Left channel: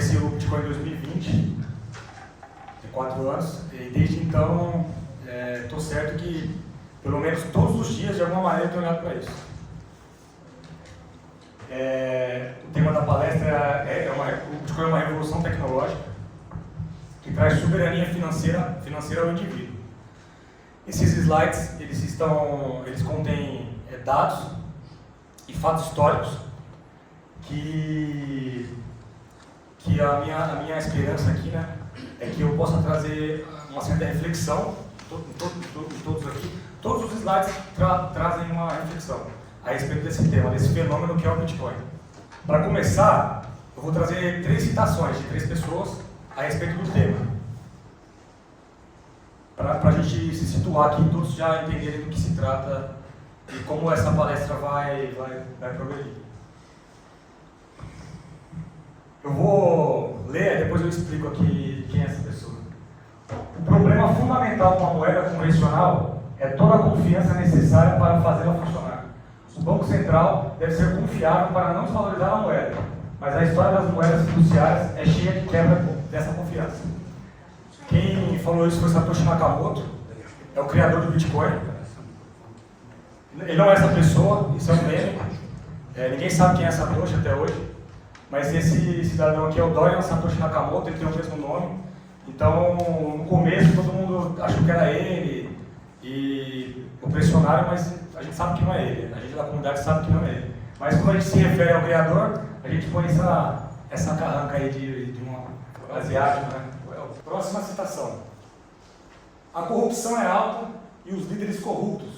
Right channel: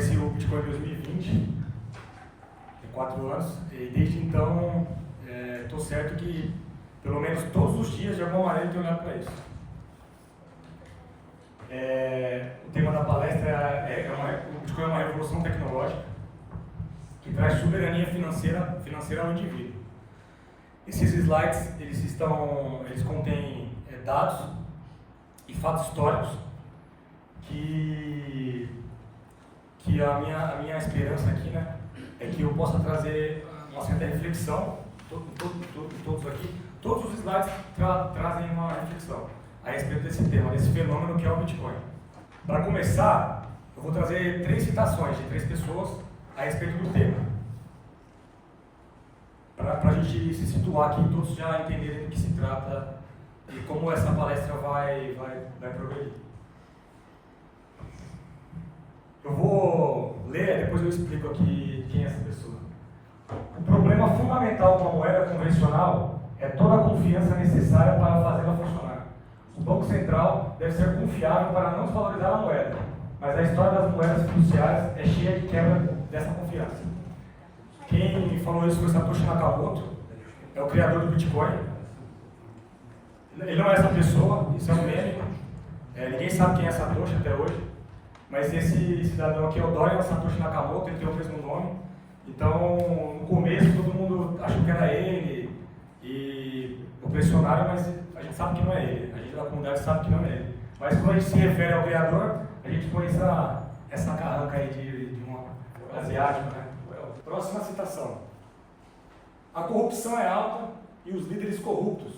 conheci o Bitcoin em 2020, tem 4 anos, e desde então estou certo que pelo menos todos os dias, de alguma maneira, estou olhando para isso. O tema da palestra o Bitcoin é uma revolução tecnológica que traz soberania financeira ao indivíduo. Esses slides, eles contêm dados e fatos históricos que a minha esperança aqui, né, é que eu possa trazer uma certa reflexão em todos aqui. Todos os slides trazem uma reflexão a respeito desse tema, desse fenômeno que é o Bitcoin. Para começar, eu vou trazer 3 citações de 3 pessoas a respeito do tema. Para a gente se situar aqui, todos já entenderem do que se trata e como essa palestra vai progredir. Eu vou ler, depois eu explico aqui quem é essa pessoa. O problema fundamental de uma moeda convencional é toda a confiança necessária para fazê-la funcionar. O Banco Central deve ser confiável para não desvalorizar a moeda, mas a história das moedas fiduciárias é cheia de quebra dessa confiança. Quem falou isso foi Satoshi Nakamoto, é o criador do Bitcoin. Ele não é essa pessoa, isso é um meme. Ninguém sabe quem é Satoshi até hoje, mas esse cidadão aqui é o Dorian Satoshi Nakamoto, ele tem o mesmo nome. Então, no começo, todo mundo achou que era ele e o pressionaram, mas a gente sabe que não é ele. A gente da comunidade sabe que não é ele. Mas quando a gente se refere ao criador, a gente põe essa carranca aí de um asiático, né? Próxima citação. A corrupção é alta e os líderes corruptos.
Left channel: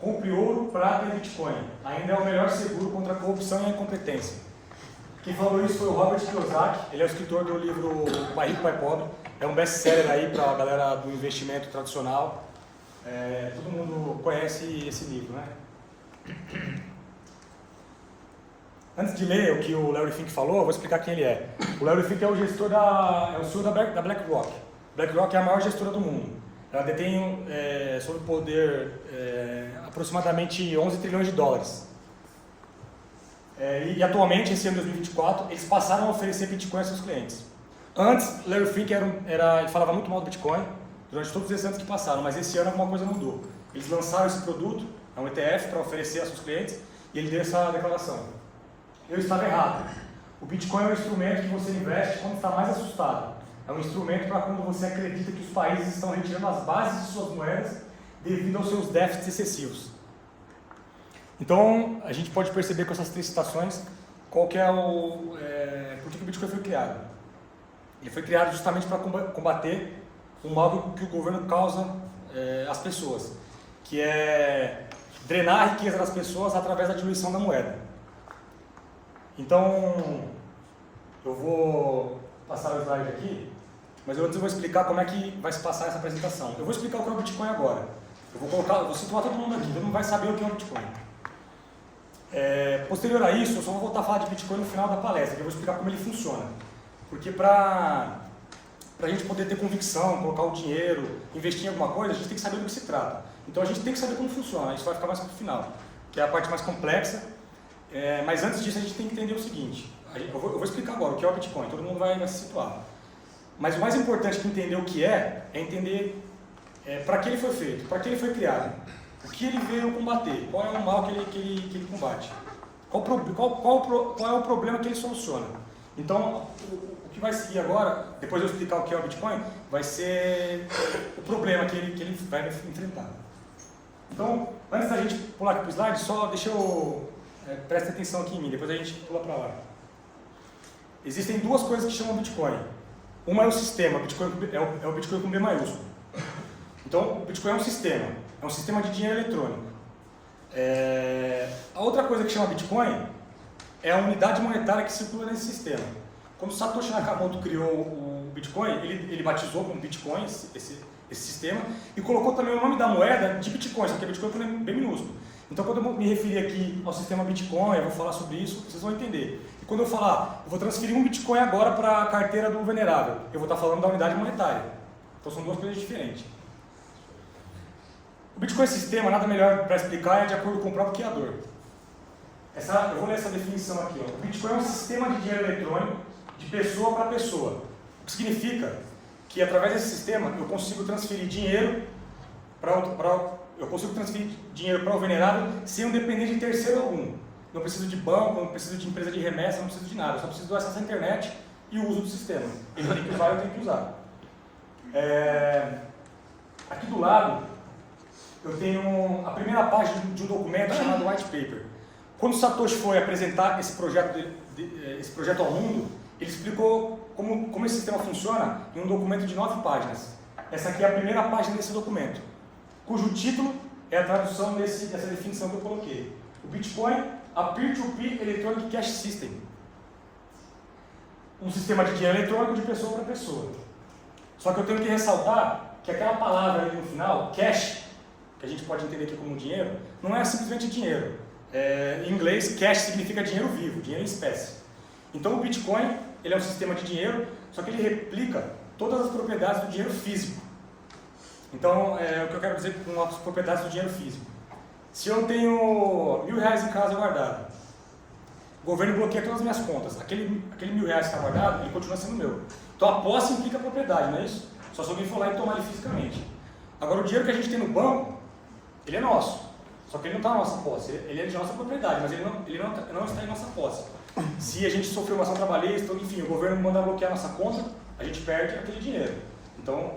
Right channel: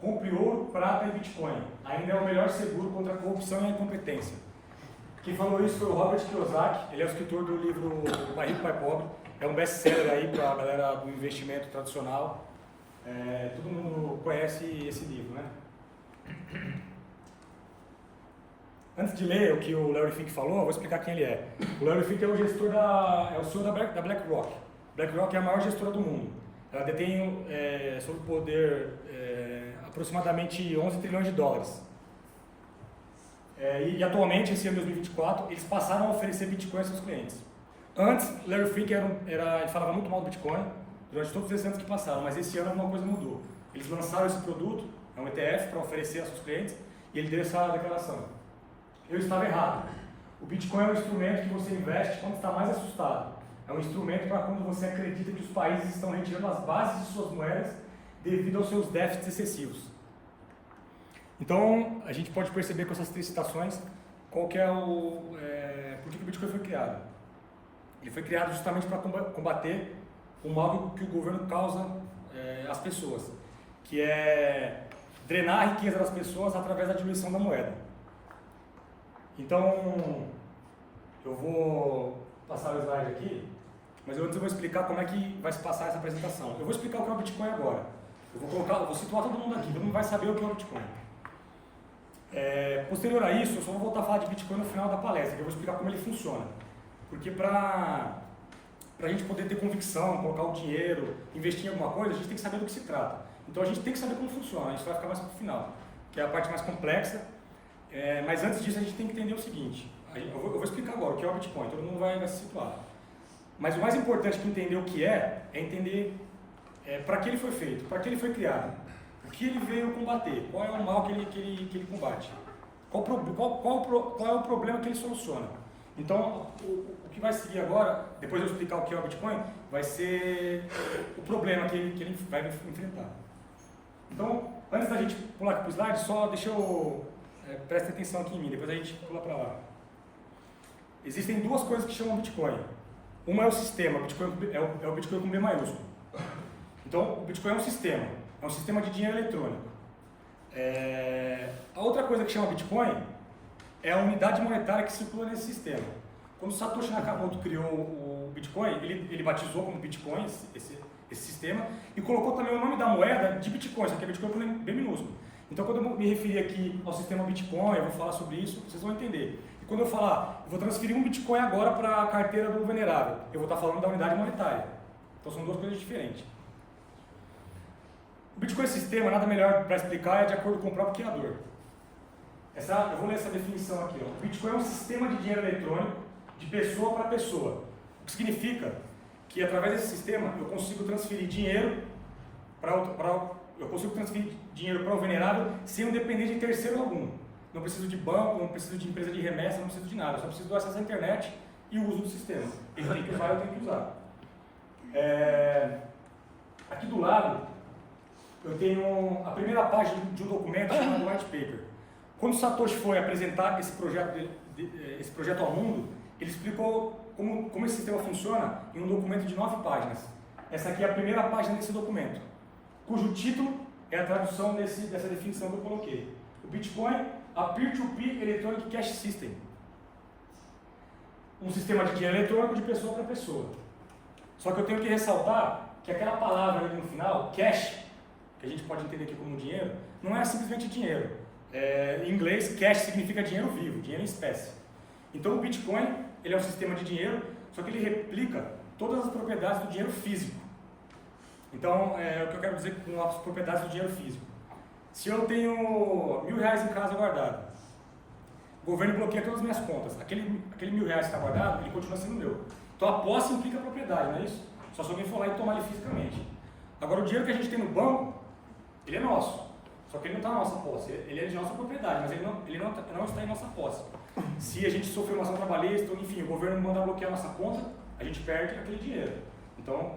Compre ouro, prata e Bitcoin. Ainda é o melhor seguro contra a corrupção e a incompetência. Quem falou isso foi o Robert Kiyosaki. Ele é o escritor do livro Pai Rico, Pai Pobre. É um best-seller aí para a galera do investimento tradicional. Todo mundo conhece esse livro, né? Antes de ler o que o Larry Fink falou, eu vou explicar quem ele é. O Larry Fink é o gestor é o CEO da BlackRock. BlackRock é a maior gestora do mundo. Ela detém sob o poder aproximadamente 11 trilhões de dólares. E atualmente, esse ano de 2024, eles passaram a oferecer Bitcoin a seus clientes. Antes, Larry Fink ele falava muito mal do Bitcoin durante todos esses anos que passaram, mas esse ano alguma coisa mudou. Eles lançaram esse produto, é um ETF, para oferecer a seus clientes, e ele deu essa declaração. Eu estava errado. O Bitcoin é um instrumento que você investe quando está mais assustado. É um instrumento para quando você acredita que os países estão retirando as bases de suas moedas devido aos seus déficits excessivos. Então, a gente pode perceber com essas 3 citações qual que é por que o Bitcoin foi criado. Ele foi criado justamente para combater o mal que o governo causa às pessoas, que é drenar a riqueza das pessoas através da diluição da moeda. Então, eu vou passar o slide aqui, mas antes eu vou explicar como é que vai se passar essa apresentação. Eu vou explicar o que é o Bitcoin agora. Eu vou situar todo mundo aqui, todo mundo vai saber o que é o Bitcoin. Posterior a isso, eu só vou voltar a falar de Bitcoin no final da palestra, que eu vou explicar como ele funciona. Porque para a gente poder ter convicção, colocar o dinheiro, investir em alguma coisa, a gente tem que saber do que se trata. Então a gente tem que saber como funciona, isso vai ficar mais para o final, que é a parte mais complexa. Mas antes disso a gente tem que entender o seguinte, eu vou explicar agora o que é o Bitcoin, todo mundo vai se situar. Mas o mais importante que entender o que é entender para que ele foi feito, para que ele foi criado, o que ele veio combater, qual é o mal que ele combate, qual é o problema que ele soluciona. Então, o que vai seguir agora, depois de eu explicar o que é o Bitcoin, vai ser o problema que ele vai enfrentar. Então, antes da gente pular aqui para o slide, só deixa eu... preste atenção aqui em mim, depois a gente pula para lá. Existem 2 coisas que chamam Bitcoin. Uma é o sistema, é o Bitcoin com B maiúsculo. Então, o Bitcoin é um sistema de dinheiro eletrônico. A outra coisa que chama Bitcoin é a unidade monetária que circula nesse sistema. Quando Satoshi Nakamoto criou o Bitcoin, ele batizou como Bitcoin esse sistema e colocou também o nome da moeda de Bitcoin, só que é Bitcoin com bem minúsculo. Então, quando eu me referir aqui ao sistema Bitcoin, eu vou falar sobre isso, vocês vão entender. E quando eu falar, eu vou transferir um Bitcoin agora para a carteira do venerável, eu vou estar falando da unidade monetária. Então, são 2 coisas diferentes. O Bitcoin sistema, nada melhor para explicar, é de acordo com o próprio criador. Eu vou ler essa definição aqui. O Bitcoin é um sistema de dinheiro eletrônico de pessoa para pessoa. O que significa que através desse sistema eu consigo transferir dinheiro para o venerado sem eu depender de terceiro algum. Não preciso de banco, não preciso de empresa de remessa, não preciso de nada. Eu só preciso do acesso à internet e o uso do sistema. Ele tem que usar, eu tenho que usar. Aqui do lado, eu tenho a primeira página de um documento chamado White Paper. Quando Satoshi foi apresentar esse projeto ao mundo, ele explicou como esse sistema funciona em um documento de 9 páginas. Essa aqui é a primeira página desse documento, cujo título é a tradução dessa definição que eu coloquei. O Bitcoin, a Peer-to-Peer Electronic Cash System. Um sistema de dinheiro eletrônico de pessoa para pessoa. Só que eu tenho que ressaltar que aquela palavra ali no final, cash, que a gente pode entender aqui como dinheiro, não é simplesmente dinheiro. Em inglês, cash significa dinheiro vivo, dinheiro em espécie. Então o Bitcoin, ele é um sistema de dinheiro, só que ele replica todas as propriedades do dinheiro físico. Então, o que eu quero dizer com as propriedades do dinheiro físico. Se eu tenho R$1.000 em casa guardado, o governo bloqueia todas as minhas contas. Aquele R$1.000 que está guardado, ele continua sendo meu. Então a posse implica a propriedade, não é isso? Só se alguém for lá e tomar ele fisicamente. Agora o dinheiro que a gente tem no banco, ele é nosso. Só que ele não está na nossa posse. Ele é de nossa propriedade, mas ele não está em nossa posse. Se a gente sofreu uma ação trabalhista, enfim, o governo manda bloquear a nossa conta, a gente perde aquele dinheiro. Então,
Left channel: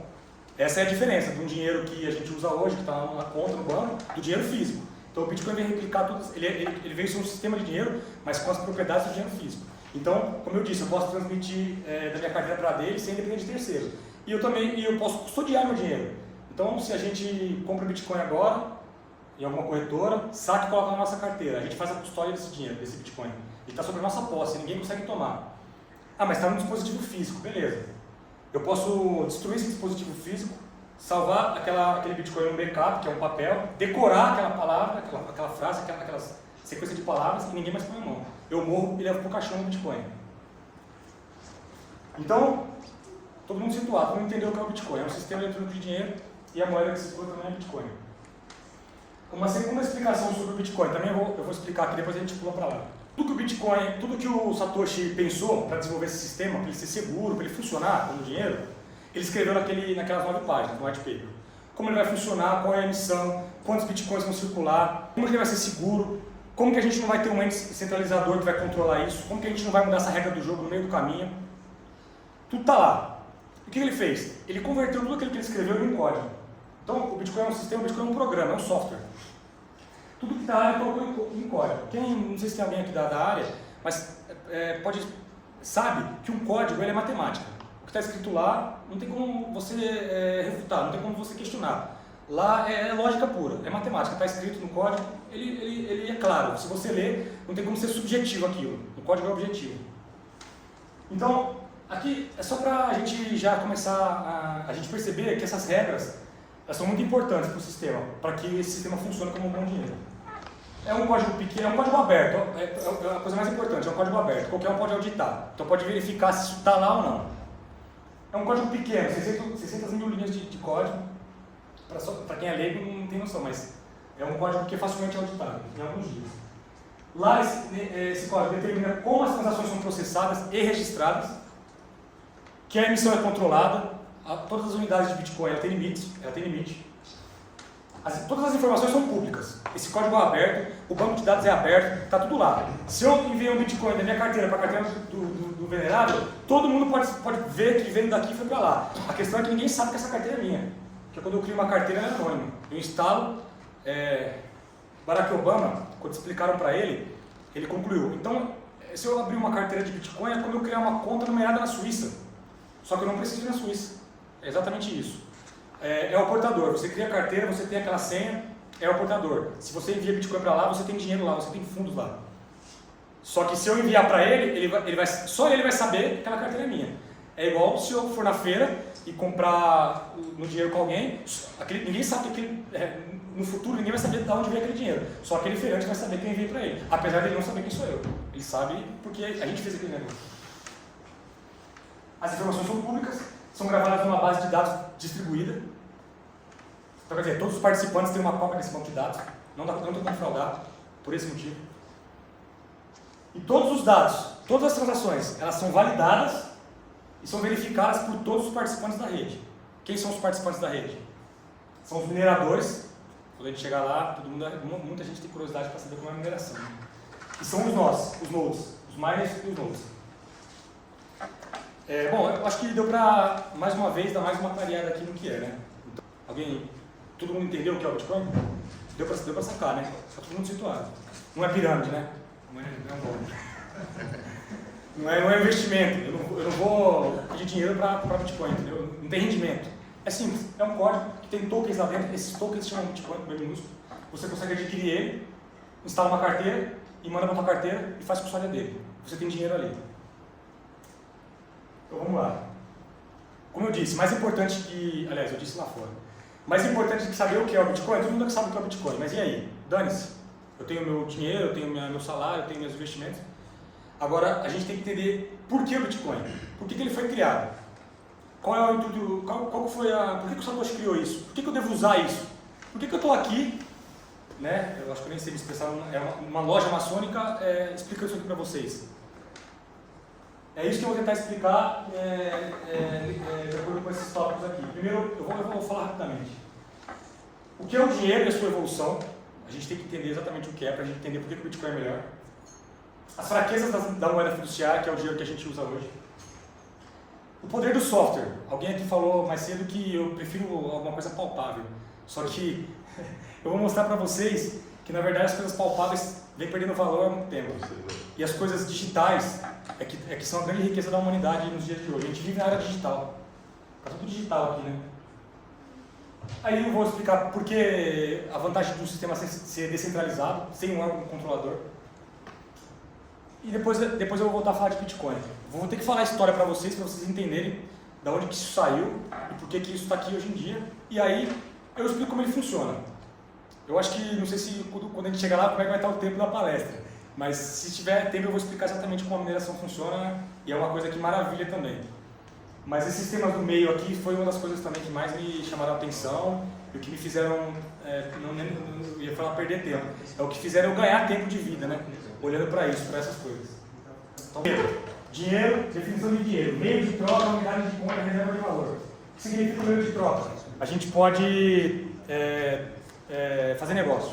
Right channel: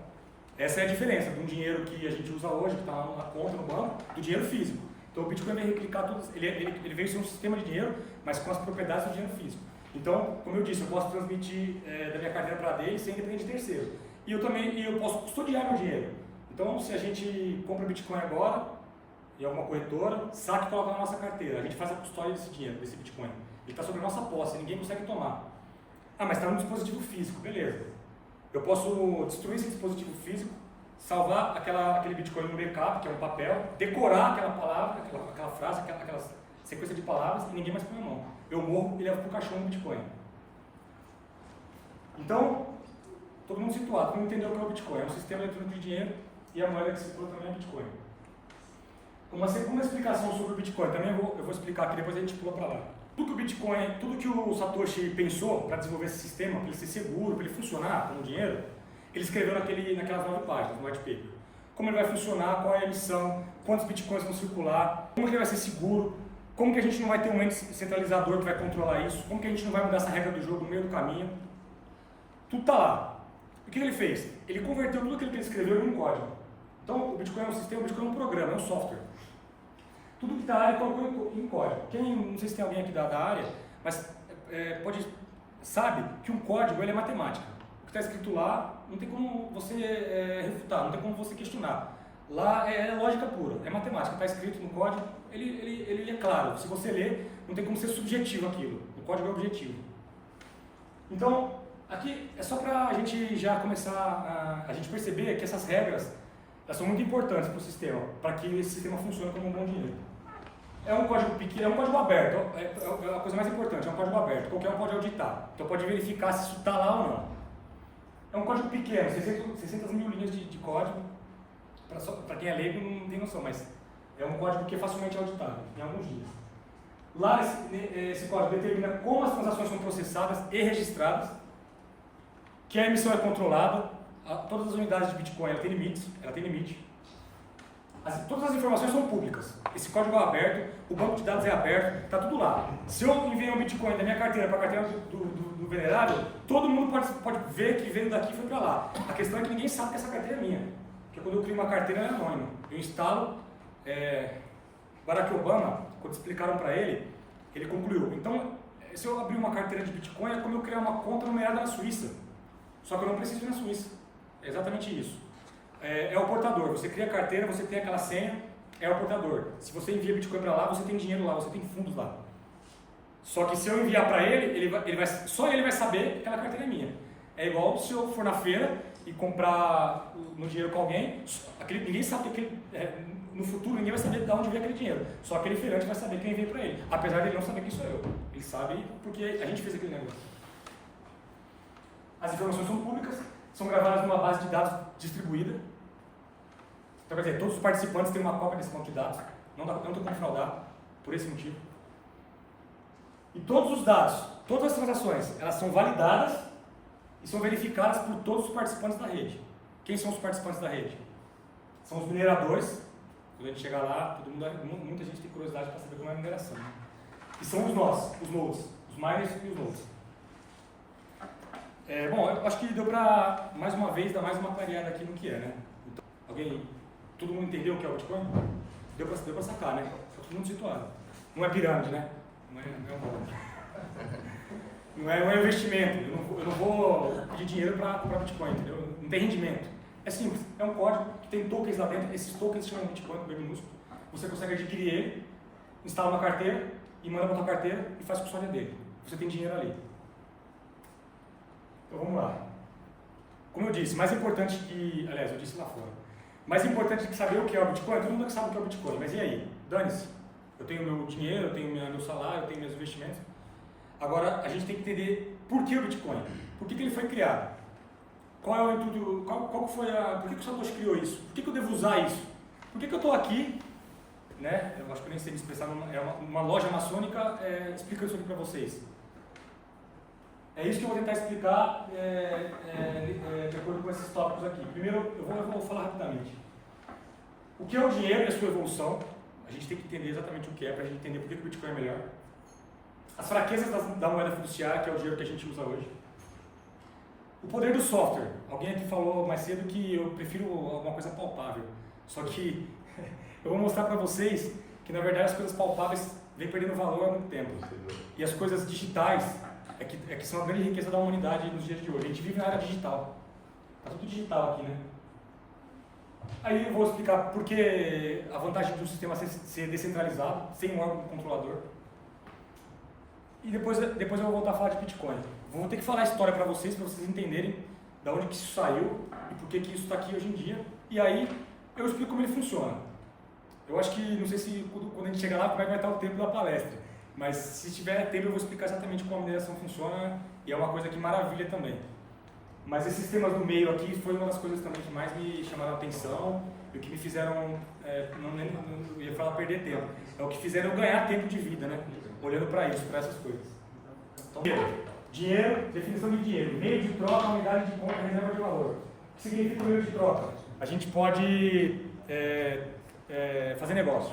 essa é a diferença de um dinheiro que a gente usa hoje, que está na conta, no banco, do dinheiro físico. Então o Bitcoin vem replicar tudo, ele veio ser um sistema de dinheiro, mas com as propriedades do dinheiro físico. Então, como eu disse, eu posso transmitir da minha carteira para dele sem depender de terceiro. E eu posso custodiar meu dinheiro. Então, se a gente compra Bitcoin agora, em alguma corretora, saca e coloca na nossa carteira. A gente faz a custódia desse dinheiro, desse Bitcoin. Ele está sob a nossa posse, ninguém consegue tomar. Ah, mas está no dispositivo físico, beleza. Eu posso destruir esse dispositivo físico, salvar aquele Bitcoin no backup, que é um papel, decorar aquela palavra, aquela frase, aquela sequência de palavras e ninguém mais põe a mão. Eu morro e levo para o caixão do Bitcoin. Então, todo mundo situado, todo mundo entendeu o que é o Bitcoin. É um sistema eletrônico de dinheiro e a moeda que se circula também é Bitcoin. Uma segunda explicação sobre o Bitcoin, também eu vou explicar aqui, depois a gente pula para lá. Tudo que o Satoshi pensou para desenvolver esse sistema, para ele ser seguro, para ele funcionar como dinheiro, ele escreveu naquelas 9 páginas, no white paper. Como ele vai funcionar, qual é a emissão, quantos Bitcoins vão circular, como que ele vai ser seguro, como que a gente não vai ter um ente centralizador que vai controlar isso, como que a gente não vai mudar essa regra do jogo no meio do caminho. Tudo está lá. O que ele fez? Ele converteu tudo aquilo que ele escreveu em código. Então, o Bitcoin é um sistema, o Bitcoin é um programa, é um software. Tudo que está lá ele colocou em código. Não sei se tem alguém aqui da área, mas sabe que um código ele é matemática. O que está escrito lá não tem como você refutar, não tem como você questionar. Lá é lógica pura, é matemática. Está escrito no código, ele é claro. Se você ler, não tem como ser subjetivo aquilo. O código é objetivo. Então, aqui é só para a gente já começar a gente perceber que essas regras são muito importantes para o sistema, para que esse sistema funcione como um bom dinheiro. É um código pequeno, é um código aberto, é a coisa mais importante, é um código aberto, qualquer um pode auditar, então pode verificar se isso está lá ou não. É um código pequeno, 600 mil linhas de código, para quem é leigo não tem noção, mas é um código que é facilmente auditável, em alguns dias. Lá esse código determina como as transações são processadas e registradas, que a emissão é controlada, todas as unidades de Bitcoin ela tem limite. Todas as informações são públicas. Esse código é aberto, o banco de dados é aberto, está tudo lá. Se eu enviar um Bitcoin da minha carteira para a carteira do venerável, todo mundo pode ver que veio daqui e foi para lá. A questão é que ninguém sabe que essa carteira é minha. Porque quando eu crio uma carteira, ela é anônima. Eu instalo. Barack Obama, quando explicaram para ele, ele concluiu. Então, se eu abrir uma carteira de Bitcoin, é como eu criar uma conta numerada na Suíça. Só que eu não preciso ir na Suíça. É exatamente isso. É o portador. Você cria a carteira, você tem aquela senha, é o portador. Se você envia Bitcoin para lá, você tem dinheiro lá, você tem fundos lá. Só que se eu enviar para ele, só ele vai saber que aquela carteira é minha. É igual se eu for na feira e comprar no dinheiro com alguém, ninguém sabe no futuro ninguém vai saber de onde veio aquele dinheiro. Só aquele feirante vai saber quem enviou para ele. Apesar de ele não saber quem sou eu. Ele sabe porque a gente fez aquele negócio. As informações são públicas, são gravadas numa base de dados distribuída. Então, quer dizer, todos os participantes têm uma cópia desse banco de dados. Não tem como fraudar, por esse motivo. E todos os dados Todas as transações, elas são validadas e são verificadas por todos os participantes da rede. Quem são os participantes da rede? São os mineradores. Quando a gente chegar lá, muita gente tem curiosidade para saber como é a mineração. Né? E são os nós, os nodes, os miners e os nodes. Bom, eu acho que deu para, mais uma vez, dar mais uma clareada aqui no que é, né? Então, todo mundo entendeu o que é o Bitcoin? Deu para sacar, né? Está todo mundo situado. Não é pirâmide, né? Não é um bom. Não é investimento. Eu não vou pedir dinheiro para Bitcoin, entendeu? Não tem rendimento. É simples. É um código que tem tokens lá dentro. Esses tokens se chamam Bitcoin, bem minúsculo. Você consegue adquirir ele, instala uma carteira e manda para sua carteira e faz custódia dele. Você tem dinheiro ali. Então vamos lá. Como eu disse, mais importante que... Aliás, eu disse lá fora. Mais importante que saber o que é o Bitcoin, todo mundo sabe o que é o Bitcoin. Mas e aí? Dane-se. Eu tenho meu dinheiro, eu tenho meu salário, eu tenho meus investimentos. Agora, a gente tem que entender por que o Bitcoin. Por que ele foi criado? Qual é o intuito, qual foi por que o Satoshi criou isso? Por que eu devo usar isso? Por que eu estou aqui, né? Eu acho que eu nem sei me expressar, é uma loja maçônica explicando isso aqui para vocês. É isso que eu vou tentar explicar de acordo com esses tópicos aqui. Primeiro, eu vou falar rapidamente. O que é o dinheiro e a sua evolução? A gente tem que entender exatamente o que é, para a gente entender por que o Bitcoin é melhor. As fraquezas da moeda fiduciária, que é o dinheiro que a gente usa hoje. O poder do software. Alguém aqui falou mais cedo que eu prefiro alguma coisa palpável. Só que eu vou mostrar para vocês que, na verdade, as coisas palpáveis vêm perdendo valor há muito tempo. E as coisas digitais é que são a grande riqueza da humanidade nos dias de hoje. A gente vive na área digital. Está tudo digital aqui, né? Aí eu vou explicar por que a vantagem de um sistema ser descentralizado, sem um órgão controlador. E depois eu vou voltar a falar de Bitcoin. Vou ter que falar a história para vocês entenderem de onde que isso saiu e por que isso está aqui hoje em dia. E aí eu explico como ele funciona. Eu acho que, não sei se quando a gente chegar lá, como é que vai estar o tempo da palestra. Mas se tiver tempo eu vou explicar exatamente como a mineração funciona e é uma coisa que maravilha também. Mas esses temas do meio aqui foi uma das coisas também que mais me chamaram a atenção e o que me fizeram, não ia falar perder tempo, é o que fizeram eu ganhar tempo de vida, né? Olhando para isso, para essas coisas. Então, dinheiro, definição de dinheiro, meio de troca, unidade de conta, reserva de valor. O que significa o meio de troca? A gente pode fazer negócio.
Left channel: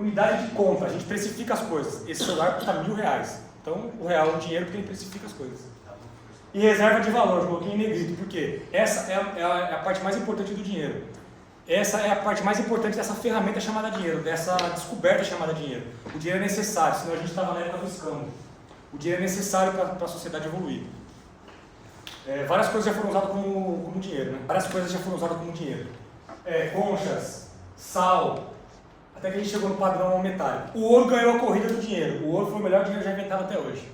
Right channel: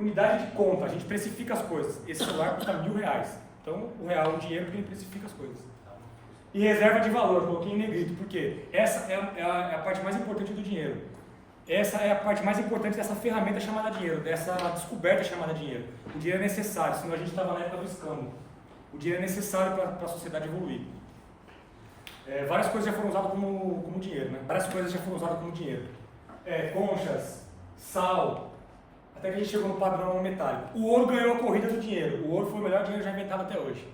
Unidade de conta, a gente precifica as coisas. Esse celular custa R$1.000. Então, o real é o dinheiro porque ele precifica as coisas. E reserva de valor, coloquei em negrito, porque essa é a parte mais importante do dinheiro. Essa é a parte mais importante dessa ferramenta chamada dinheiro, dessa descoberta chamada dinheiro. O dinheiro é necessário, senão a gente estava na época do escambo. O dinheiro é necessário para a sociedade evoluir. Várias coisas já foram usadas como dinheiro, né? Várias coisas já foram usadas como dinheiro. Conchas, sal, até que a gente chegou no padrão metálico. O ouro ganhou a corrida do dinheiro. O ouro foi o melhor dinheiro já inventado até hoje.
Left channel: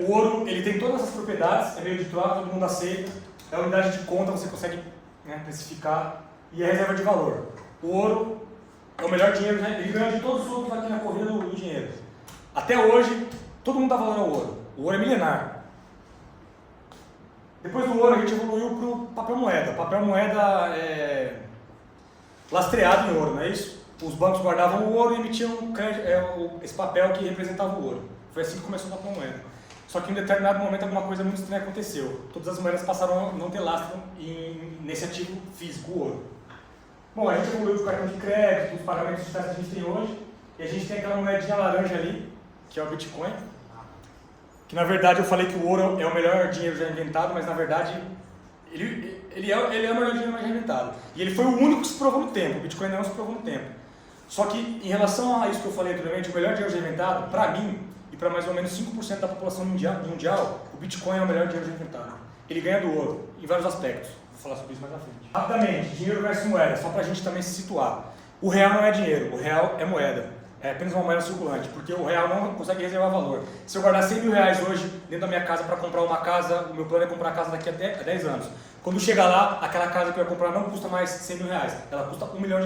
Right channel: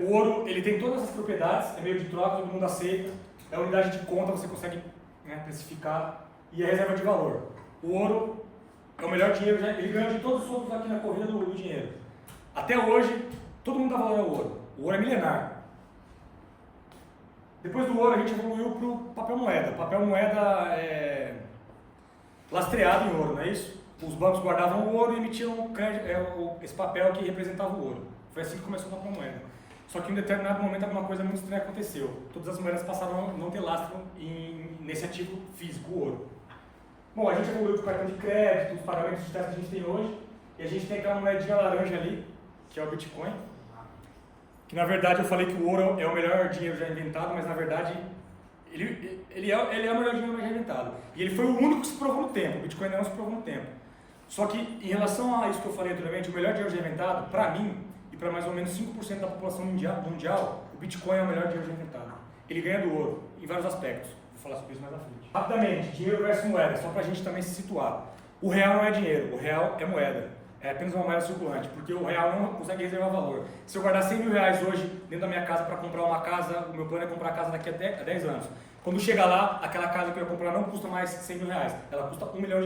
O ouro, ele tem todas essas propriedades, é meio de troca, todo mundo aceita. É a unidade de conta, você consegue precificar. E a reserva de valor. O ouro é o melhor dinheiro, ele ganha de todos os outros aqui na corrida do dinheiro. Até hoje, todo mundo dá valor ao ouro. O ouro é milenar. Depois do ouro, a gente evoluiu para o papel moeda. Papel moeda é lastreado em ouro, não é isso? Os bancos guardavam o ouro e emitiam esse papel que representava o ouro. Foi assim que começou a papel moeda. Só que em um determinado momento alguma coisa muito estranha aconteceu. Todas as moedas passaram a não ter lastro nesse ativo físico, o ouro. Bom, a gente evoluiu para o cartão de crédito, os pagamentos digitais que a gente tem hoje. E a gente tem aquela moedinha laranja ali, que é o Bitcoin. Que na verdade eu falei que o ouro é o melhor dinheiro já inventado, mas na verdade ele é o melhor dinheiro já inventado. E ele foi o único que se provou no tempo. O Bitcoin não se provou no tempo. Só que em relação a isso que eu falei anteriormente, o melhor dinheiro já inventado, para mim, e para mais ou menos 5% da população mundial, o Bitcoin é o melhor dinheiro já inventado. Ele ganha do ouro, em vários aspectos. Vou falar sobre isso mais à frente. Rapidamente, dinheiro versus moeda, só para a gente também se situar. O real não é dinheiro, o real é moeda. É apenas uma moeda circulante, porque o real não consegue reservar valor. Se eu guardar R$100.000 hoje dentro da minha casa para comprar uma casa, o meu plano é comprar a casa daqui a 10 anos. Quando chegar lá, aquela casa que eu ia comprar não custa mais R$100.000, ela custa R$1 milhão.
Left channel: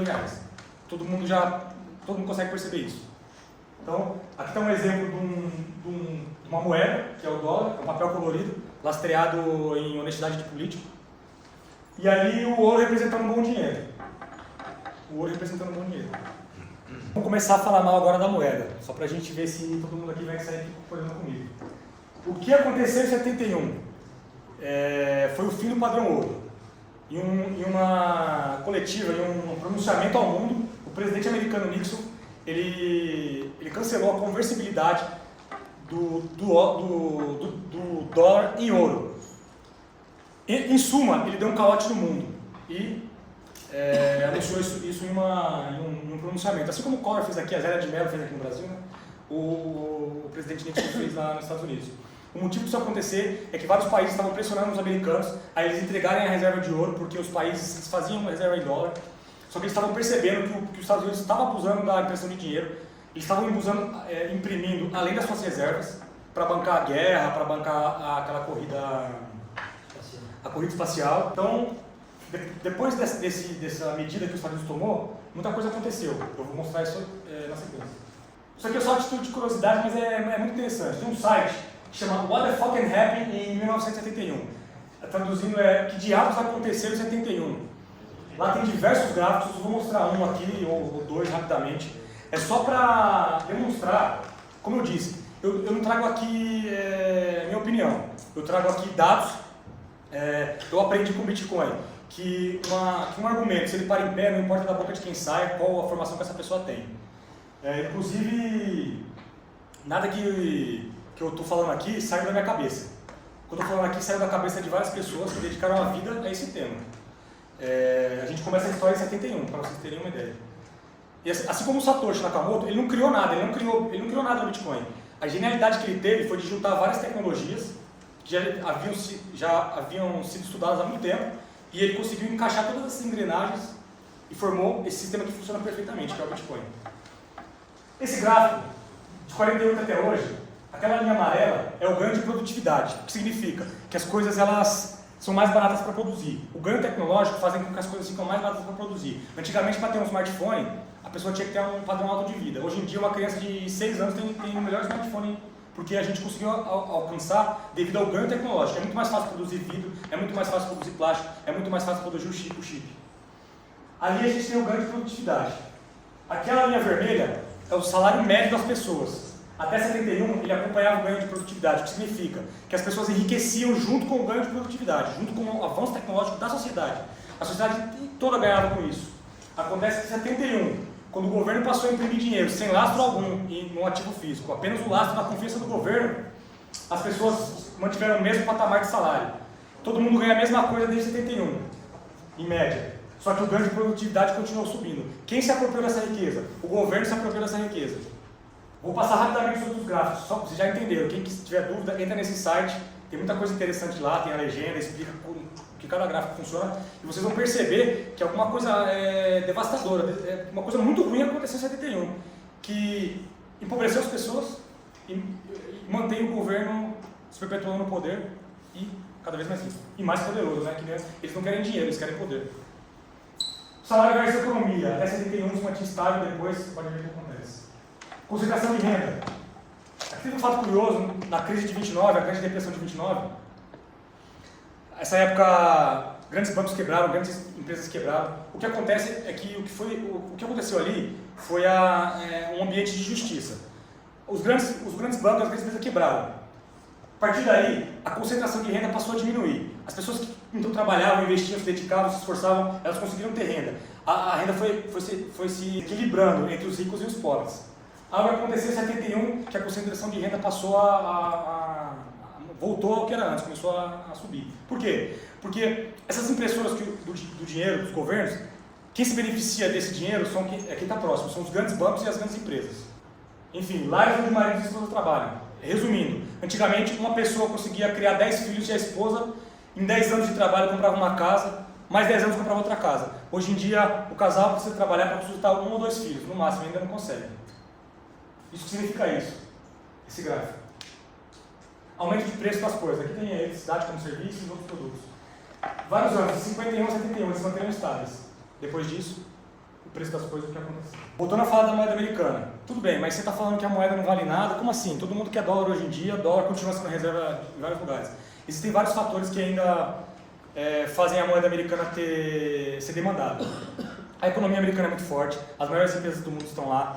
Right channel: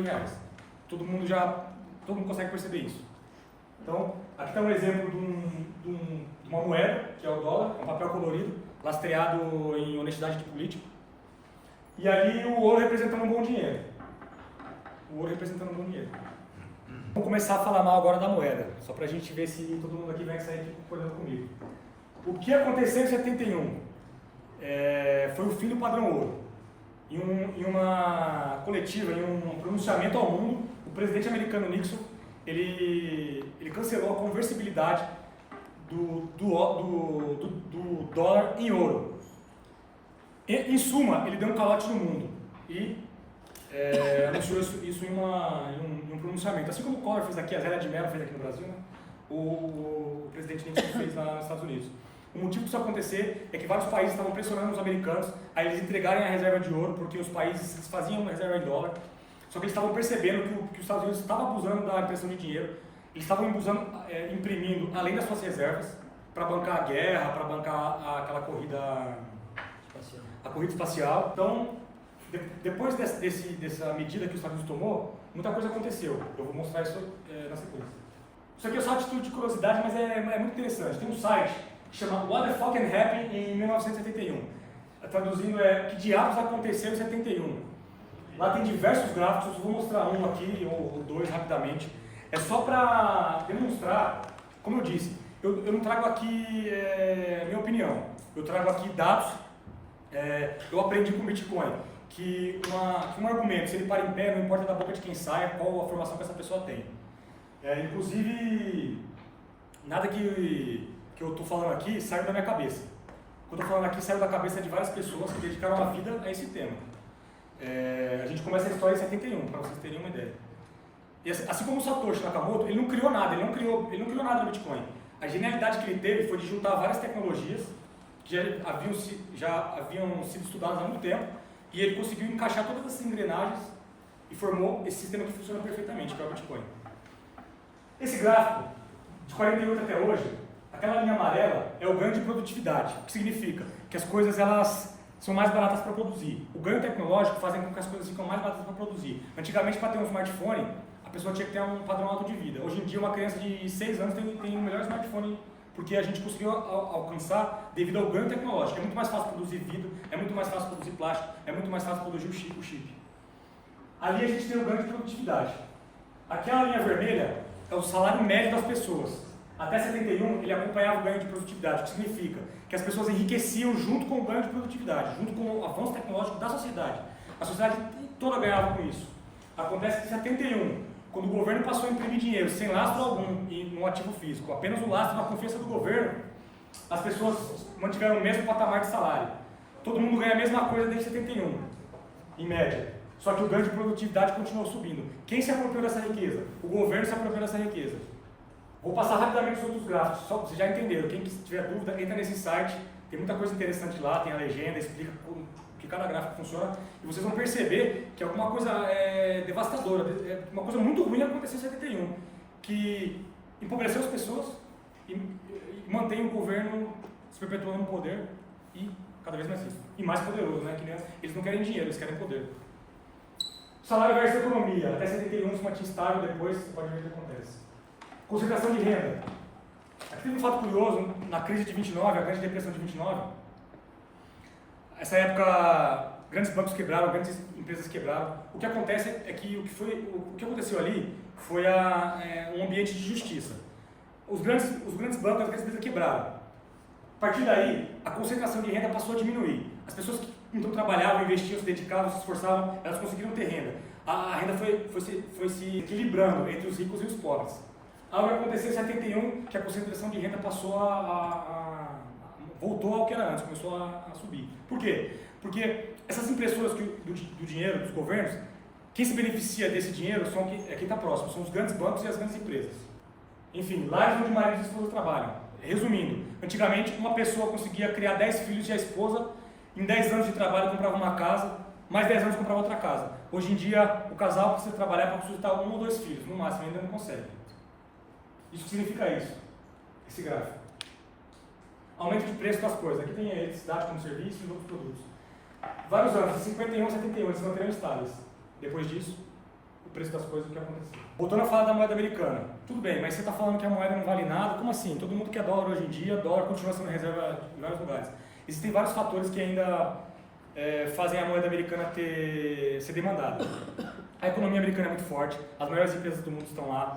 Todo mundo consegue perceber isso. Então, aqui está um exemplo de uma moeda, que é o dólar, é um papel colorido, lastreado em honestidade de político. E ali o ouro representando um bom dinheiro. O ouro representando um bom dinheiro. Vamos começar a falar mal agora da moeda, só para a gente ver se todo mundo aqui vai sair aqui concordando comigo. O que aconteceu em 71? Foi o fim do padrão ouro. Em uma coletiva, em um pronunciamento ao mundo, o presidente americano Nixon, ele cancelou a conversibilidade do dólar em ouro. Em suma, ele deu um calote no mundo e anunciou isso em um pronunciamento. Assim como o Collor fez aqui, a Zélia de Mello fez aqui no Brasil, né? O presidente Nixon fez lá nos Estados Unidos. O motivo disso acontecer é que vários países estavam pressionando os americanos a eles entregarem a reserva de ouro, porque os países faziam reserva em dólar, só que eles estavam percebendo que os Estados Unidos estavam abusando da impressão de dinheiro, eles estavam imprimindo além das suas reservas, para bancar a guerra, para bancar aquela corrida, a corrida espacial. Então, depois dessa medida que os Estados Unidos tomou, muita coisa aconteceu. Eu vou mostrar isso na sequência. Isso aqui é só a título de curiosidade, mas é muito interessante. Tem um site que chama What the Fucking Happened em 1971. Traduzindo que diabos aconteceu em 71. Lá tem diversos gráficos, eu vou mostrar um aqui ou dois rapidamente. É só para demonstrar, como eu disse, eu não trago aqui minha opinião, eu trago aqui dados. Eu aprendi com o Bitcoin que um argumento, se ele para em pé, não importa da boca de quem sai, qual a formação que essa pessoa tem. Inclusive, nada que eu estou falando aqui saiu da minha cabeça. O que eu estou falando aqui saiu da cabeça de várias pessoas que dedicaram a vida a esse tema. A gente começa a história em 71, para vocês terem uma ideia. E assim como o Satoshi Nakamoto, ele não criou nada, ele não criou nada no Bitcoin. A genialidade que ele teve foi de juntar várias tecnologias que já haviam sido estudadas há muito tempo, e ele conseguiu encaixar todas essas engrenagens e formou esse sistema que funciona perfeitamente, que é o Bitcoin. Esse gráfico, de 48 até hoje, aquela linha amarela é o ganho de produtividade, o que significa que as coisas elas são mais baratas para produzir. O ganho tecnológico faz com que as coisas ficam mais baratas para produzir. Antigamente, para ter um smartphone, a pessoa tinha que ter um padrão alto de vida. Hoje em dia, uma criança de 6 anos tem o melhor smartphone, porque a gente conseguiu alcançar devido ao ganho tecnológico. É muito mais fácil produzir vidro, é muito mais fácil produzir plástico, é muito mais fácil produzir o chip. Ali a gente tem o ganho de produtividade. Aquela linha vermelha é o salário médio das pessoas. Até 71, ele acompanhava o ganho de produtividade, o que significa que as pessoas enriqueciam junto com o ganho de produtividade, junto com o avanço tecnológico da sociedade. A sociedade toda ganhava com isso. Acontece que em 71, quando o governo passou a imprimir dinheiro sem lastro algum no ativo físico, apenas o lastro da confiança do governo, as pessoas mantiveram o mesmo patamar de salário. Todo mundo ganha a mesma coisa desde 71, em média. Só que o ganho de produtividade continuou subindo. Quem se apropriou dessa riqueza? O governo se apropriou dessa riqueza. Vou passar rapidamente sobre os gráficos, só para vocês já entenderam. Quem tiver dúvida, entra nesse site, tem muita coisa interessante lá, tem a legenda, explica que cada gráfico funciona, e vocês vão perceber que alguma coisa devastadora, uma coisa muito ruim aconteceu em 71, que empobreceu as pessoas e mantém o governo se perpetuando no poder e cada vez mais rico. E mais poderoso, né? Que eles não querem dinheiro, eles querem poder. Salário versus economia. Até 71 se mantinha estável, depois você pode ver o que acontece. Concentração de renda. Aqui tem um fato curioso, na crise de 29, a grande depressão de 29, essa época grandes bancos quebraram, grandes empresas quebraram. O que acontece é que o que aconteceu ali foi um ambiente de justiça. Os grandes bancos, as grandes empresas quebraram. A partir daí, a concentração de renda passou a diminuir. As pessoas que então trabalhavam, investiam, se dedicavam, se esforçavam, elas conseguiram ter renda. A renda foi se equilibrando entre os ricos e os pobres. Algo aconteceu em 71, que a concentração de renda passou voltou ao que era antes, começou a subir. Por quê? Porque essas impressoras do dinheiro dos governos, quem se beneficia desse dinheiro quem está próximo, são os grandes bancos e as grandes empresas. Enfim, lares onde marido e esposa trabalham. Resumindo, antigamente uma pessoa conseguia criar 10 filhos e a esposa, em 10 anos de trabalho, comprava uma casa, mais 10 anos comprava outra casa. Hoje em dia, o casal precisa trabalhar para sustentar 1 ou 2 filhos, no máximo, ainda não consegue. Isso significa isso, esse gráfico. Aumento de preço das coisas. Aqui tem a eletricidade como serviço e outros produtos. Vários anos, de 51 a 71, eles se manteram estáveis. Depois disso, o preço das coisas, o que aconteceu. Voltando a falar da moeda americana. Tudo bem, mas você está falando que a moeda não vale nada? Como assim? Todo mundo quer dólar hoje em dia, dólar continua sendo reserva em vários lugares. Existem vários fatores que ainda fazem a moeda americana ser demandada. A economia americana é muito forte, as maiores empresas do mundo estão lá.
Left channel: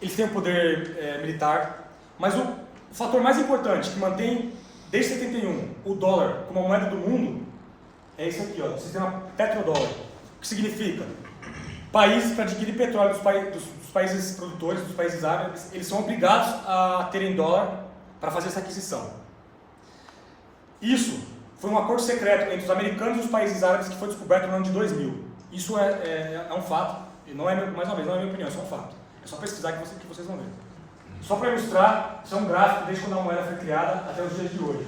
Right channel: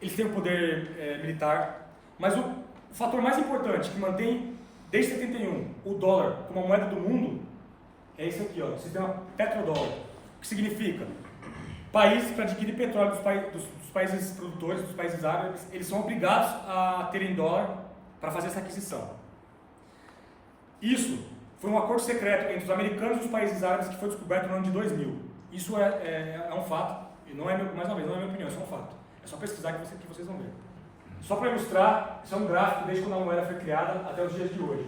Eles têm o poder militar, mas o fator mais importante que mantém desde 71 o dólar como a moeda do mundo é isso aqui, ó, o sistema petrodólar. O que significa? Países, para adquirir petróleo dos países produtores, dos países árabes, eles são obrigados a terem dólar para fazer essa aquisição. Isso foi um acordo secreto entre os americanos e os países árabes que foi descoberto no ano de 2000. Isso é um fato, e não é, mais uma vez, não é minha opinião, isso é um fato. É só pesquisar que vocês vão ver. Só para ilustrar, isso é um gráfico desde quando a moeda foi criada até os dias de hoje.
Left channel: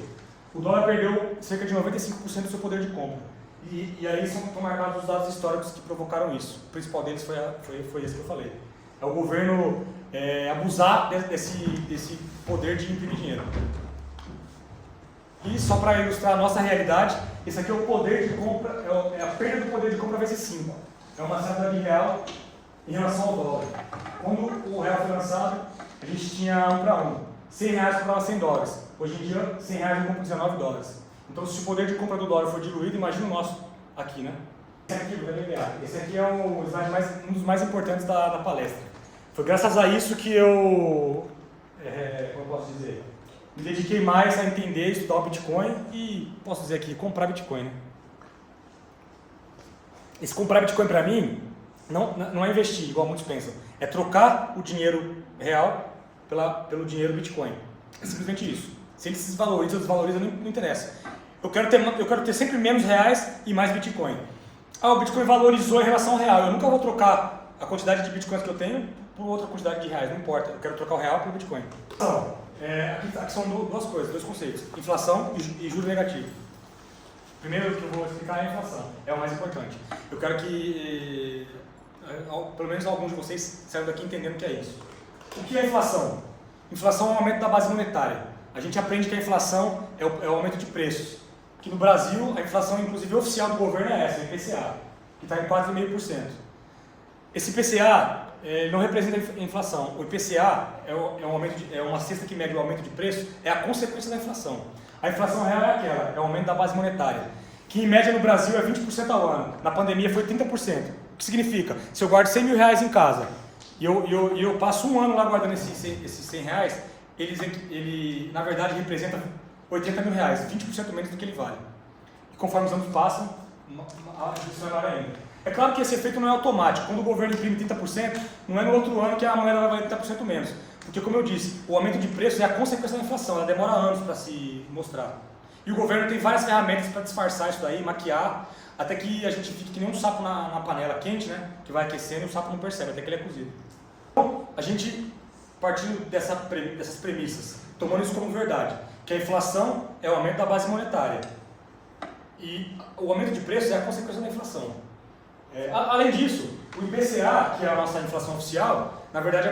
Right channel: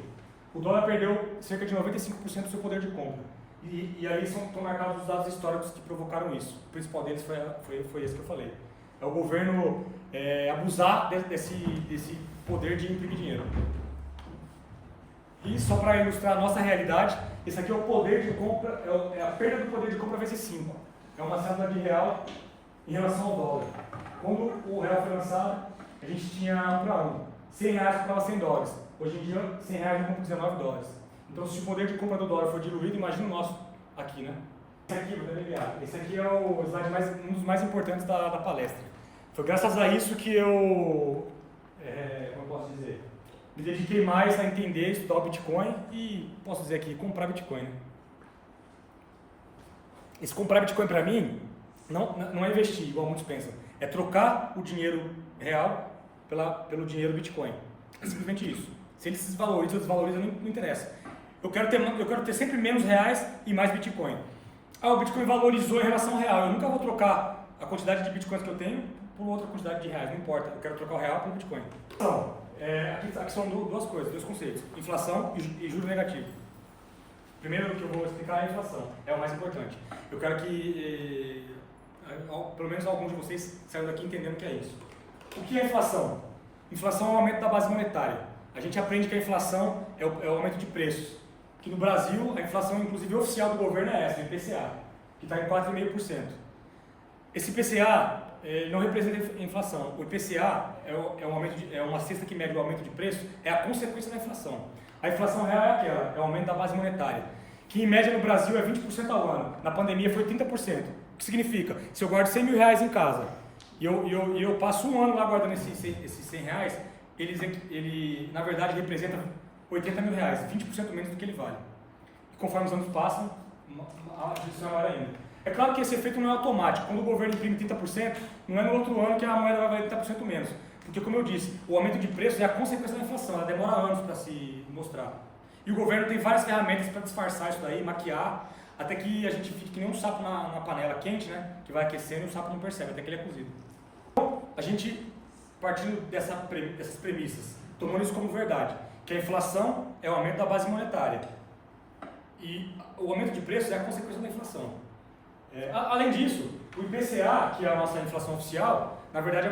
O dólar perdeu cerca de 95% do seu poder de compra. E aí estão marcados os dados históricos que provocaram isso. O principal deles foi esse que eu falei. É o governo abusar desse poder de imprimir dinheiro. E só para ilustrar a nossa realidade, esse aqui é o poder de compra, é a perda do poder de compra vezes 5. É uma cédula de real em relação ao dólar. Quando o real foi lançado, a gente tinha 1 para 1. 100 reais comprava 100 dólares. Hoje em dia, 100 reais não compra 19 dólares. Então, se o poder de compra do dólar for diluído, imagina o nosso aqui, né? Esse aqui, vou delinear. Esse aqui é o slide um dos mais importantes da palestra. Foi graças a isso que eu, como eu posso dizer, me dediquei mais a entender, estudar o Bitcoin e, posso dizer aqui, comprar Bitcoin, né? Esse comprar Bitcoin para mim não é investir, igual muitos pensam. É trocar o dinheiro real pelo dinheiro Bitcoin. É simplesmente isso. Se ele se desvaloriza ou desvaloriza, não interessa. Eu quero ter sempre menos reais e mais Bitcoin. O Bitcoin valorizou em relação ao real. Eu nunca vou trocar a quantidade de Bitcoins que eu tenho por outra quantidade de reais, não importa. Eu quero trocar o real pelo Bitcoin. Então, aqui são duas coisas, dois conceitos. Inflação e juro negativo. Primeiro que eu vou explicar é a inflação. É o mais importante. Eu quero que pelo menos alguns de vocês saiam daqui entendendo o que é isso. O que é inflação? Inflação é o aumento da base monetária. A gente aprende que a inflação é o aumento de preços. Que no Brasil, a inflação, inclusive oficial do governo, é essa, o IPCA, que está em 4,5%. Esse IPCA não representa a inflação. O IPCA é uma cesta que mede o aumento de preço, é a consequência da inflação. A inflação real é aquela, é o aumento da base monetária, que em média no Brasil é 20% ao ano. Na pandemia foi 30%. O que significa? Se eu guardo 100 mil reais em casa e eu passo um ano lá guardando esses 100 reais, ele na verdade representa 80 mil reais, 20% menos do que ele vale. E conforme os anos passam, a distribuição é maior ainda. É claro que esse efeito não é automático. Quando o governo imprime 30%, não é no outro ano que a moeda vai valer 30% menos. Porque, como eu disse, o aumento de preço é a consequência da inflação, ela demora anos para se mostrar. E o governo tem várias ferramentas para disfarçar isso daí, maquiar, até que a gente fique que nem um sapo na panela quente, né? Que vai aquecendo e o sapo não percebe, até que ele é cozido. Então, a gente, partindo dessas premissas, tomando isso como verdade, que a inflação é o aumento da base monetária. E o aumento de preço é a consequência da inflação. Além disso, o IPCA, que é a nossa inflação oficial, na verdade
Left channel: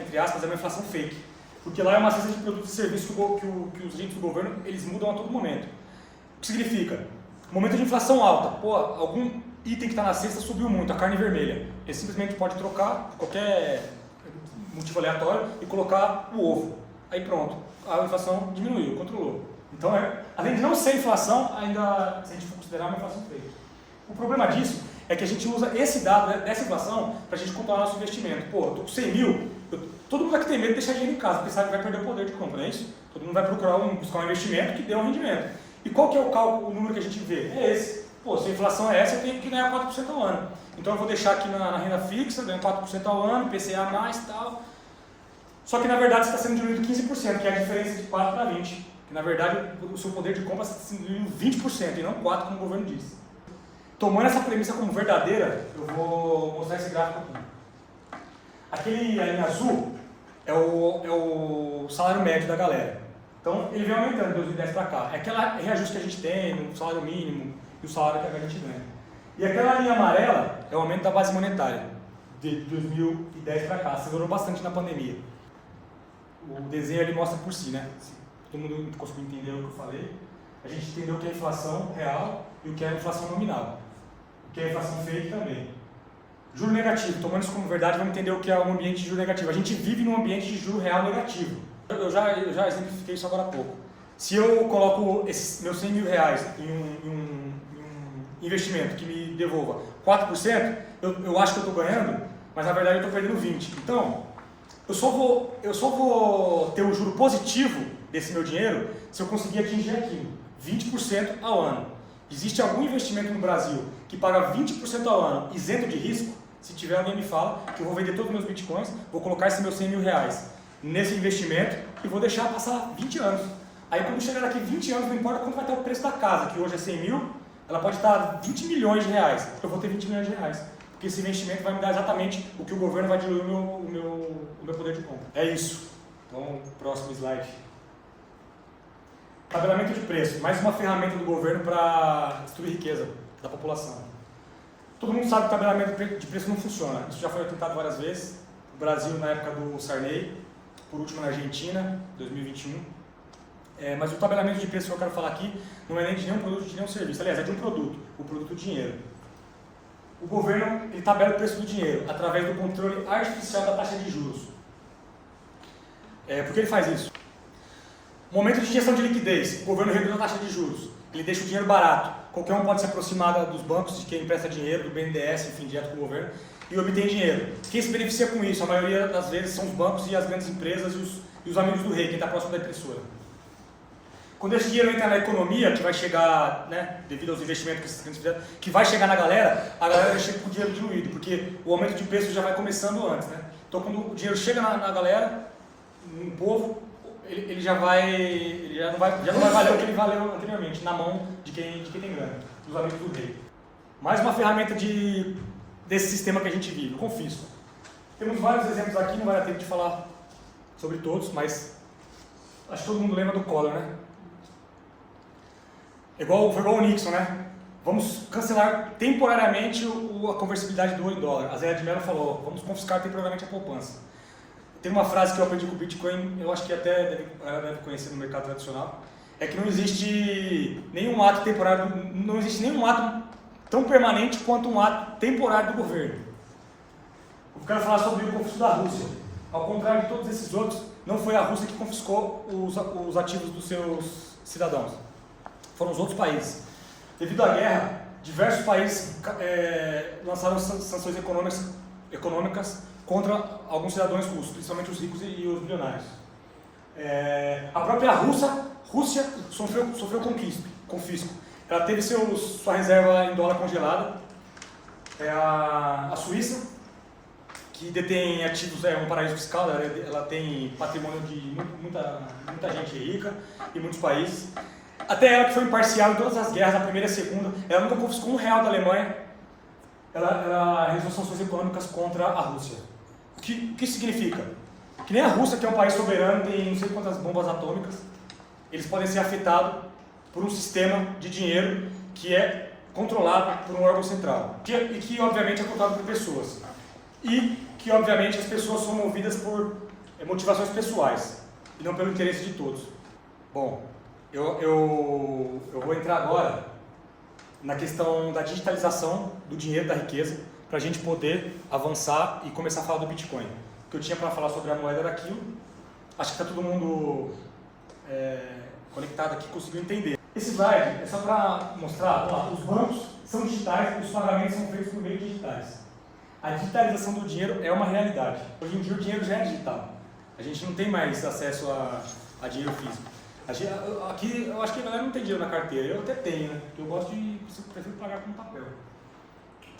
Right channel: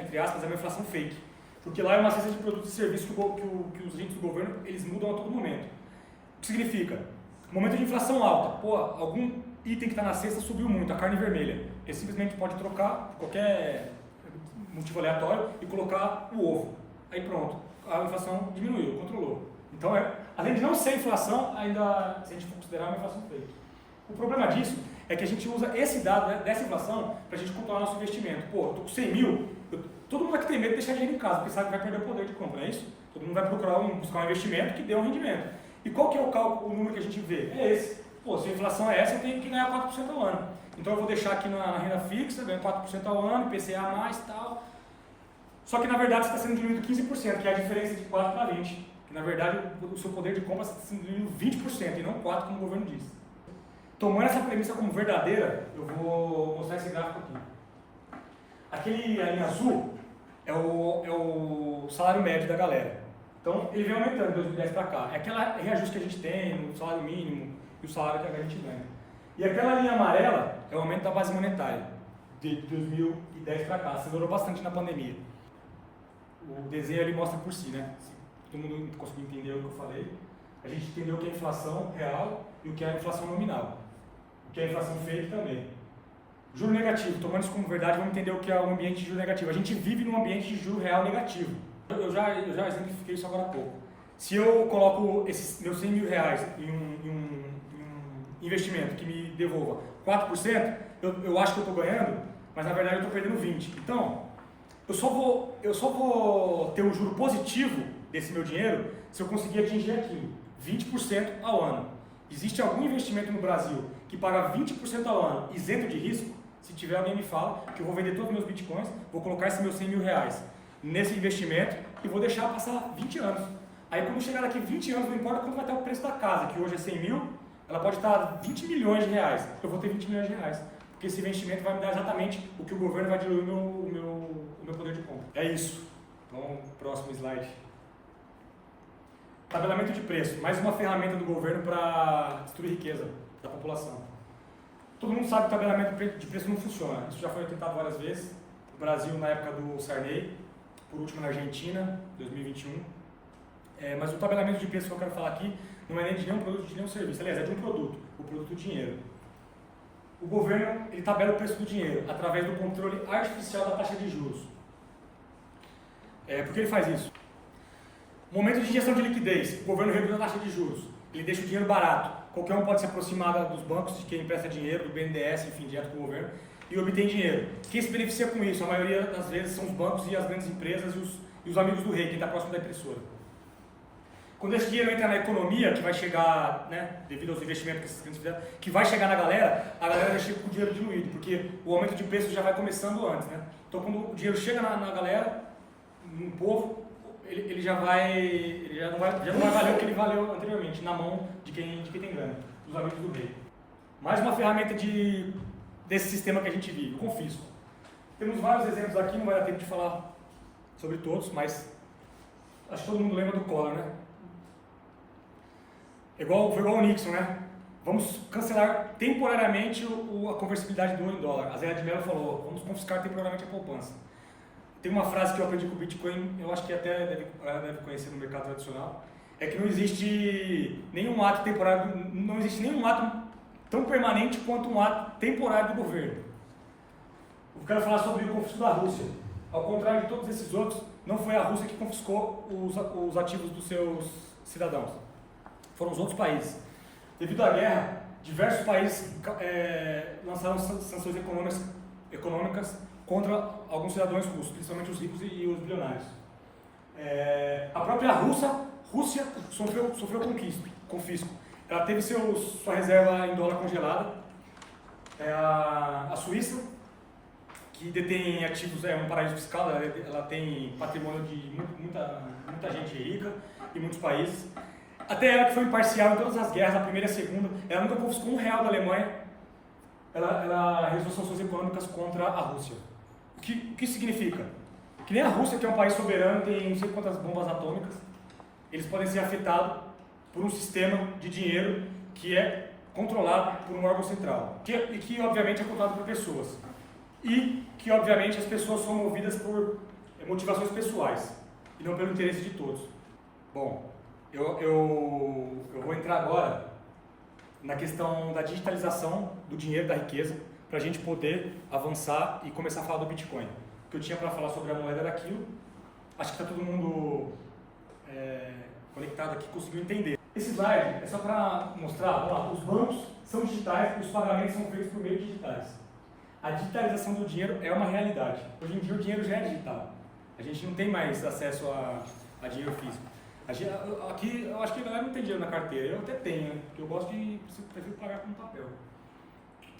entre aspas, é uma inflação fake. Porque lá é uma cesta de produtos e serviços que os índices do governo eles mudam a todo momento. O que significa? Momento de inflação alta, algum item que está na cesta subiu muito, a carne vermelha. Ele simplesmente pode trocar qualquer motivo aleatório e colocar o ovo. Aí pronto, a inflação diminuiu, controlou. Então, além de não ser inflação, ainda, se a gente for considerar, uma inflação fake. O problema disso é que a gente usa esse dado dessa inflação para a gente controlar nosso investimento. Eu estou com 100 mil, todo mundo aqui tem medo de deixar dinheiro em casa, porque sabe que vai perder o poder de compra, não é isso? Todo mundo vai buscar um investimento que dê um rendimento. E qual que é o número que a gente vê? É esse. Se a inflação é essa, eu tenho que ganhar 4% ao ano. Então eu vou deixar aqui na renda fixa, ganho 4% ao ano, PCA mais e tal. Só que na verdade está sendo diminuído 15%, que é a diferença de 4 para 20. Que na verdade o seu poder de compra está sendo diminuído 20% e não 4%, como o governo diz. Tomando essa premissa como verdadeira, eu vou mostrar esse gráfico aqui. Aquele ali em azul é o salário médio da galera. Então ele vem aumentando de 2010 para cá. É aquela reajuste que a gente tem no salário mínimo e o salário que a gente ganha. E aquela linha amarela é o aumento da base monetária de 2010 para cá. Acelerou bastante na pandemia. O desenho ali mostra por si, né? Se todo mundo conseguiu entender o que eu falei. A gente entendeu o que é inflação real e o que é inflação nominal. O que é inflação fake também. Juro negativo, tomando isso como verdade, vamos entender o que é um ambiente de juro negativo. A gente vive num ambiente de juro real negativo. Eu já exemplifiquei isso agora há pouco. Se eu coloco esses meus 100 mil reais em investimento que me devolva 4%, eu acho que eu estou ganhando, mas na verdade eu estou perdendo 20%. Então, eu só vou ter o juro positivo desse meu dinheiro se eu conseguir atingir aquilo, 20% ao ano. Existe algum investimento no Brasil que paga 20% ao ano isento de risco? Se tiver, alguém me fala, que eu vou vender todos os meus bitcoins, vou colocar esses meus 100 mil reais nesse investimento e vou deixar passar 20 anos. Aí quando chegar daqui 20 anos, não importa quanto vai estar o preço da casa, que hoje é 100 mil, ela pode estar 20 milhões de reais. Eu vou ter 20 milhões de reais. Porque esse investimento vai me dar exatamente o que o governo vai diluir o meu poder de compra. É isso. Então, próximo slide. Tabelamento de preço. Mais uma ferramenta do governo para destruir riqueza da população. Todo mundo sabe que o tabelamento de preço não funciona. Isso já foi tentado várias vezes. No Brasil, na época do Sarney. Por último, na Argentina, 2021. Mas o tabelamento de preço que eu quero falar aqui não é nem de nenhum produto, de nenhum serviço. Aliás, é de um produto. O produto dinheiro. O governo ele tabela o preço do dinheiro através do controle artificial da taxa de juros. Por que ele faz isso? Momento de injeção de liquidez, o governo reduz a taxa de juros. Ele deixa o dinheiro barato. Qualquer um pode se aproximar dos bancos, de quem empresta dinheiro, do BNDES, enfim, direto com o governo, e obtém dinheiro. Quem se beneficia com isso, a maioria das vezes, são os bancos e as grandes empresas e os amigos do rei, quem está próximo da impressora. Quando esse dinheiro entra na economia, que vai chegar, né, devido aos investimentos que esses clientes fizeram, que vai chegar na galera, a galera já chega com o dinheiro diluído, porque o aumento de preço já vai começando antes, né? Então, quando o dinheiro chega na galera, no povo, ele já não vai valer o que ele valeu anteriormente, na mão de quem tem grana, dos amigos do rei. Mais uma ferramenta desse sistema que a gente vive, o confisco. Temos vários exemplos aqui, não vai dar tempo de falar sobre todos, mas acho que todo mundo lembra do Collor, né? Foi igual o Nixon, né? Vamos cancelar temporariamente a conversibilidade do ouro em dólar. A Zélia de Mello falou, vamos confiscar temporariamente a poupança. Tem uma frase que eu aprendi com o Bitcoin, eu acho que até ela deve conhecer no mercado tradicional, é que não existe nenhum ato temporário, não existe nenhum ato tão permanente quanto um ato temporário do governo. Eu quero falar sobre o confisco da Rússia. Ao contrário de todos esses outros, não foi a Rússia que confiscou os ativos dos seus cidadãos. Foram os outros países. Devido à guerra, diversos países lançaram sanções econômicas contra alguns cidadãos russos, principalmente os ricos e os bilionários. A própria Rússia sofreu confisco. Ela teve sua reserva em dólar congelada. A Suíça, que detém ativos, é um paraíso fiscal, ela tem patrimônio de muita gente rica e muitos países. Até ela, que foi imparcial em todas as guerras, a primeira e a segunda, ela nunca confiscou R$1 da Alemanha, ela realizou sanções econômicas contra a Rússia. O que significa? Que nem a Rússia, que é um país soberano, tem não sei quantas bombas atômicas, eles podem ser afetados por um sistema de dinheiro que é controlado por um órgão central, e que obviamente é controlado por pessoas. E que obviamente as pessoas são movidas por motivações pessoais, e não pelo interesse de todos. Bom, eu vou entrar agora na questão da digitalização do dinheiro, da riqueza, para a gente poder avançar e começar a falar do Bitcoin. O que eu tinha para falar sobre a moeda era aquilo. Acho que está todo mundo conectado aqui, conseguiu entender. Esse slide é só para mostrar, os bancos são digitais, os pagamentos são feitos por meios digitais. A digitalização do dinheiro é uma realidade. Hoje em dia o dinheiro já é digital. A gente não tem mais acesso a dinheiro físico. Aqui eu acho que a galera não tem dinheiro na carteira, eu até tenho, né? Porque eu prefiro pagar com papel.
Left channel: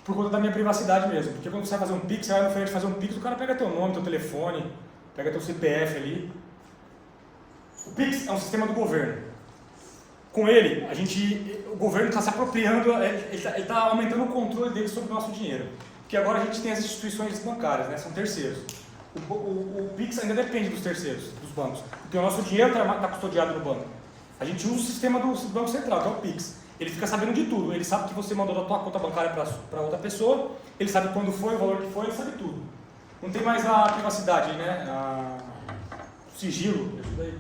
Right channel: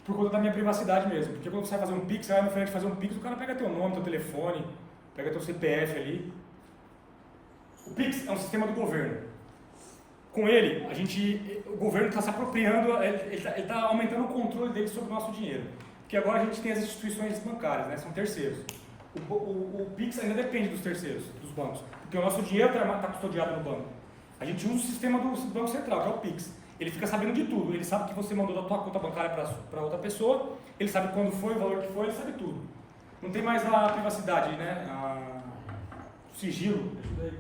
Por conta da minha privacidade mesmo, porque quando você vai fazer um Pix, você vai no frente fazer um Pix, o cara pega teu nome, teu telefone, pega teu CPF ali. O Pix é um sistema do governo. Com ele, o governo está se apropriando, ele está aumentando o controle dele sobre o nosso dinheiro. Porque agora a gente tem as instituições bancárias, né? São terceiros. O Pix ainda depende dos terceiros, dos bancos, porque o nosso dinheiro está custodiado no banco. A gente usa o sistema do Banco Central, que é o Pix. Ele fica sabendo de tudo, ele sabe que você mandou da tua conta bancária para outra pessoa, ele sabe quando foi, o valor que foi, ele sabe tudo. Não tem mais a privacidade, né? O sigilo, isso daí.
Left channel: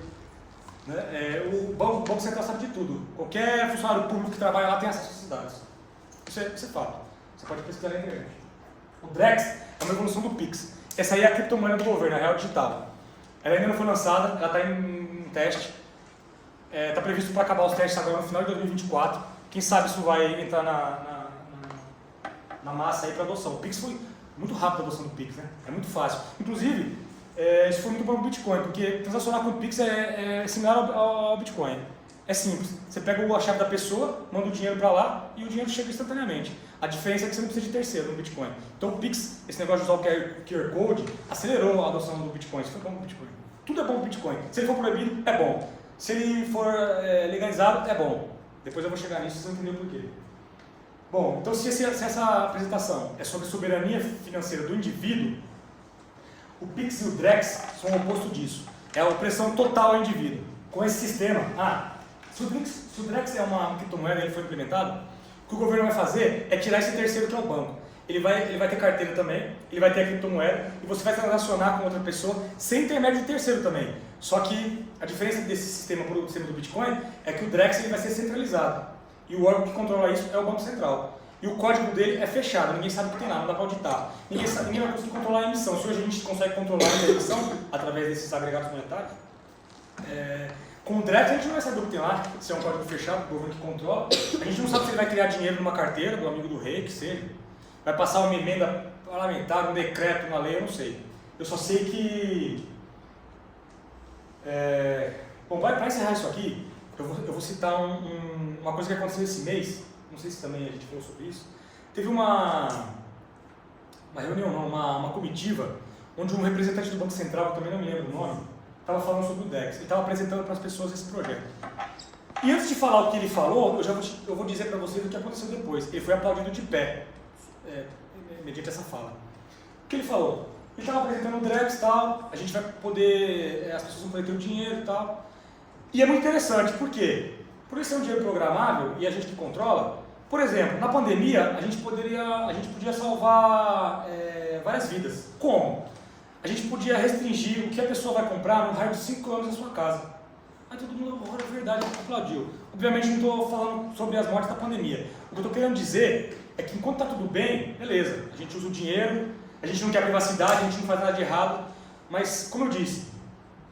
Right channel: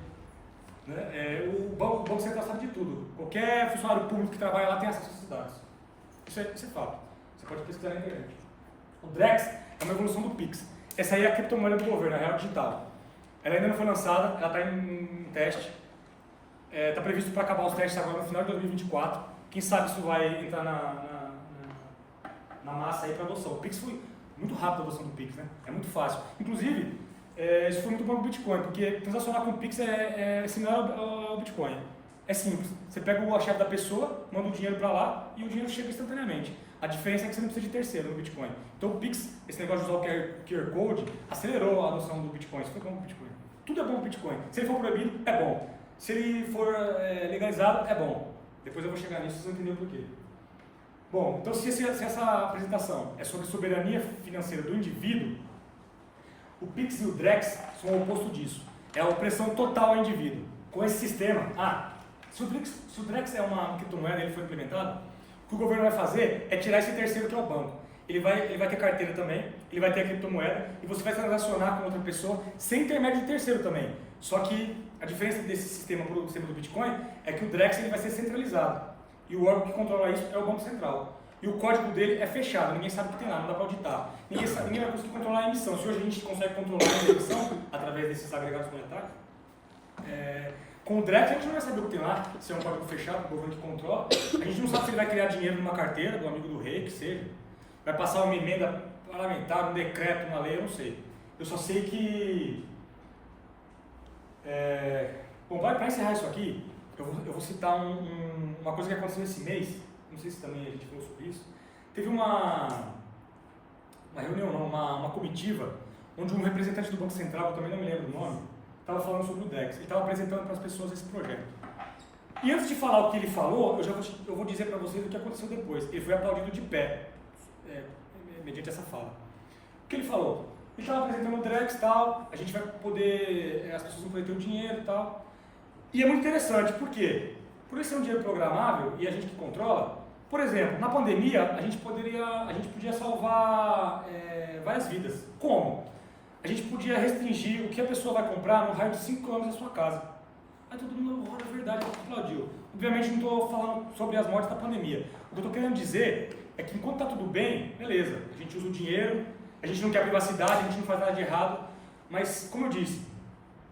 Né? O Banco Central sabe de tudo. Qualquer funcionário público que trabalha lá tem acesso a esses dados. Isso é fato. Você pode pesquisar na internet. O Drex é uma evolução do Pix. Essa aí é a criptomoeda do governo, a real digital. Ela ainda não foi lançada, ela está em teste. Está previsto para acabar os testes agora no final de 2024. Quem sabe isso vai entrar na massa aí para adoção. O Pix foi muito rápido a adoção do Pix, né? É muito fácil. Inclusive, isso foi muito bom para o Bitcoin, porque transacionar com o Pix é similar ao Bitcoin. É simples. Você pega a chave da pessoa, manda o dinheiro para lá e o dinheiro chega instantaneamente. A diferença é que você não precisa de terceiro no Bitcoin. Então o Pix, esse negócio de usar o QR Code, acelerou a adoção do Bitcoin. Isso foi bom para o Bitcoin. Tudo é bom para o Bitcoin. Se ele for proibido, é bom. Se ele for legalizado, é bom. Depois eu vou chegar nisso, vocês vão entender o porquê. Bom, então se essa apresentação é sobre soberania financeira do indivíduo, o Pix e o Drex são o oposto disso. É a opressão total ao indivíduo. Com esse sistema, se o Drex é uma criptomoeda e ele for implementado, o que o governo vai fazer é tirar esse terceiro que é o banco. Ele vai ter carteira também, ele vai ter a criptomoeda e você vai transacionar com outra pessoa sem intermédio de terceiro também. Só que a diferença desse sistema para o sistema do Bitcoin é que o Drex ele vai ser centralizado. E o órgão que controla isso é o Banco Central. E o código dele é fechado, ninguém sabe o que tem lá, não dá para auditar. Ninguém vai conseguir controlar a emissão. Se hoje a gente consegue controlar a emissão através desses agregados monetários, com o Drex a gente não vai saber o que tem lá, se é um código fechado, o governo que controla. A gente não sabe se ele vai criar dinheiro numa carteira do amigo do rei, que seja. Vai passar uma emenda parlamentar, um decreto, uma lei, eu não sei. Eu só sei que... Bom, para encerrar isso aqui, eu vou citar uma coisa que aconteceu esse mês, não sei se também a gente falou sobre isso. Teve uma reunião, não, uma comitiva, onde um representante do Banco Central, eu também não me lembro o nome, estava falando sobre o DEX, ele estava apresentando para as pessoas esse projeto. E antes de falar o que ele falou, eu vou dizer para vocês o que aconteceu depois. Ele foi aplaudido de pé, mediante essa fala. O que ele falou? Ele estava apresentando o DREX e tal, a gente vai poder, as pessoas vão poder ter o dinheiro e tal. E é muito interessante, por quê? Por ele ser um dinheiro programável e a gente que controla, por exemplo, na pandemia a gente podia salvar várias vidas. Como? A gente podia restringir o que a pessoa vai comprar no raio de 5 km da sua casa. Aí todo mundo, agora é verdade, aplaudiu. Obviamente não estou falando sobre as mortes da pandemia. O que eu estou querendo dizer é que enquanto está tudo bem, beleza, a gente usa o dinheiro, a gente não quer privacidade, a gente não faz nada de errado, mas, como eu disse,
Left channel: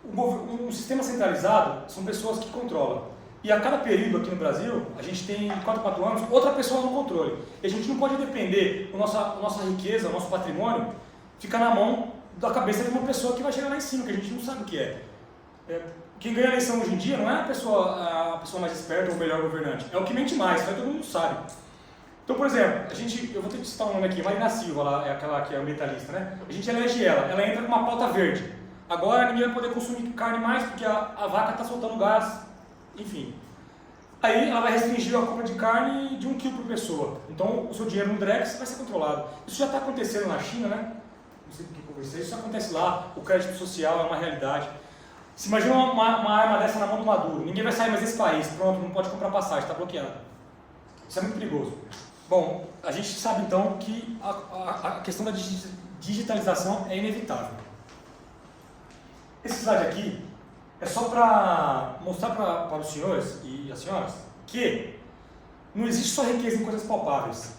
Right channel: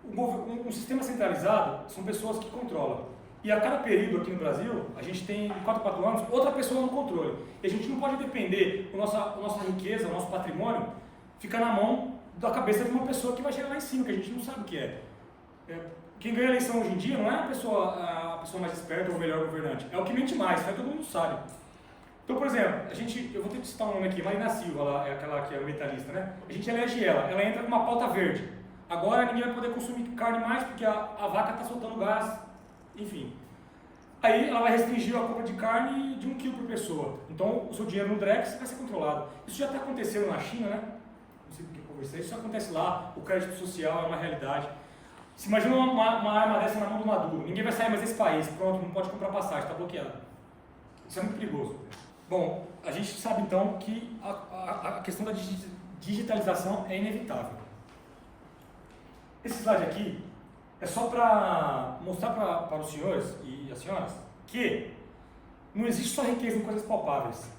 um sistema centralizado são pessoas que controlam. E a cada período aqui no Brasil, a gente tem 4 anos, outra pessoa no controle. E a gente não pode depender, a nossa riqueza, o nosso patrimônio, ficar na mão da cabeça de uma pessoa que vai chegar lá em cima, que a gente não sabe o que é. Quem ganha a eleição hoje em dia não é a pessoa mais esperta ou o melhor governante, é o que mente mais, todo mundo sabe. Então, por exemplo, eu vou ter que citar um nome aqui, Marina Silva, ela é aquela que é ambientalista, né? A gente elege ela entra com uma pauta verde. Agora ninguém vai poder consumir carne mais porque a vaca está soltando gás, enfim. Aí ela vai restringir a compra de carne de 1 kg por pessoa. Então o seu dinheiro no Drex vai ser controlado. Isso já está acontecendo na China, né? Não sei do que conversei, isso acontece lá, o crédito social é uma realidade. Se imagina uma arma dessa na mão do Maduro, ninguém vai sair mais desse país, pronto, não pode comprar passagem, está bloqueado. Isso é muito perigoso. Bom, a gente sabe então que a questão da digitalização é inevitável. Esse slide aqui é só para mostrar para os senhores e as senhoras que não existe só riqueza em coisas palpáveis.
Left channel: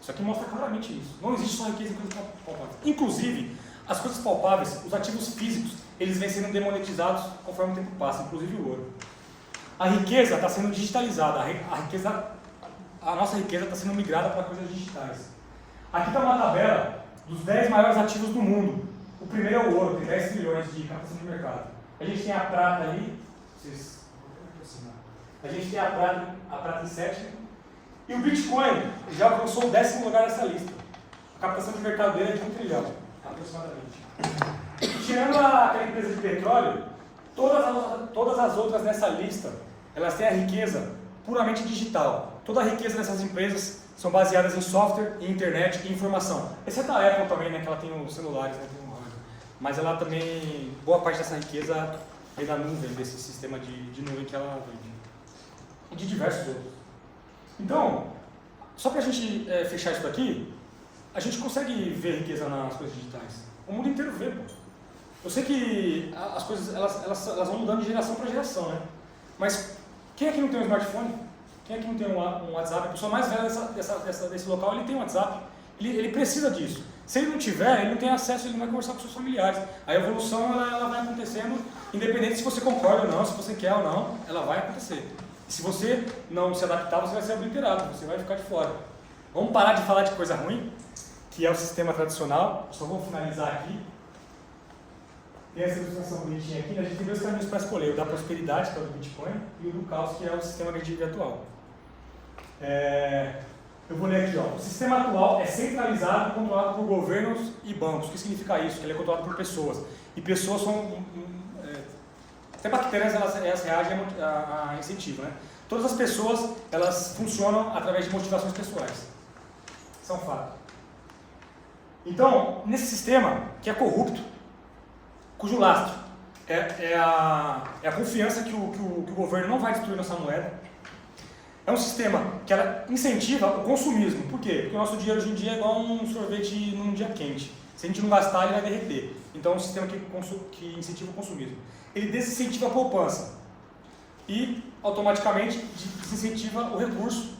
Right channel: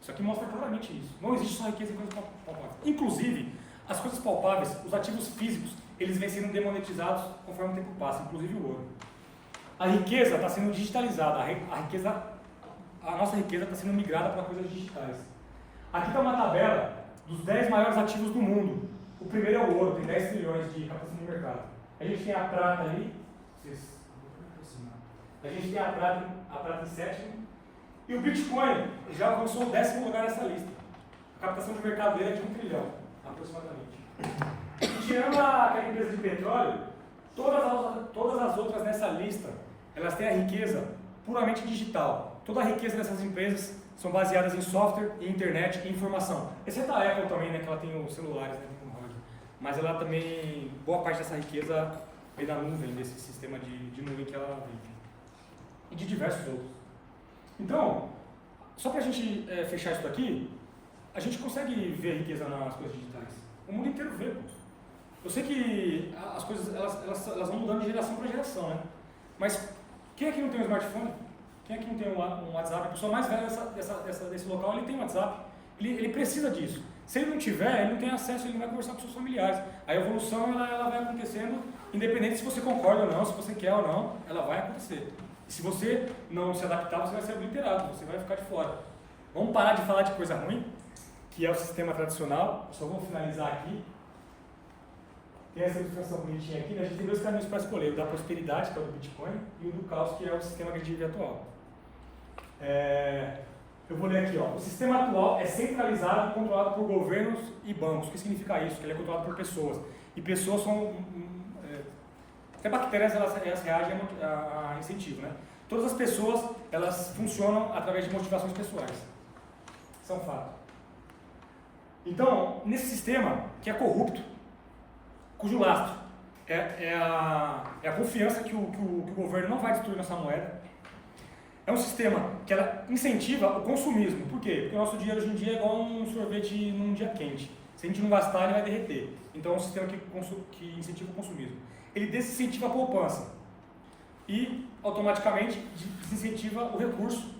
Isso aqui mostra claramente isso. Não existe só riqueza em coisas palpáveis. Inclusive, as coisas palpáveis, os ativos físicos, eles vêm sendo demonetizados conforme o tempo passa, inclusive o ouro. A riqueza está sendo digitalizada, a nossa riqueza está sendo migrada para coisas digitais. Aqui está uma tabela dos 10 maiores ativos do mundo. O primeiro é o ouro, tem 10 trilhões de captação de mercado. A gente tem a prata ali, a gente tem a prata em sétimo, e o Bitcoin já alcançou o 10º lugar nessa lista. A captação de mercado dele é de 1 trilhão, aproximadamente. E tirando aquela empresa de petróleo, todas as outras nessa lista, elas têm a riqueza puramente digital. Toda a riqueza dessas empresas são baseadas em software, em internet e informação. Exceto a Apple também, né, que ela tem os celulares, né, tem um hardware. Mas ela também, boa parte dessa riqueza vem da nuvem, desse sistema de nuvem que ela vive. E de diversos outros. Então, só para a gente fechar isso daqui, a gente consegue ver riqueza nas coisas digitais. O mundo inteiro vê, pô. Eu sei que as coisas elas vão mudando de geração para geração, né? Mas quem aqui não tem um smartphone? Quem aqui não tem um WhatsApp? A pessoa mais velha desse local, ele tem um WhatsApp. Ele precisa disso. Se ele não tiver, ele não tem acesso, ele não vai conversar com seus familiares. A evolução ela vai acontecendo, independente se você concorda ou não, se você quer ou não, ela vai acontecer. E se você não se adaptar, você vai ser obliterado, você vai ficar de fora. Vamos parar de falar de coisa ruim, que é o sistema tradicional. Só vou finalizar aqui. Tem essa ilustração bonitinha aqui, né? A gente tem dois caminhos para escolher, o da prosperidade, que é o do Bitcoin, e o do caos, que é o sistema agredivo atual. Eu vou ler aqui, ó. O sistema atual é centralizado e controlado por governos e bancos. O que significa isso? Que ele é controlado por pessoas. E pessoas são... até bactérias, elas reagem a incentivo, né? Todas as pessoas, elas funcionam através de motivações pessoais. Isso é um fato. Então, nesse sistema, que é corrupto, cujo lastro é a confiança que o governo não vai destruir nossa moeda, é um sistema que ela incentiva o consumismo. Por quê? Porque o nosso dinheiro hoje em dia é igual um sorvete num dia quente. Se a gente não gastar, ele vai derreter. Então é um sistema que incentiva o consumismo. Ele desincentiva a poupança e, automaticamente, desincentiva o recurso.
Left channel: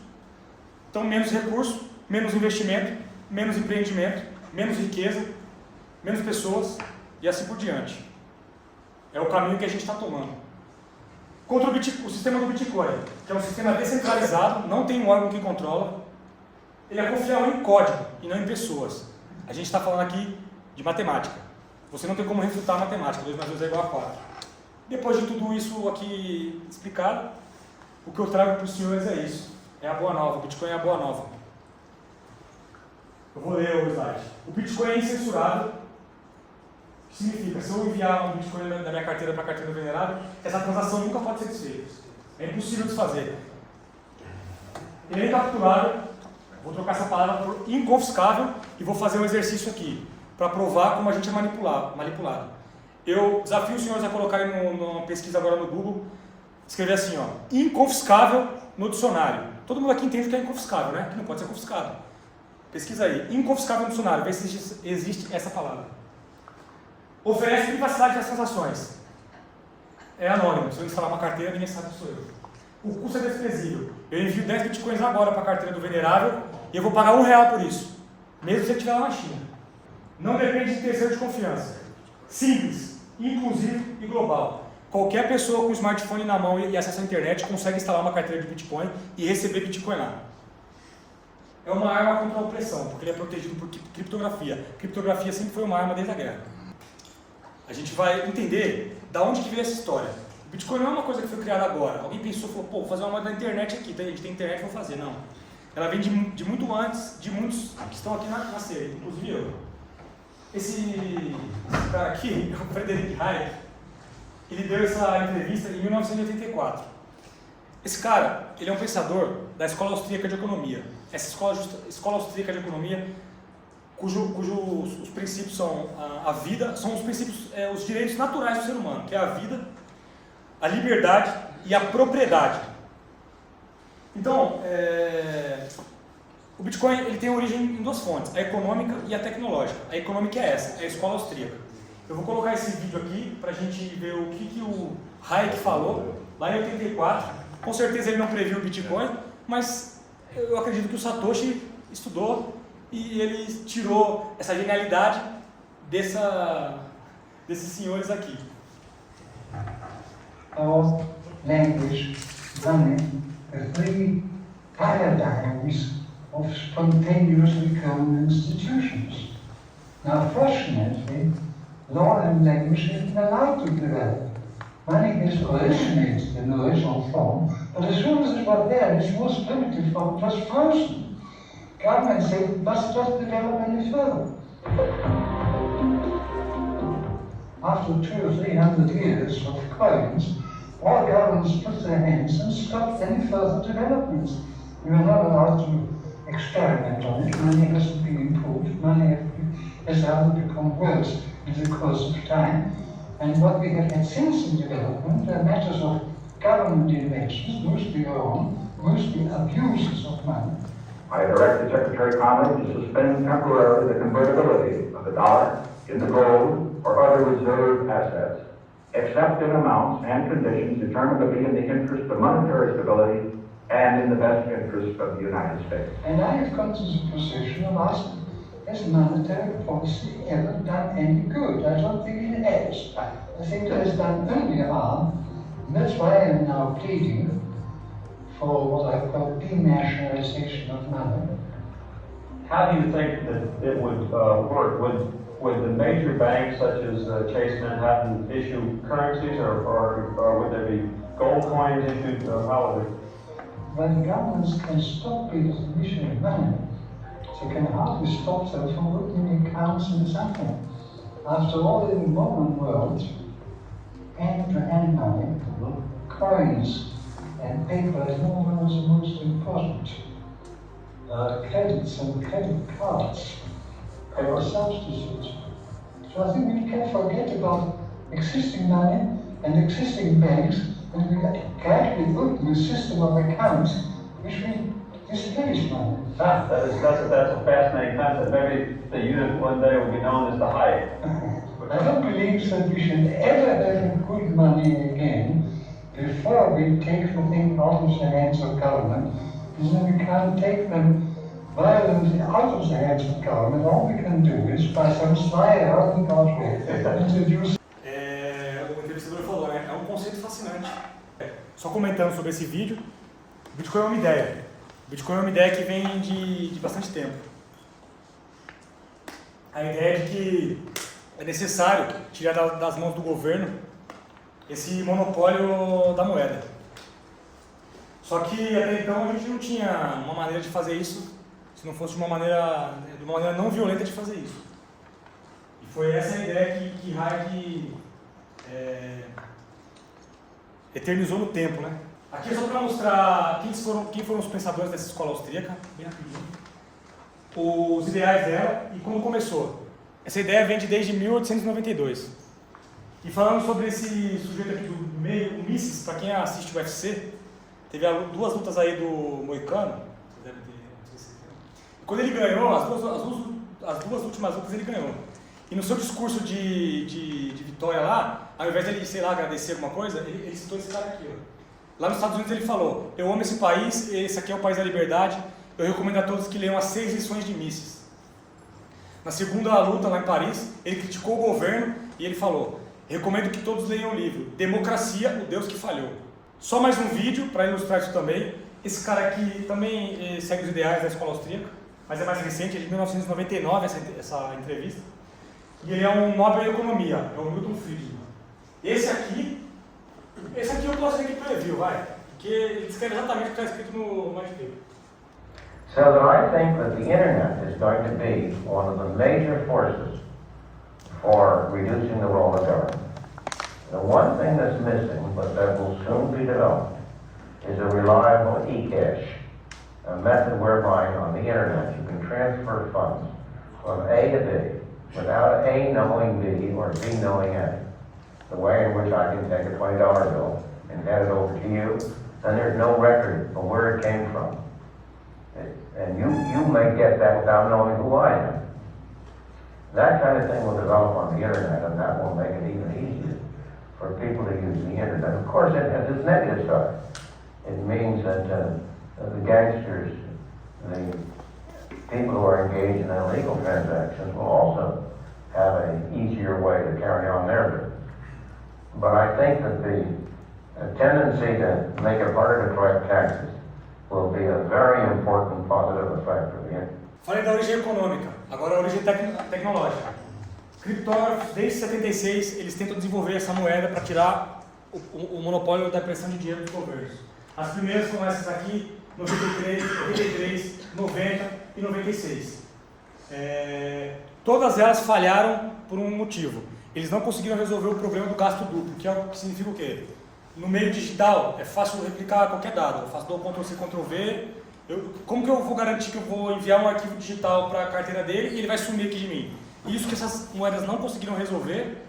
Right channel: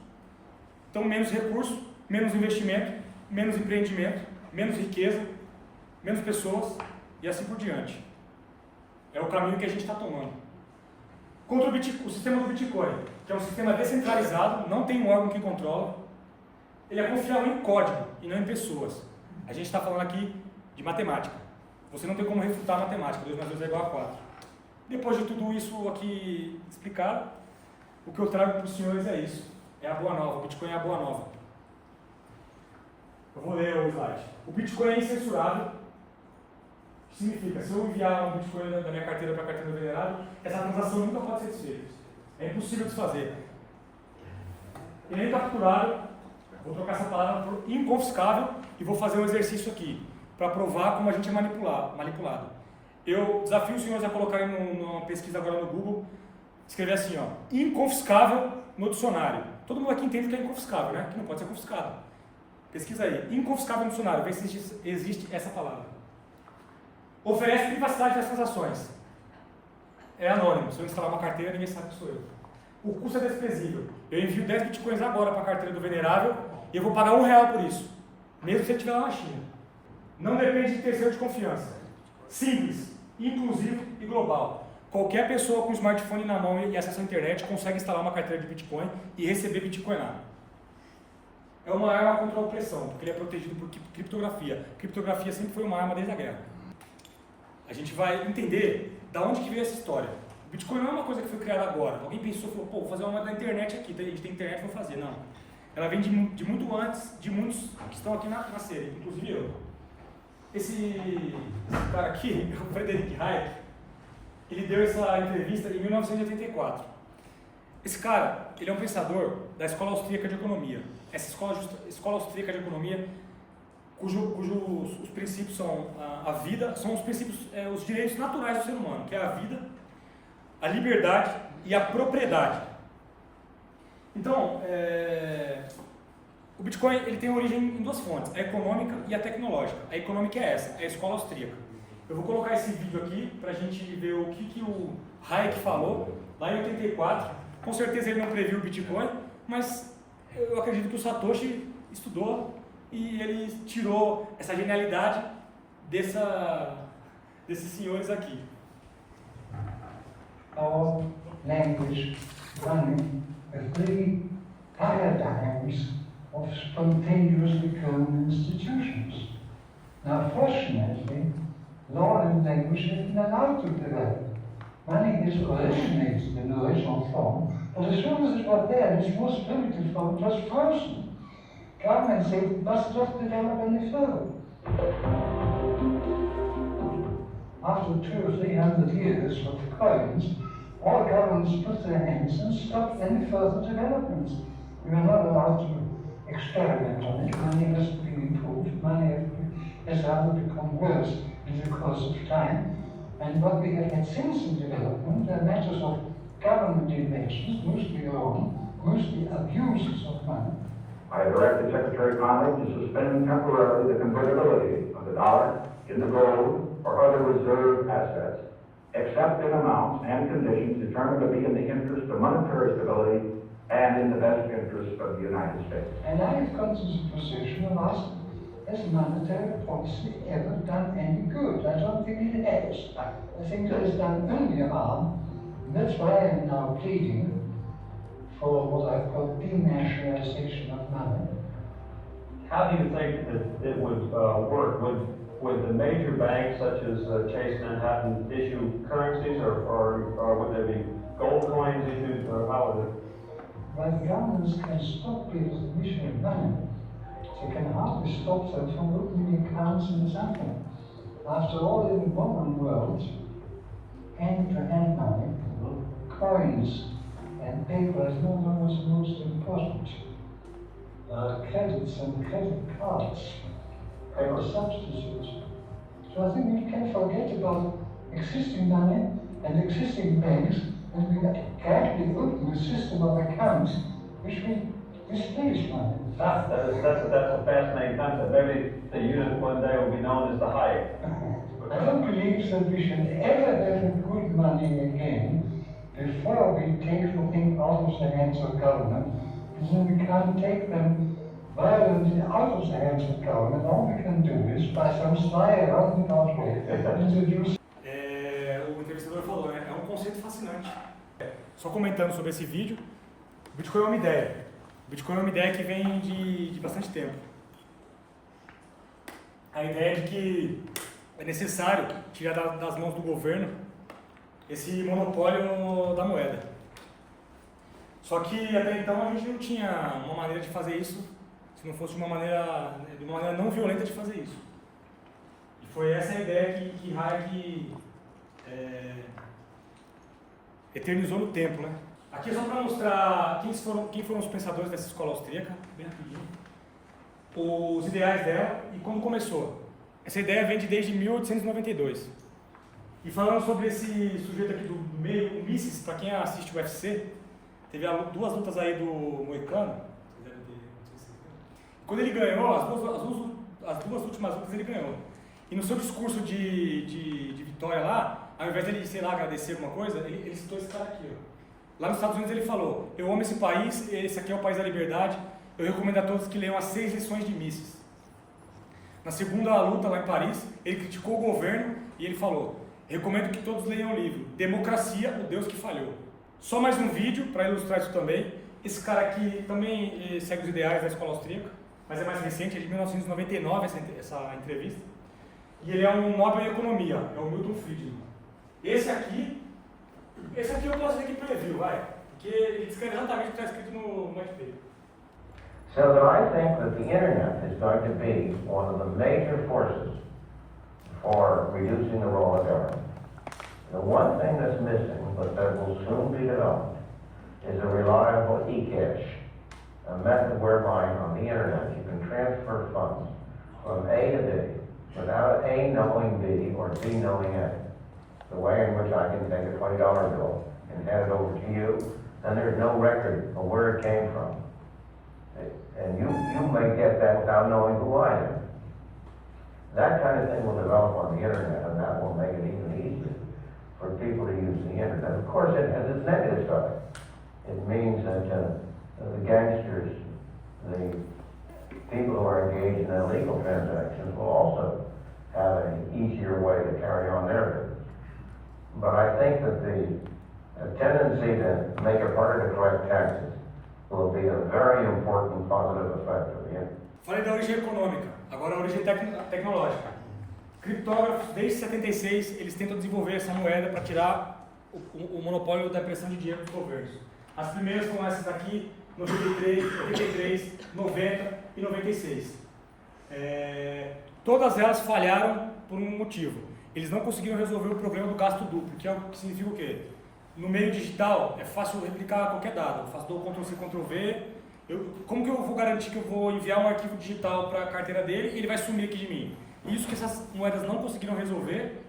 Então, menos recurso, menos investimento, menos empreendimento, menos riqueza, menos pessoas e assim por diante. É o caminho que a gente está tomando. Contra o sistema do Bitcoin, que é um sistema descentralizado, não tem um órgão que controla, ele é confiável em código e não em pessoas. A gente está falando aqui de matemática. Você não tem como refutar a matemática, 2 mais 2 é igual a 4. Depois de tudo isso aqui explicado, o que eu trago para os senhores é isso. É a boa nova, o Bitcoin é a boa nova. Eu vou ler o slide. O Bitcoin é incensurável. O que significa? Se eu enviar um Bitcoin da minha carteira para a carteira do venerável, essa transação nunca pode ser desfeita. É impossível desfazer. Ele é incapturável. Vou trocar essa palavra por inconfiscável e vou fazer um exercício aqui para provar como a gente é manipulado. Eu desafio os senhores a colocarem numa pesquisa agora no Google, escrever assim, ó, inconfiscável no dicionário. Todo mundo aqui entende que é inconfiscável, né? Que não pode ser confiscado. Pesquisa aí, inconfiscável no dicionário, vê se existe essa palavra. Oferece privacidade das transações. É anônimo, se eu instalar uma carteira, ninguém sabe que sou eu. O custo é desprezível. Eu envio 10 bitcoins agora para a carteira do venerável e eu vou pagar R$1 por isso, mesmo se ele estiver lá na China. Não depende de terceiro de confiança. Simples, inclusivo e global. Qualquer pessoa com smartphone na mão e acesso à internet consegue instalar uma carteira de Bitcoin e receber Bitcoin lá. É uma arma contra a opressão, porque ele é protegido por criptografia. Criptografia sempre foi uma arma desde a guerra. A gente vai entender da onde que veio essa história. O Bitcoin não é uma coisa que foi criada agora. Alguém pensou, falou, pô, vou fazer uma moeda na internet aqui, a gente tem internet, vou fazer. Não. Ela vem de muito antes, de muitos que estão aqui na série, inclusive eu. Esse cara aqui, é o Friedrich Hayek, ele deu essa entrevista em 1984. Esse cara, ele é um pensador da Escola Austríaca de Economia. Essa escola austríaca de economia, cujos princípios são a vida, são os princípios, os direitos naturais do ser humano, que é a vida, a liberdade e a propriedade. Então, o Bitcoin ele tem origem em 2 fontes, a econômica e a tecnológica. A econômica é essa, é a escola austríaca. Eu vou colocar esse vídeo aqui para a gente ver o que o Hayek falou lá em 84. Com certeza ele não previu o Bitcoin, mas eu acredito que o Satoshi estudou e ele tirou essa genialidade desses senhores aqui. Our language running the 3 paradigms of spontaneously occurring institutions. Now, fortunately, law and language have been allowed to develop. Money has originated in the original form, but as soon as it was there, its most primitive form was frozen. Government said it must not develop any further. After 200 or 300 years of coins, all governments put their hands and stopped any further developments. We are not allowed to experiment on it. Money hasn't been improved. Money has rather become worse in the course of time. And what we have had since in development are matters of government inventions, mostly wrong, mostly abuses of money. I directed Secretary Connally to suspend temporarily the convertibility of the dollar into gold or other reserve assets, except in amounts and conditions determined to be in the interest of monetary stability and in the best interest of the United States. And I have come to the position of asking, has monetary policy ever done any good? I don't think it has. I think it has done only harm, and that's why I am now pleading for what I call denationalization of money, how do you think that it would work? Would the major banks such as Chase Manhattan issue currencies, or would there be gold coins issued, or how would it? Well, the governments can stop people from issuing money. So they can hardly stop them from opening accounts and something. After all, in the modern world, hand-to-hand money, coins, and paper is no longer the most important. Credits and credit cards are a substitute. So I think we can forget about existing money and existing banks, and we gradually open a system of accounts which will displace money. That's a fascinating concept. Maybe the unit one day will be known as the Hayek. I don't believe that we should ever have good money again before we take the thing out of the hands of government, and then we can't take them violently out of the hands of government. All we can do is, by some sly roundabout way, introduce. O entrevistador falou, né? É um conceito fascinante. Só comentando sobre esse vídeo, o Bitcoin é uma ideia. O Bitcoin é uma ideia que vem de bastante tempo. A ideia de que é necessário tirar das mãos do governo esse monopólio da moeda. Só que até então a gente não tinha uma maneira de fazer isso se não fosse de uma maneira não violenta de fazer isso. E foi essa a ideia que Hayek eternizou no tempo, né? Aqui é só para mostrar quem foram os pensadores dessa escola austríaca, bem rapidinho. Os ideais dela e quando começou. Essa ideia vem desde 1892. E falando sobre esse sujeito aqui do meio, o Mises, para quem assiste o UFC, teve duas lutas aí do Moicano. Vocês devem ter, não sei se vocês viram. E quando ele ganhou, as duas últimas lutas ele ganhou. E no seu discurso de vitória lá, ao invés de ele, sei lá, agradecer alguma coisa, ele citou esse cara aqui, ó. Lá nos Estados Unidos ele falou: eu amo esse país, esse aqui é o país da liberdade, eu recomendo a todos que leiam as 6 lições de Mises. Na segunda luta lá em Paris, ele criticou o governo e ele falou: recomendo que todos leiam o livro Democracia, o Deus que Falhou. Só mais um vídeo para ilustrar isso também. Esse cara aqui também segue os ideais da escola austríaca, mas é mais recente, é de 1999 essa entrevista. E ele é um Nobel em Economia, é o Milton Friedman. Esse aqui eu posso dizer que previu, vai, porque ele descreve exatamente o que está escrito no artigo. So that I think that the internet is going to be one of the major forces for reducing the role of government. The one thing that's missing, but that will soon be developed, is a reliable e-cash, a method whereby on the internet you can transfer funds from A to B without A knowing B or B knowing A. The way in which I can take a $20 bill and hand it over to you, then there's no record of where it came from. And you may get that without knowing who I am. That kind of thing will develop on the internet, and that will make it even easier for people to use the internet. Of course, it has its negative side. It means that the gangsters, the people who are engaged in illegal transactions will also have an easier way to carry on their business. But I think that the tendency to make it harder to collect taxes will be a very important positive effect of the internet. Falei da origem econômica, agora a origem tecnológica. Criptógrafos, desde 76, eles tentam desenvolver essa moeda para tirar o monopólio da impressão de dinheiro dos governos. As primeiras foram essas aqui, 93, 90 e 96. Todas elas falharam por um motivo. Eles não conseguiram resolver o problema do gasto duplo, que significa o quê? No meio digital é fácil replicar qualquer dado. Eu faço Ctrl+C, Ctrl+V. Como que eu vou garantir que eu vou enviar um arquivo digital para a carteira dele e ele vai sumir aqui de mim? Isso que essas moedas não conseguiram resolver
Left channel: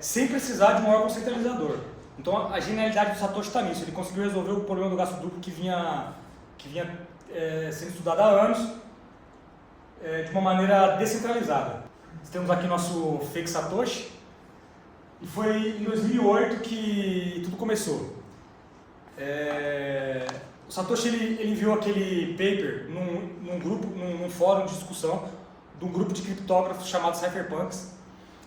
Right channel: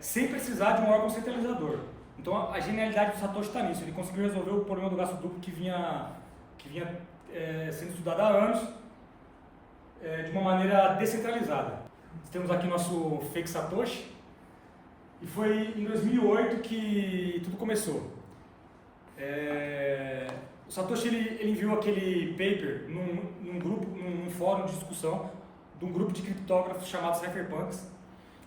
sem precisar de um órgão centralizador. Então a genialidade do Satoshi está nisso. Ele conseguiu resolver o problema do gasto duplo que vinha sendo estudado há anos de uma maneira descentralizada. Temos aqui nosso fake Satoshi. E foi em 2008 que tudo começou. O Satoshi ele enviou aquele paper num fórum de discussão de um grupo de criptógrafos chamado Cypherpunks.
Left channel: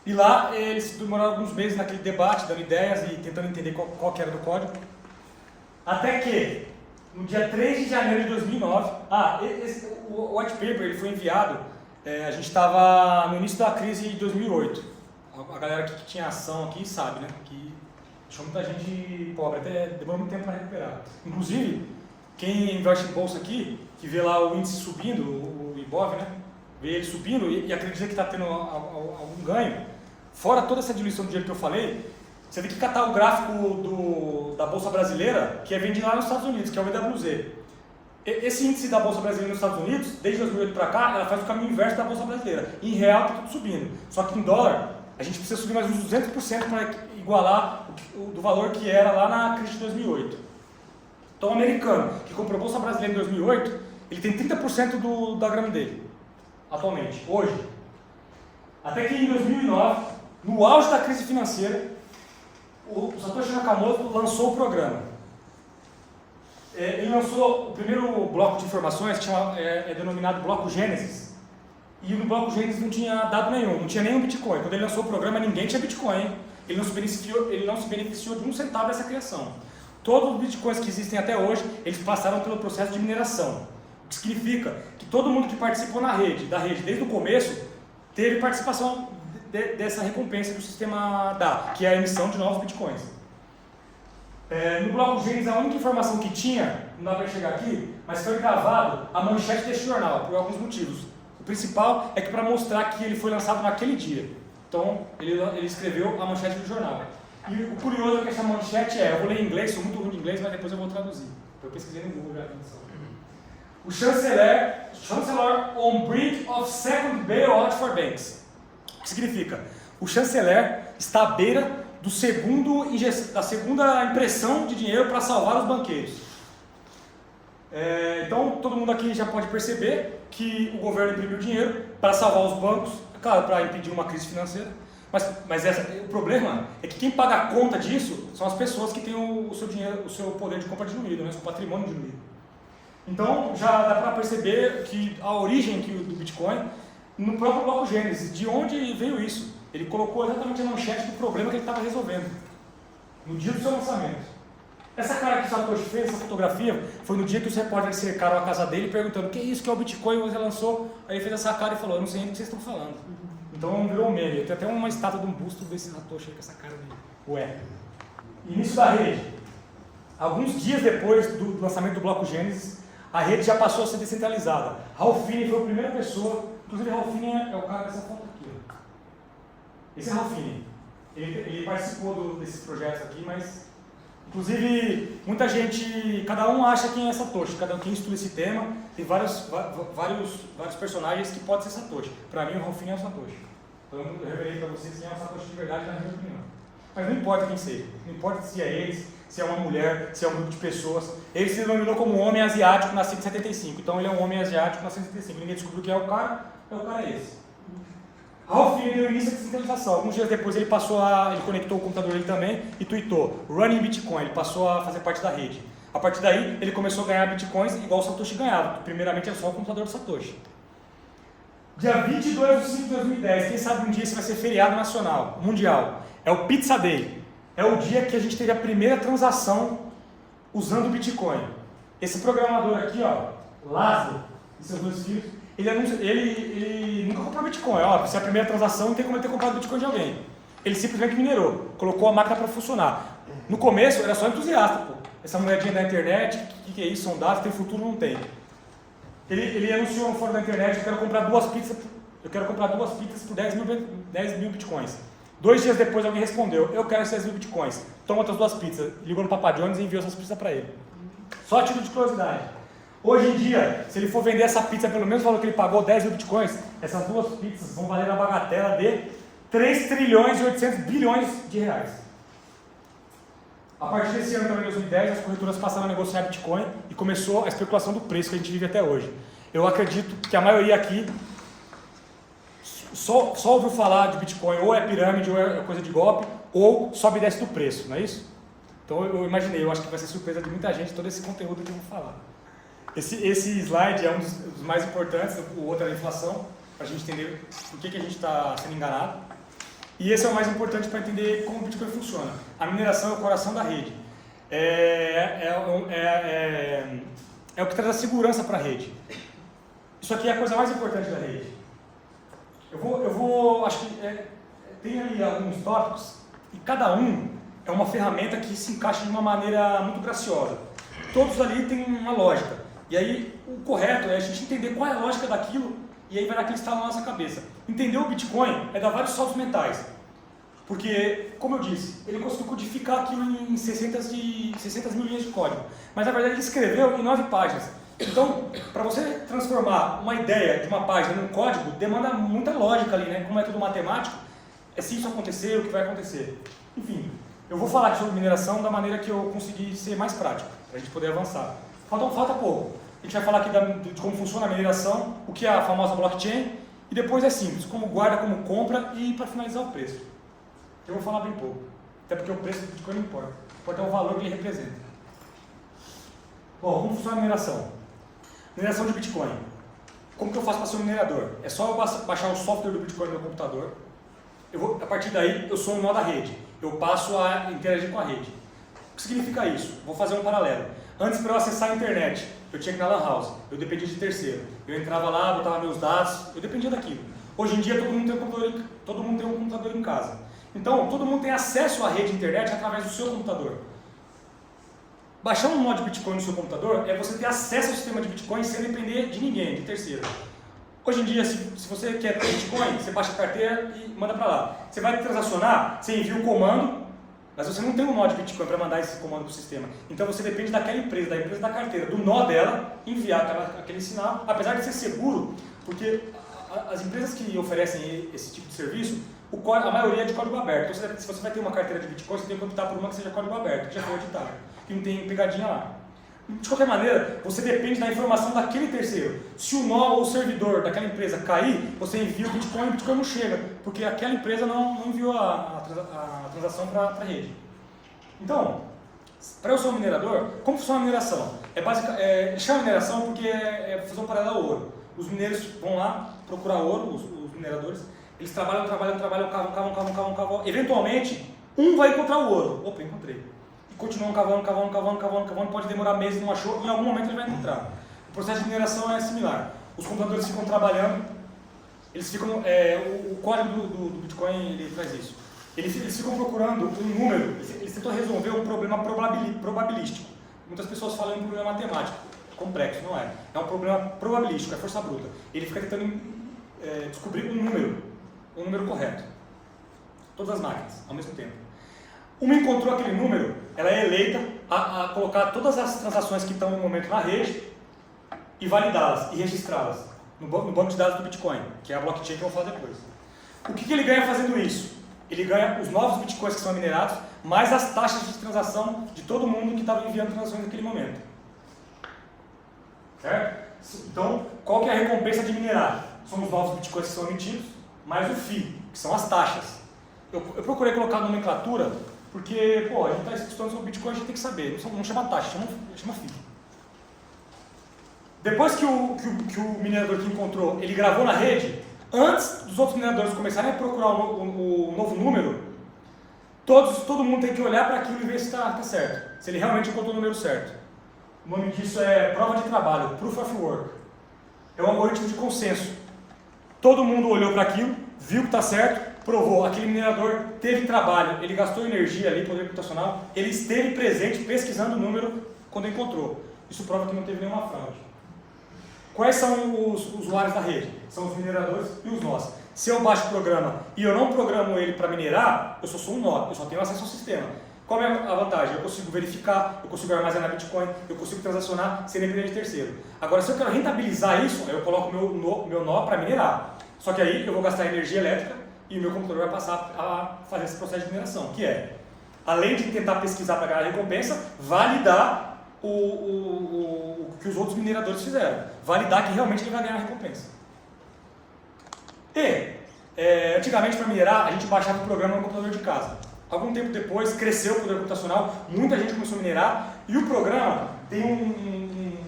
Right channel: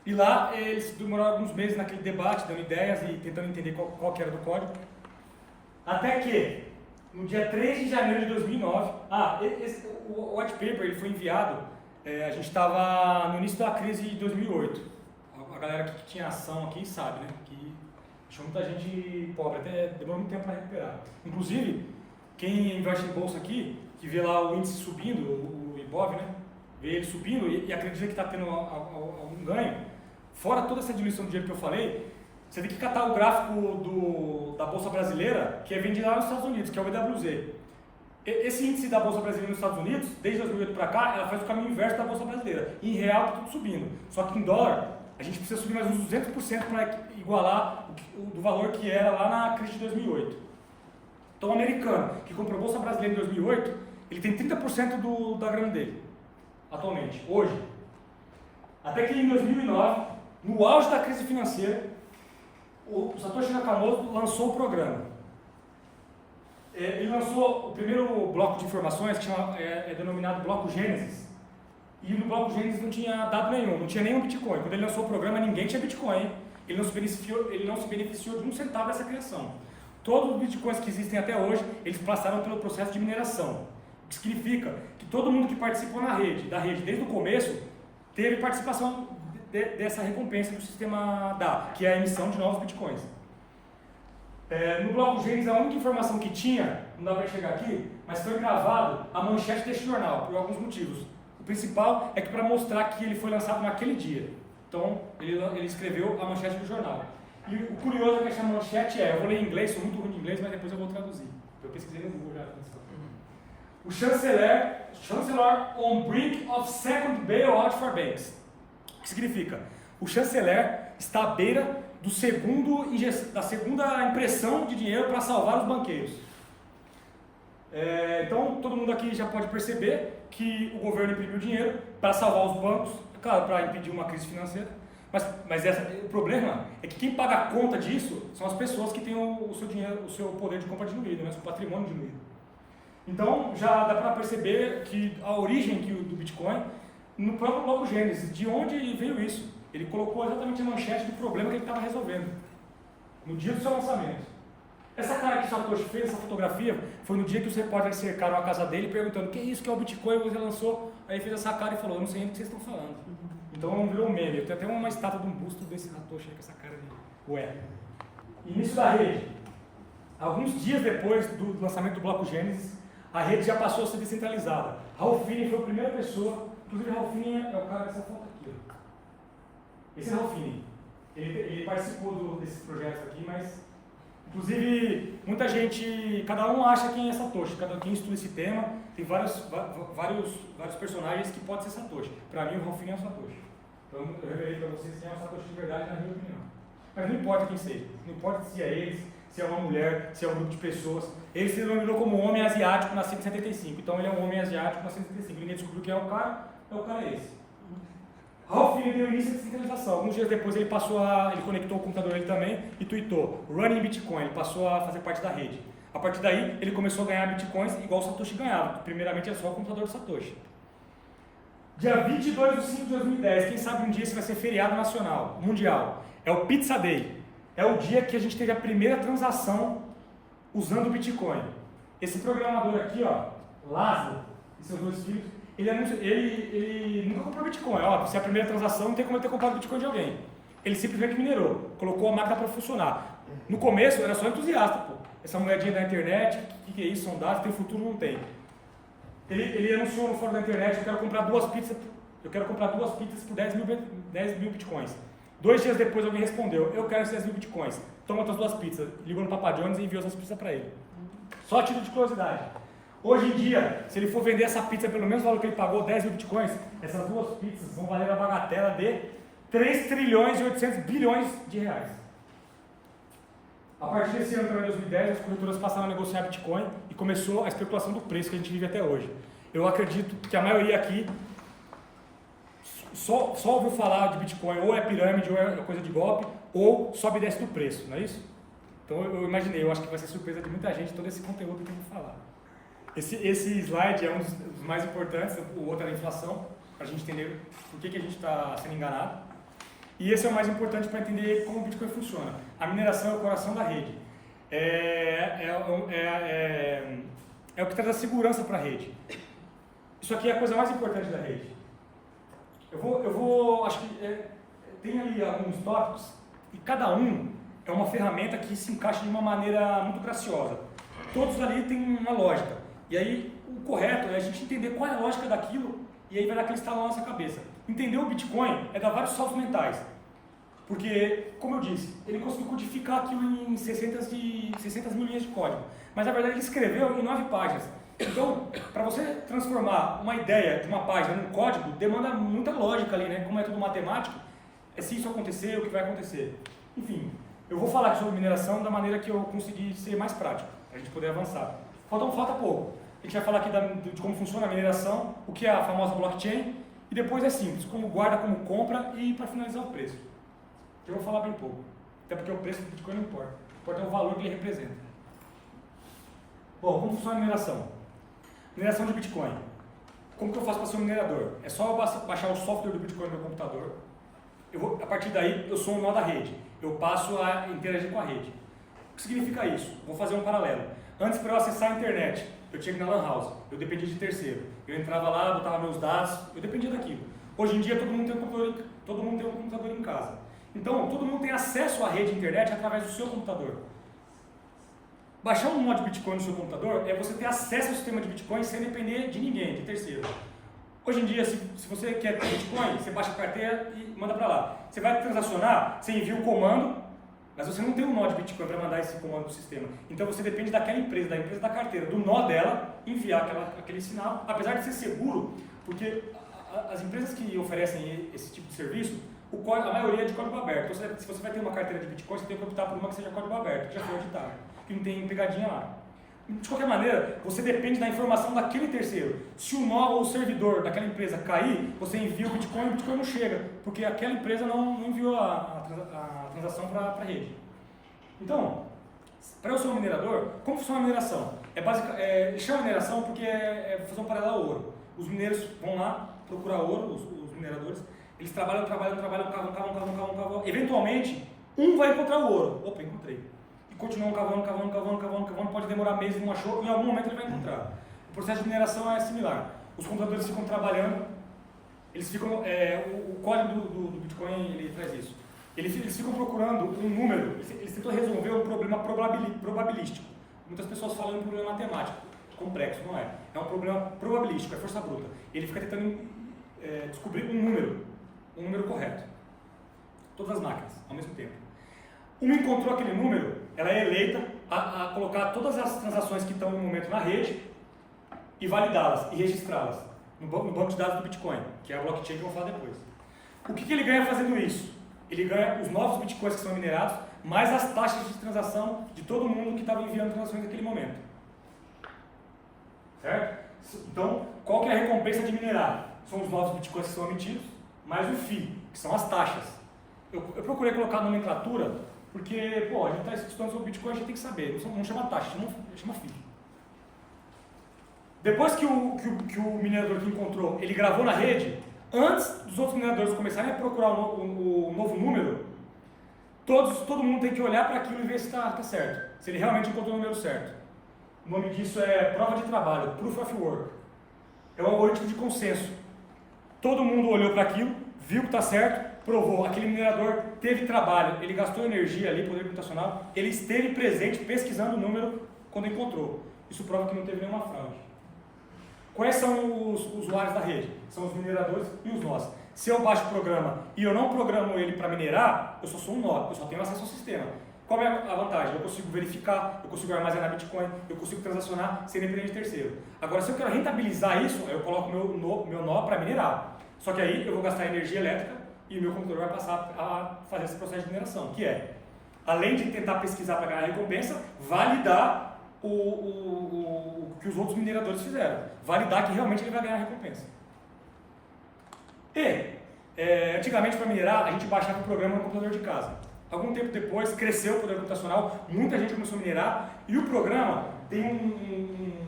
E lá eles demoraram alguns meses naquele debate, dando ideias e tentando entender qual que era do código. Até que no dia 3 de janeiro de 2009. O white paper ele foi enviado, a gente estava no início da crise de 2008. A galera que tinha ação aqui sabe, né? Que deixou muita gente pobre, até demorou muito tempo para recuperar. Inclusive, quem investe em bolsa aqui, que vê lá o índice subindo, o Ibov, né? Vê ele subindo e acredita que está tendo algum ganho, fora toda essa diluição de dinheiro que eu falei, você tem que catar o gráfico da Bolsa Brasileira, que é vendido lá nos Estados Unidos, que é o BWZ. Esse índice da Bolsa Brasileira nos Estados Unidos, desde 2008 para cá, ela faz o caminho inverso da Bolsa Brasileira. Em real está tudo subindo, só que em dólar, a gente precisa subir mais uns 200% para igualar do valor que era lá na crise de 2008. Então o americano, que comprou a Bolsa Brasileira em 2008, ele tem 30% da grana dele, atualmente, hoje. Até que em 2009, no auge da crise financeira, o Satoshi Nakamoto lançou o programa. Ele lançou o primeiro bloco de informações, que é denominado Bloco Gênesis, e no Bloco Gênesis não tinha dado nenhum, não tinha nenhum Bitcoin. Quando ele lançou o programa, ninguém tinha Bitcoin, ele não se beneficiou de um centavo dessa criação. Todos os Bitcoins que existem até hoje, eles passaram pelo processo de mineração, o que significa que todo mundo que participou da rede desde o começo, teve participação dessa recompensa que o sistema dá, que é a emissão de novos bitcoins. No bloco Gênesis, a única informação que tinha, não dá para chegar aqui, mas foi gravado a manchete desse jornal, por alguns motivos. O principal é que para mostrar que ele foi lançado naquele dia. Então, ele escreveu a manchete do jornal. E o curioso é que essa manchete eu vou ler em inglês, sou muito ruim de inglês, mas depois eu vou traduzir. Eu pesquisei no Google já. O chanceler on brink of second bailout for banks. O que significa? O chanceler está à beira da segunda impressão de dinheiro para salvar os banqueiros. Então, todo mundo aqui já pode perceber que o governo imprimiu dinheiro para salvar os bancos, claro, para impedir uma crise financeira. Mas o problema é que quem paga a conta disso são as pessoas que têm o seu dinheiro, o seu poder de compra diluído, né, o seu patrimônio diluído. Então, já dá para perceber que a origem do Bitcoin no próprio bloco Gênesis, de onde veio isso. Ele colocou exatamente a manchete do problema que ele estava resolvendo, no dia do seu lançamento. Essa cara que o Satoshi fez, essa fotografia, foi no dia que os repórteres cercaram a casa dele perguntando o que é isso, que é o Bitcoin, ele lançou, aí ele fez essa cara e falou, eu não sei nem o que vocês estão falando. Então virou um meme, tem até uma estátua de um busto desse Satoshi aí com essa cara de ué. Início da rede. Alguns dias depois do lançamento do bloco Gênesis, a rede já passou a ser descentralizada. Ralph Finney foi a primeira pessoa, inclusive Ralph Finney é o cara dessa foto aqui. Ó. Esse é Ralph Finney. Ele participou desses projetos aqui, mas inclusive muita gente, cada um acha quem é Satoshi, cada um estuda esse tema, tem vários personagens que podem ser Satoshi. Para mim o Ralph Finney é o Satoshi. Então eu revelei para vocês quem é o Satoshi de verdade na minha opinião. Mas não importa quem seja, não importa se é eles, se é uma mulher, se é um grupo de pessoas. Ele se denominou como um homem asiático nascido em 75. Então ele é um homem asiático nascido em 75. Ninguém descobriu quem é o cara é esse. Ralph Finney deu início à descentralização. Alguns dias depois ele conectou o computador dele também e tweetou Running Bitcoin. Ele passou a fazer parte da rede. A partir daí ele começou a ganhar bitcoins igual o Satoshi ganhava. Primeiramente era só o computador do Satoshi. Dia 22 de 5 de 2010, quem sabe um dia esse vai ser feriado nacional, mundial. É o Pizza Day. É o dia que a gente teve a primeira transação usando o Bitcoin. Esse programador aqui, ó, Lázaro e seus dois filhos, ele nunca comprou Bitcoin. Ó, se é a primeira transação, não tem como ele ter comprado Bitcoin de alguém. Ele simplesmente minerou, colocou a máquina para funcionar. No começo era só entusiasta, pô. Essa moedinha da internet, o que é isso? São dados, tem futuro, não tem. Ele anunciou no fórum da internet, eu quero comprar duas pizzas por 10 mil bitcoins. 2 dias depois alguém respondeu, eu quero 6 mil bitcoins. Toma outras 2 pizzas. Ligou no Papa John's e enviou essas pizzas para ele. Só a título de curiosidade. Hoje em dia, se ele for vender essa pizza pelo mesmo valor que ele pagou, 10 mil bitcoins, essas 2 pizzas vão valer a bagatela de 3 trilhões e 800 bilhões de reais. A partir desse ano também, 2010, as corretoras passaram a negociar Bitcoin e começou a especulação do preço que a gente vive até hoje. Eu acredito que a maioria aqui só ouviu falar de Bitcoin, ou é pirâmide, ou é coisa de golpe, ou sobe e desce do preço, não é isso? Então eu imaginei, eu acho que vai ser surpresa de muita gente todo esse conteúdo que eu vou falar. Esse slide é um dos mais importantes, o outro é a inflação, para a gente entender por que a gente está sendo enganado. E esse é o mais importante para entender como o Bitcoin funciona. A mineração é o coração da rede. é o que traz a segurança para a rede. Isso aqui é a coisa mais importante da rede. Acho que tem ali alguns tópicos e cada um é uma ferramenta que se encaixa de uma maneira muito graciosa. Todos ali têm uma lógica. E aí o correto é a gente entender qual é a lógica daquilo e aí vai dar aquele estalo na nossa cabeça. Entender o Bitcoin é dar vários saltos mentais. Porque, como eu disse, ele conseguiu codificar aquilo em 600 mil linhas de código. Mas na verdade ele escreveu em 9 páginas. Então, para você transformar uma ideia de uma página num código, demanda muita lógica ali, né? Como é tudo matemático, se isso acontecer, o que vai acontecer. Enfim, eu vou falar aqui sobre mineração da maneira que eu consegui ser mais prático, para a gente poder avançar. Falta pouco. A gente vai falar aqui de como funciona a mineração, o que é a famosa blockchain, e depois é simples, como guarda, como compra e para finalizar o preço. Eu vou falar bem pouco, até porque o preço do Bitcoin não importa. O que importa é o valor que ele representa. Bom, como funciona a mineração? Mineração de Bitcoin. Como que eu faço para ser um minerador? É só eu baixar o software do Bitcoin no meu computador. A partir daí, eu sou um nó da rede. Eu passo a interagir com a rede. O que significa isso? Vou fazer um paralelo. Antes, para eu acessar a internet, eu tinha que ir na Lan House. Eu dependia de terceiro. Eu entrava lá, botava meus dados, eu dependia daquilo. Hoje em dia, todo mundo tem um computador em casa. Então, todo mundo tem acesso à rede internet através do seu computador. Baixar um nó de Bitcoin no seu computador é você ter acesso ao sistema de Bitcoin sem depender de ninguém, de terceiro. Hoje em dia, se você quer ter Bitcoin, você baixa a carteira e manda para lá. Você vai transacionar, você envia o comando, mas você não tem um nó de Bitcoin para mandar esse comando para o sistema. Então você depende daquela empresa, da empresa da carteira, do nó dela, enviar aquele sinal, apesar de ser seguro, porque as empresas que oferecem esse tipo de serviço, a maioria é de código aberto. Então, se você vai ter uma carteira de Bitcoin, você tem que optar por uma que seja código aberto, que já foi editada, que não tem pegadinha lá. De qualquer maneira, você depende da informação daquele terceiro. Se o nó ou o servidor daquela empresa cair, você envia o Bitcoin e o Bitcoin não chega, porque aquela empresa não enviou a transação para a rede. Então, para eu ser um minerador, como funciona a mineração? Chama mineração porque é fazer um paralelo ao ouro. Os mineiros vão lá procurar ouro, os mineradores, eles trabalham, cavam. Eventualmente, um vai encontrar o ouro. Opa, encontrei. E continuam cavando, pode demorar meses, não achou, em algum momento ele vai encontrar. O processo de mineração é similar. Os computadores ficam trabalhando, eles ficam, o código do Bitcoin ele traz isso. Eles ficam procurando um número, eles tentam resolver um problema probabilístico. Muitas pessoas falam em um problema matemático, complexo, não é. É um problema probabilístico, é força bruta. Ele fica tentando descobrir um número correto. Todas as máquinas, ao mesmo tempo. Uma encontrou aquele número, ela é eleita a colocar todas as transações que estão no momento na rede e validá-las e registrá-las no banco de dados do Bitcoin, que é a blockchain que eu vou falar depois. O que ele ganha fazendo isso? Ele ganha os novos Bitcoins que são minerados, mais as taxas de transação de todo mundo que estava enviando transações naquele momento. Certo? Então, qual que é a recompensa de minerar? São os novos Bitcoins que são emitidos, mais o FII, que são as taxas. Eu procurei colocar a nomenclatura, porque, a gente está estudando sobre Bitcoin, a gente tem que saber. Não chama taxa, chama FII. Depois que o minerador que encontrou, ele gravou na rede, antes dos outros mineradores começarem a procurar o novo número, todo mundo tem que olhar para aquilo e ver se está certo. Se ele realmente encontrou o número certo. O nome disso é prova de trabalho, Proof of Work. É um algoritmo de consenso. Todo mundo olhou para aquilo, viu que está certo, provou. Aquele minerador teve trabalho, ele gastou energia ali, poder computacional, ele esteve presente pesquisando o número quando encontrou. Isso prova que não teve nenhuma fraude. Quais são os usuários da rede? São os mineradores e os nós. Se eu baixo o programa e eu não programo ele para minerar, eu só sou um nó, eu só tenho acesso ao sistema. Qual é a vantagem? Eu consigo verificar, eu consigo armazenar Bitcoin, eu consigo transacionar sem depender de terceiro. Agora, se eu quero rentabilizar isso, aí eu coloco meu nó para minerar. Só que aí eu vou gastar energia elétrica e o meu computador vai passar a fazer esse processo de mineração, que é, além de tentar pesquisar para ganhar recompensa, validar o que os outros mineradores fizeram. Validar que realmente ele vai ganhar recompensa. Antigamente, para minerar, a gente baixava o programa no computador de casa. Algum tempo depois, cresceu o poder computacional, muita gente começou a minerar, e o programa tem um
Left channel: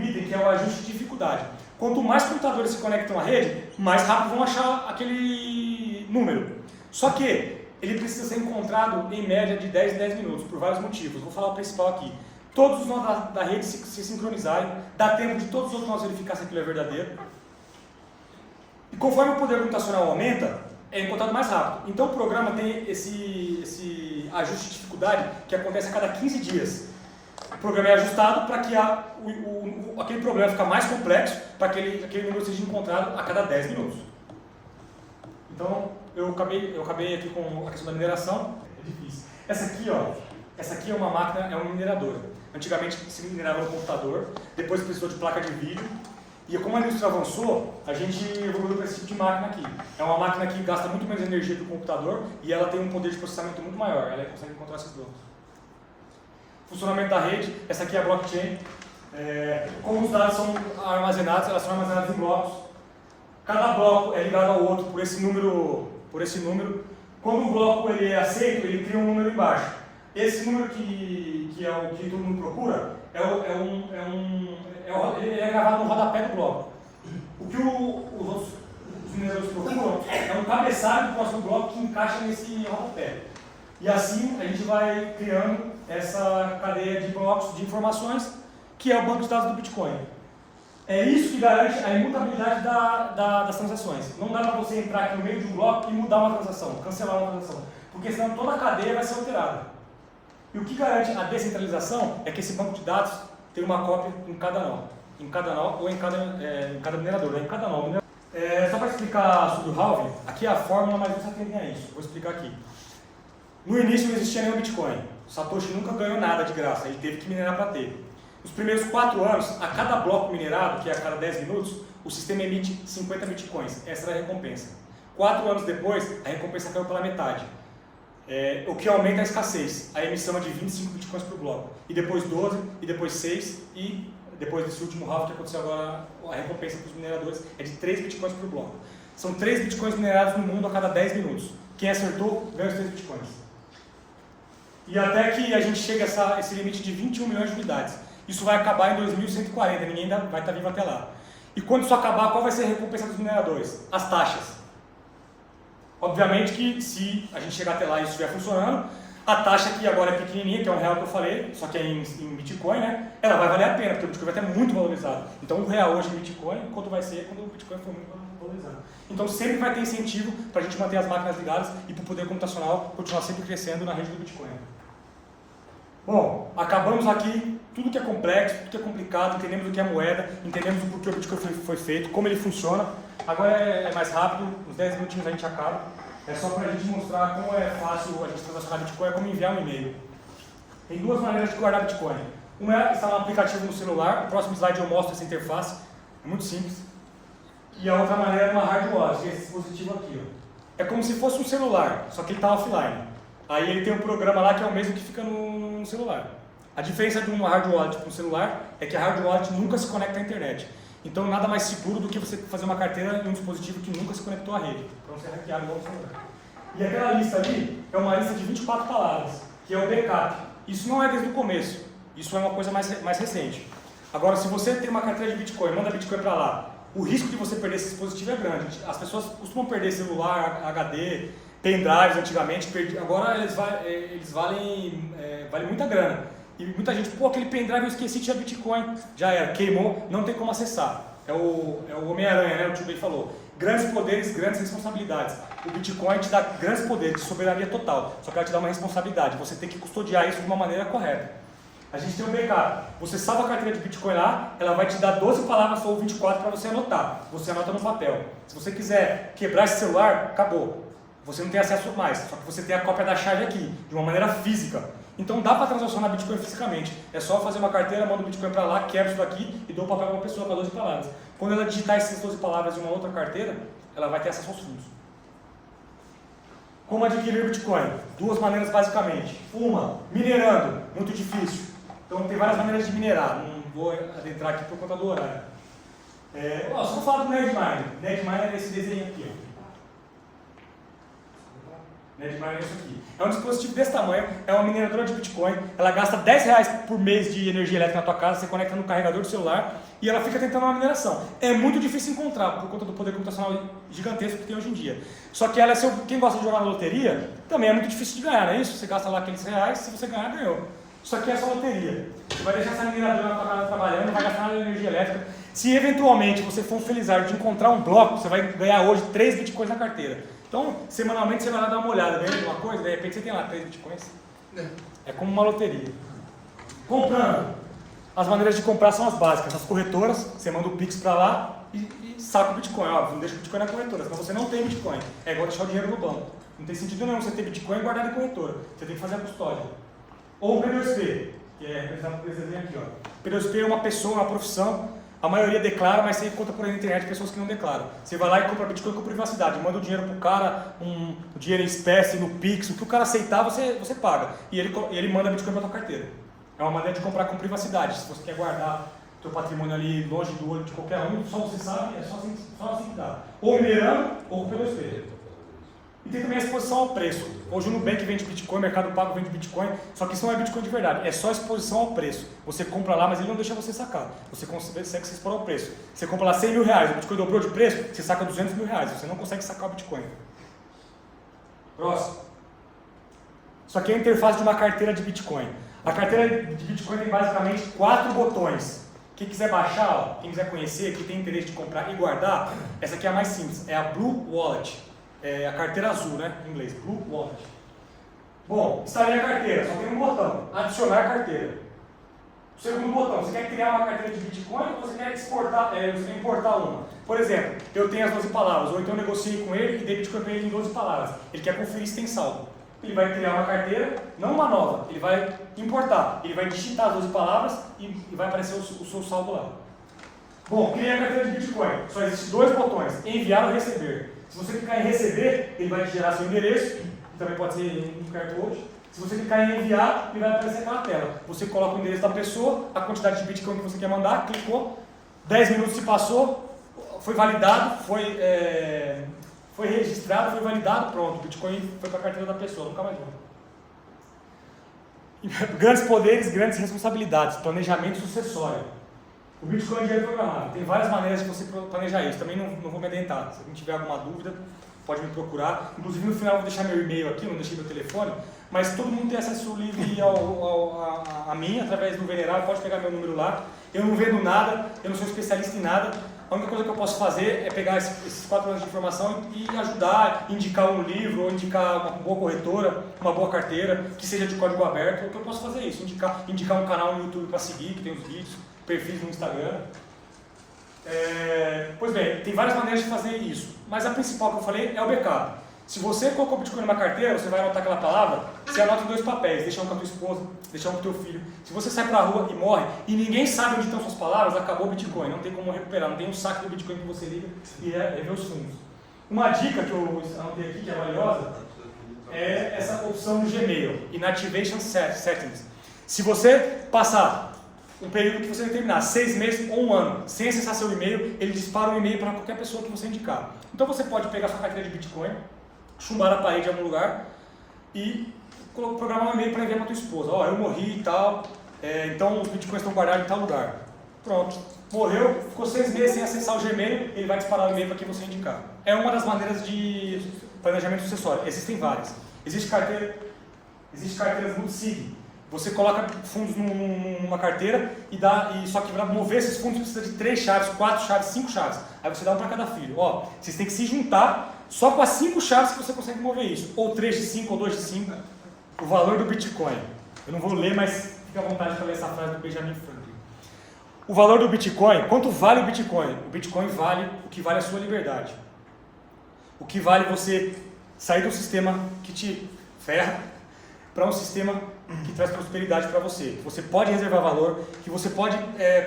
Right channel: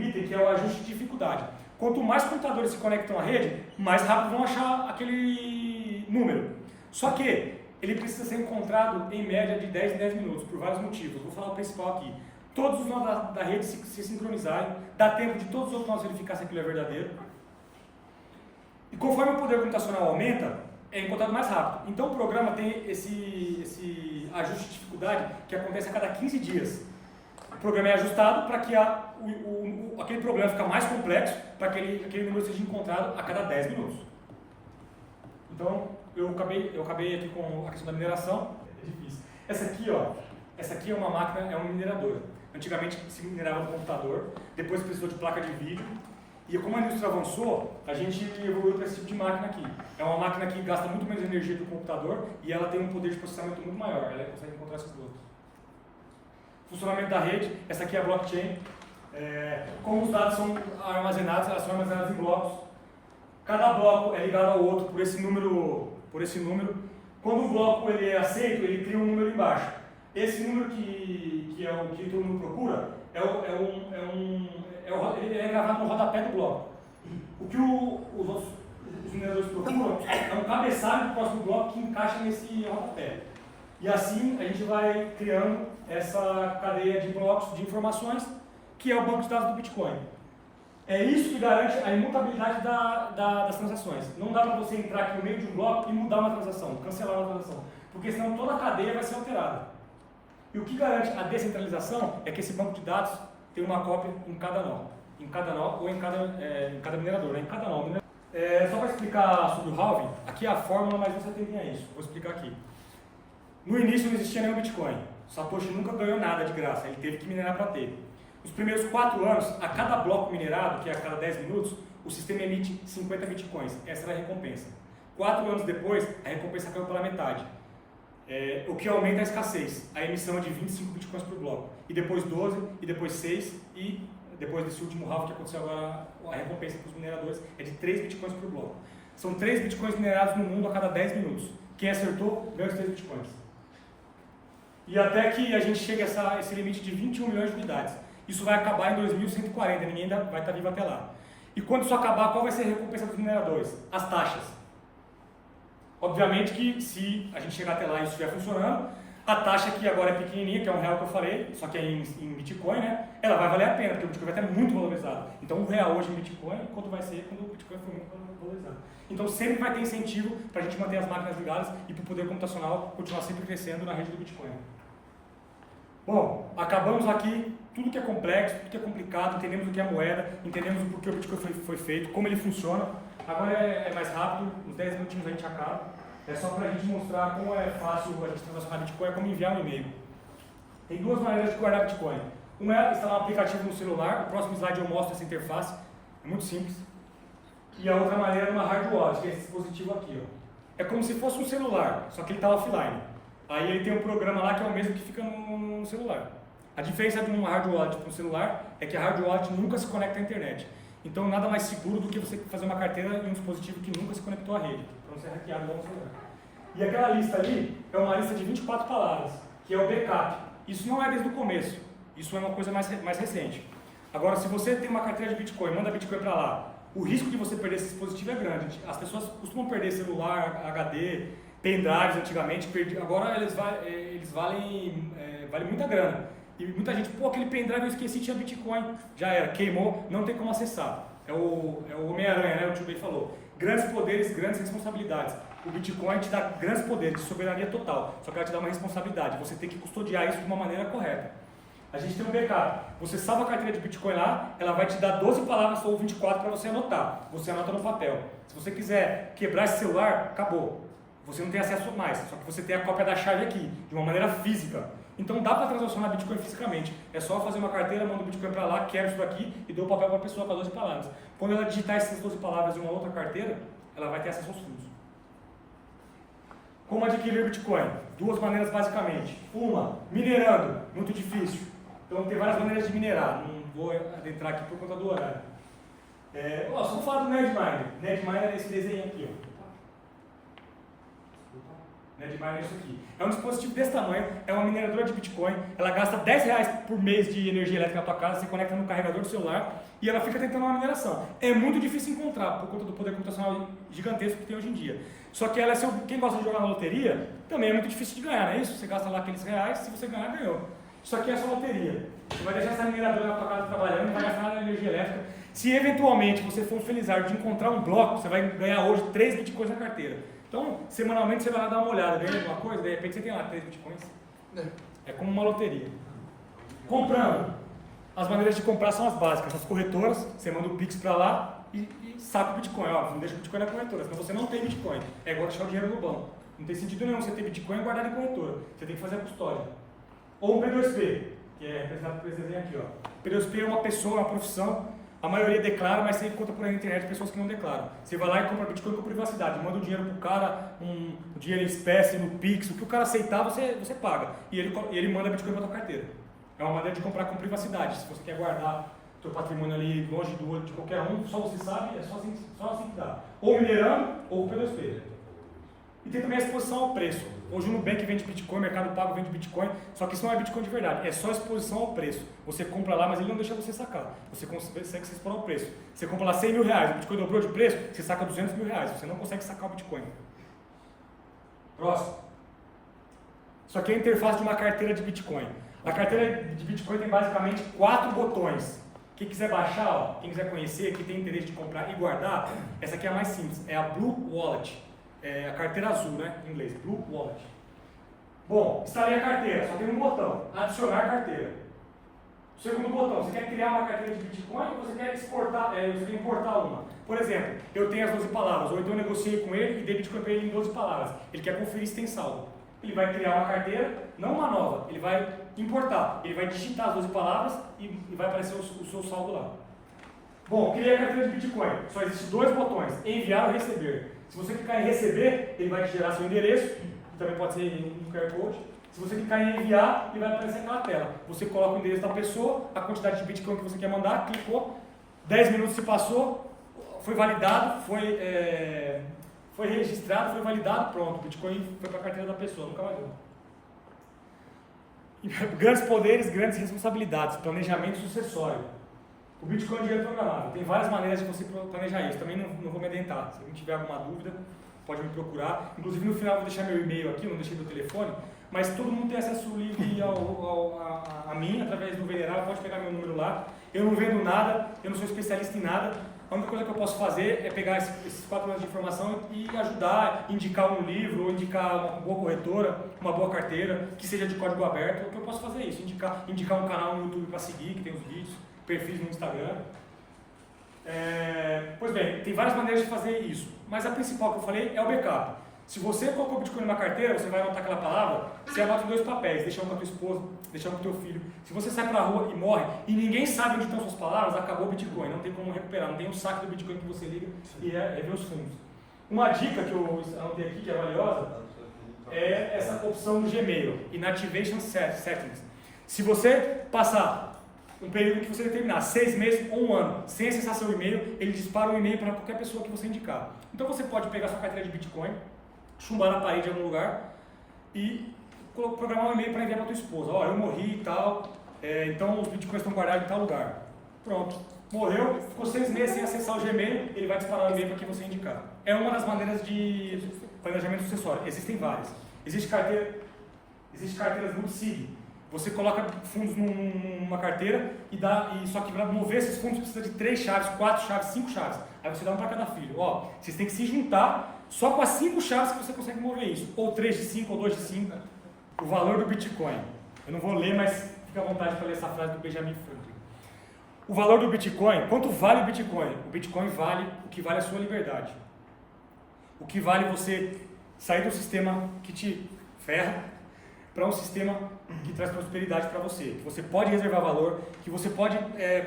item que é o ajuste de dificuldade. Quanto mais computadores se conectam à rede, mais rápido vão achar aquele número. Só que ele precisa ser encontrado em média de 10 em 10 minutos, por vários motivos. Vou falar o principal aqui. Todos os nós da rede se sincronizarem, dá tempo de todos os outros nós verificar se aquilo é verdadeiro. E conforme o poder computacional aumenta, é encontrado mais rápido. Então o programa tem esse ajuste de dificuldade que acontece a cada 15 dias. O programa é ajustado para que aquele problema fique mais complexo, para que aquele número seja encontrado a cada 10 minutos. Então, eu acabei aqui com a questão da mineração. É difícil. Essa aqui é uma máquina, é uma mineradora. Antigamente se minerava no computador, depois precisou de placa de vídeo. E como a indústria avançou, a gente evoluiu para esse tipo de máquina aqui. É uma máquina que gasta muito menos energia que o computador e ela tem um poder de processamento muito maior. Ela consegue encontrar esses blocos. Funcionamento da rede, essa aqui é a blockchain. Como os dados são armazenados, elas são armazenadas em blocos. Cada bloco é ligado ao outro por esse número. Quando um bloco ele é aceito, ele cria um número embaixo. Esse número que é o que todo mundo procura ele é gravado no rodapé do bloco. O que os mineradores procuram é um cabeçalho do próximo bloco que encaixa nesse rodapé. E assim a gente vai criando essa cadeia de blocos de informações que é o banco de dados do Bitcoin. É isso que garante a imutabilidade das transações. Não dá para você entrar aqui no meio de um bloco e mudar uma transação, cancelar uma transação, porque senão toda a cadeia vai ser alterada. E o que garante a descentralização é que esse banco de dados tem uma cópia em cada nó ou em cada minerador, em cada nó. Só para explicar sobre o halving, aqui é a fórmula, mas não se atendem a isso. Vou explicar aqui. No início não existia nenhum Bitcoin. O Satoshi nunca ganhou nada de graça, ele teve que minerar para ter. Nos primeiros 4 anos, a cada bloco minerado, que é a cada 10 minutos, o sistema emite 50 Bitcoins. Essa era a recompensa. 4 anos depois, a recompensa caiu pela metade. O que aumenta a escassez. A emissão é de 25 Bitcoins por bloco. E depois 12, e depois 6, e depois desse último halving que aconteceu agora, a recompensa para os mineradores é de 3 Bitcoins por bloco. São 3 Bitcoins minerados no mundo a cada 10 minutos. Quem acertou, ganha os 3 Bitcoins. E até que a gente chegue a esse limite de 21 milhões de unidades. Isso vai acabar em 2140, ninguém ainda vai estar vivo até lá. E quando isso acabar, qual vai ser a recompensa dos mineradores? As taxas. Obviamente que se a gente chegar até lá e isso estiver funcionando, a taxa que agora é pequenininha, que é R$1 que eu falei, só que é em Bitcoin, né? Ela vai valer a pena, porque o Bitcoin vai estar muito valorizado. Então R$1 hoje em Bitcoin, quanto vai ser quando o Bitcoin for muito valorizado. Então sempre vai ter incentivo para a gente manter as máquinas ligadas e para o poder computacional continuar sempre crescendo na rede do Bitcoin. Bom, acabamos aqui tudo que é complexo, tudo que é complicado, entendemos o que é moeda, entendemos o porquê o Bitcoin foi feito, como ele funciona. Agora é mais rápido, uns 10 minutinhos a gente acaba. É só para a gente mostrar como é fácil a gente transacionar Bitcoin, é como enviar um e-mail. Tem 2 maneiras de guardar Bitcoin. Uma é instalar um aplicativo no celular, no próximo slide eu mostro essa interface, é muito simples. E a outra maneira é uma hard wallet, que é esse dispositivo aqui. É como se fosse um celular, só que ele está offline. Aí ele tem um programa lá que é o mesmo que fica no celular. A diferença de uma hard wallet para um celular é que a hard wallet nunca se conecta à internet. Então nada mais seguro do que você fazer uma carteira em um dispositivo que nunca se conectou à rede, para não ser hackeado igual no celular. E aquela lista ali é uma lista de 24 palavras, que é o backup. Isso não é desde o começo, isso é uma coisa mais recente. Agora, se você tem uma carteira de Bitcoin, manda Bitcoin para lá, o risco de você perder esse dispositivo é grande. As pessoas costumam perder celular, HD, pendrives antigamente, agora eles valem muita grana. E muita gente, aquele pendrive eu esqueci, tinha Bitcoin, já era, queimou, não tem como acessar. É o Homem-Aranha, né? O tio Bey falou. Grandes poderes, grandes responsabilidades. O Bitcoin te dá grandes poderes de soberania total, só que ela te dá uma responsabilidade. Você tem que custodiar isso de uma maneira correta. A gente tem um backup. Você salva a carteira de Bitcoin lá, ela vai te dar 12 palavras ou 24 para você anotar. Você anota no papel. Se você quiser quebrar esse celular, acabou. Você não tem acesso mais, só que você tem a cópia da chave aqui, de uma maneira física. Então dá para transacionar Bitcoin fisicamente. É só fazer uma carteira, manda o Bitcoin para lá, quebra isso daqui e dou o papel para uma pessoa com 12 palavras. Quando ela digitar essas 12 palavras em uma outra carteira, ela vai ter acesso aos fundos. Como adquirir Bitcoin? 2 maneiras basicamente. Uma, minerando, muito difícil. Então tem várias maneiras de minerar, não vou adentrar aqui por conta do horário. Só vou falar do Nerdminer. Nerdminer é esse desenho aqui. Ó. Não é de minerar isso aqui. É um dispositivo desse tamanho, é uma mineradora de Bitcoin, ela gasta R$10 por mês de energia elétrica na tua casa, você conecta no carregador do celular e ela fica tentando uma mineração. É muito difícil encontrar, por conta do poder computacional gigantesco que tem hoje em dia. Só que ela é quem gosta de jogar na loteria, também é muito difícil de ganhar, não é isso? Você gasta lá aqueles reais, se você ganhar, ganhou. Isso aqui é só loteria. Você vai deixar essa mineradora na tua casa trabalhando, não vai gastar nada de energia elétrica. Se eventualmente você for um felizardo de encontrar um bloco, você vai ganhar hoje 3 bitcoins na carteira. Então, semanalmente você vai lá dar uma olhada, ganha alguma coisa, de repente você tem lá 3 bitcoins. É como uma loteria. Comprando. As maneiras de comprar são as básicas. As corretoras, você manda o Pix para lá e saca o Bitcoin. Óbvio, não deixa o Bitcoin na corretora, senão você não tem Bitcoin. É igual deixar o dinheiro no banco. Não tem sentido nenhum você ter Bitcoin e guardar em corretora. Você tem que fazer a custódia. Ou um P2P, que é representado por esse desenho aqui. Ó. P2P é uma pessoa, uma profissão. A maioria declara, mas você encontra por aí na internet pessoas que não declaram. Você vai lá e compra Bitcoin com privacidade, manda o dinheiro pro cara, o dinheiro em espécie, no Pix, o que o cara aceitar, você paga. E ele manda Bitcoin pra tua carteira. É uma maneira de comprar com privacidade. Se você quer guardar teu patrimônio ali longe do olho de qualquer um, só você sabe, é só assim que dá. Ou minerando, ou com P2P. E tem também a exposição ao preço. Hoje o Nubank vende Bitcoin, o Mercado Pago vende Bitcoin, só que isso não é Bitcoin de verdade, é só exposição ao preço. Você compra lá, mas ele não deixa você sacar. Você consegue se expor ao preço. Você compra lá 100 mil reais, o Bitcoin dobrou de preço, você saca 200 mil reais. Você não consegue sacar o Bitcoin. Próximo. Isso aqui é a interface de uma carteira de Bitcoin. A carteira de Bitcoin tem basicamente 4 botões. Quem quiser baixar, ó, quem quiser conhecer, quem tem interesse de comprar e guardar, essa aqui é a mais simples, é a Blue Wallet. É a carteira azul, né? Em inglês, Blue Wallet. Bom, instalei a carteira, só tem um botão, adicionar carteira. O segundo botão, você quer criar uma carteira de Bitcoin ou você quer exportar, você quer importar uma? Por exemplo, eu tenho as 12 palavras, ou então eu negociei com ele e dei Bitcoin para ele em 12 palavras. Ele quer conferir se tem saldo. Ele vai criar uma carteira, não uma nova, ele vai importar, ele vai digitar as 12 palavras e vai aparecer o seu saldo lá. Bom, criei a carteira de Bitcoin, só existem 2 botões, enviar ou receber. Se você clicar em receber, ele vai gerar seu endereço, que também pode ser um QR Code. Se você clicar em enviar, ele vai aparecer aquela tela. Você coloca o endereço da pessoa, a quantidade de Bitcoin que você quer mandar, clicou, 10 minutos se passou, foi validado, foi registrado, foi validado, pronto, o Bitcoin foi para a carteira da pessoa, nunca mais volta. Grandes poderes, grandes responsabilidades, planejamento sucessório. O Bitcoin é dinheiro programável. Tem várias maneiras de você planejar isso. Também não vou me adentrar. Se alguém tiver alguma dúvida, pode me procurar. Inclusive, no final, eu vou deixar meu e-mail aqui, eu não deixei meu telefone. Mas todo mundo tem acesso livre a mim, através do Venerável. Pode pegar meu número lá. Eu não vendo nada, eu não sou especialista em nada. A única coisa que eu posso fazer é pegar esses 4 anos de informação e ajudar, indicar um livro, ou indicar uma boa corretora, uma boa carteira, que seja de código aberto. O que eu posso fazer é isso, indicar um canal no YouTube para seguir, que tem os vídeos, perfis no Instagram. Pois bem, tem várias maneiras de fazer isso, mas a principal que eu falei é o backup. Se você colocou Bitcoin numa carteira, você vai anotar aquela palavra, você anota em 2 papéis, deixa um com a tua esposa, deixa um com o teu filho. Se você sai pra rua e morre, e ninguém sabe onde estão suas palavras, acabou o Bitcoin, não tem como recuperar, não tem um saque do Bitcoin que você liga e rever os fundos. Uma dica que eu anotei aqui, que é valiosa, é essa opção do Gmail, Inactivation Settings. Se você passar um período que você determinar, 6 meses ou 1 ano, sem acessar seu e-mail, ele dispara o e-mail para qualquer pessoa que você indicar. Então você pode pegar sua carteira de Bitcoin, chumbar na parede em algum lugar e programar um e-mail para enviar para tua esposa. Ó, eu morri e tal, então os Bitcoins estão guardados em tal lugar. Pronto. Morreu, ficou 6 meses sem acessar o Gmail, ele vai disparar o e-mail para quem você indicar. É uma das maneiras de planejamento sucessório. Existem várias. Existem carteiras multisig. Você coloca fundos numa carteira e só que para mover esses fundos precisa de 3 chaves, 4 chaves, 5 chaves. Aí você dá um para cada filho. Ó, vocês têm que se juntar só com as 5 chaves que você consegue mover isso. Ou 3 de 5 ou 2 de 5. O valor do Bitcoin. Eu não vou ler, mas fica à vontade para ler essa frase do Benjamin Franklin. O valor do Bitcoin, quanto vale o Bitcoin? O Bitcoin vale o que vale a sua liberdade. O que vale você sair do sistema que te ferra para um sistema que traz prosperidade para você. Que você pode reservar valor, que você pode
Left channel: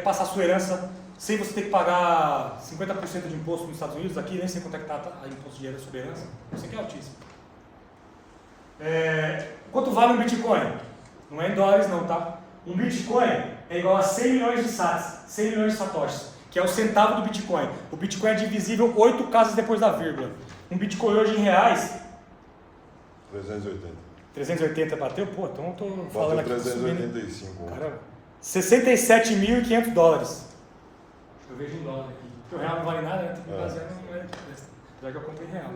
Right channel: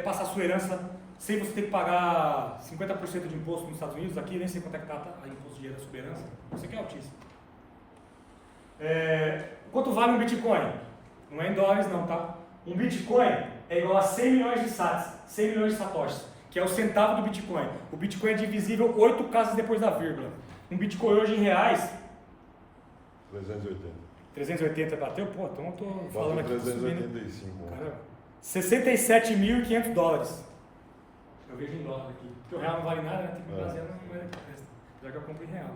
passar a sua herança sem você ter que pagar 50% de imposto nos Estados Unidos, aqui nem sei quanto é que está o imposto de sobre herança, você que é altíssimo. Quanto vale um Bitcoin? Não é em dólares não, tá? Um Bitcoin é igual a 100 milhões de sats, 100 milhões de satoshis, que é o centavo do Bitcoin. O Bitcoin é divisível 8 casas depois da vírgula. Um Bitcoin hoje em reais 380. 380 bateu? Pô, então eu tô falando aqui. 385. Cara, 67.500 dólares. Eu vejo em dólar aqui. Porque o real não vale nada, né? Tem que me basear na moeda que presta. Apesar que eu compro em real.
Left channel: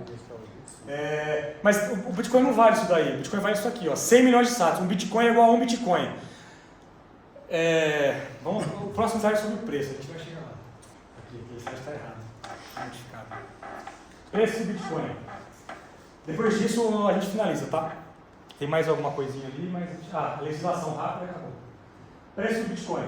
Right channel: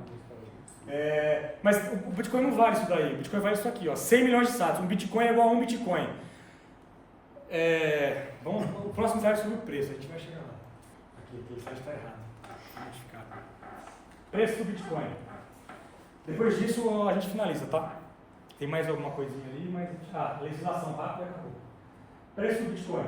Mas o Bitcoin não vale isso daí. O Bitcoin vale isso aqui, ó. 100 milhões de sats. Um Bitcoin é igual a um Bitcoin. O próximo slide é sobre o preço. A gente vai chegar lá. Aqui slide está errado. Está modificado. Preço do Bitcoin. Depois disso a gente finaliza, tá? Tem mais alguma coisinha ali, mas... legislação rápida e acabou. Preço do Bitcoin.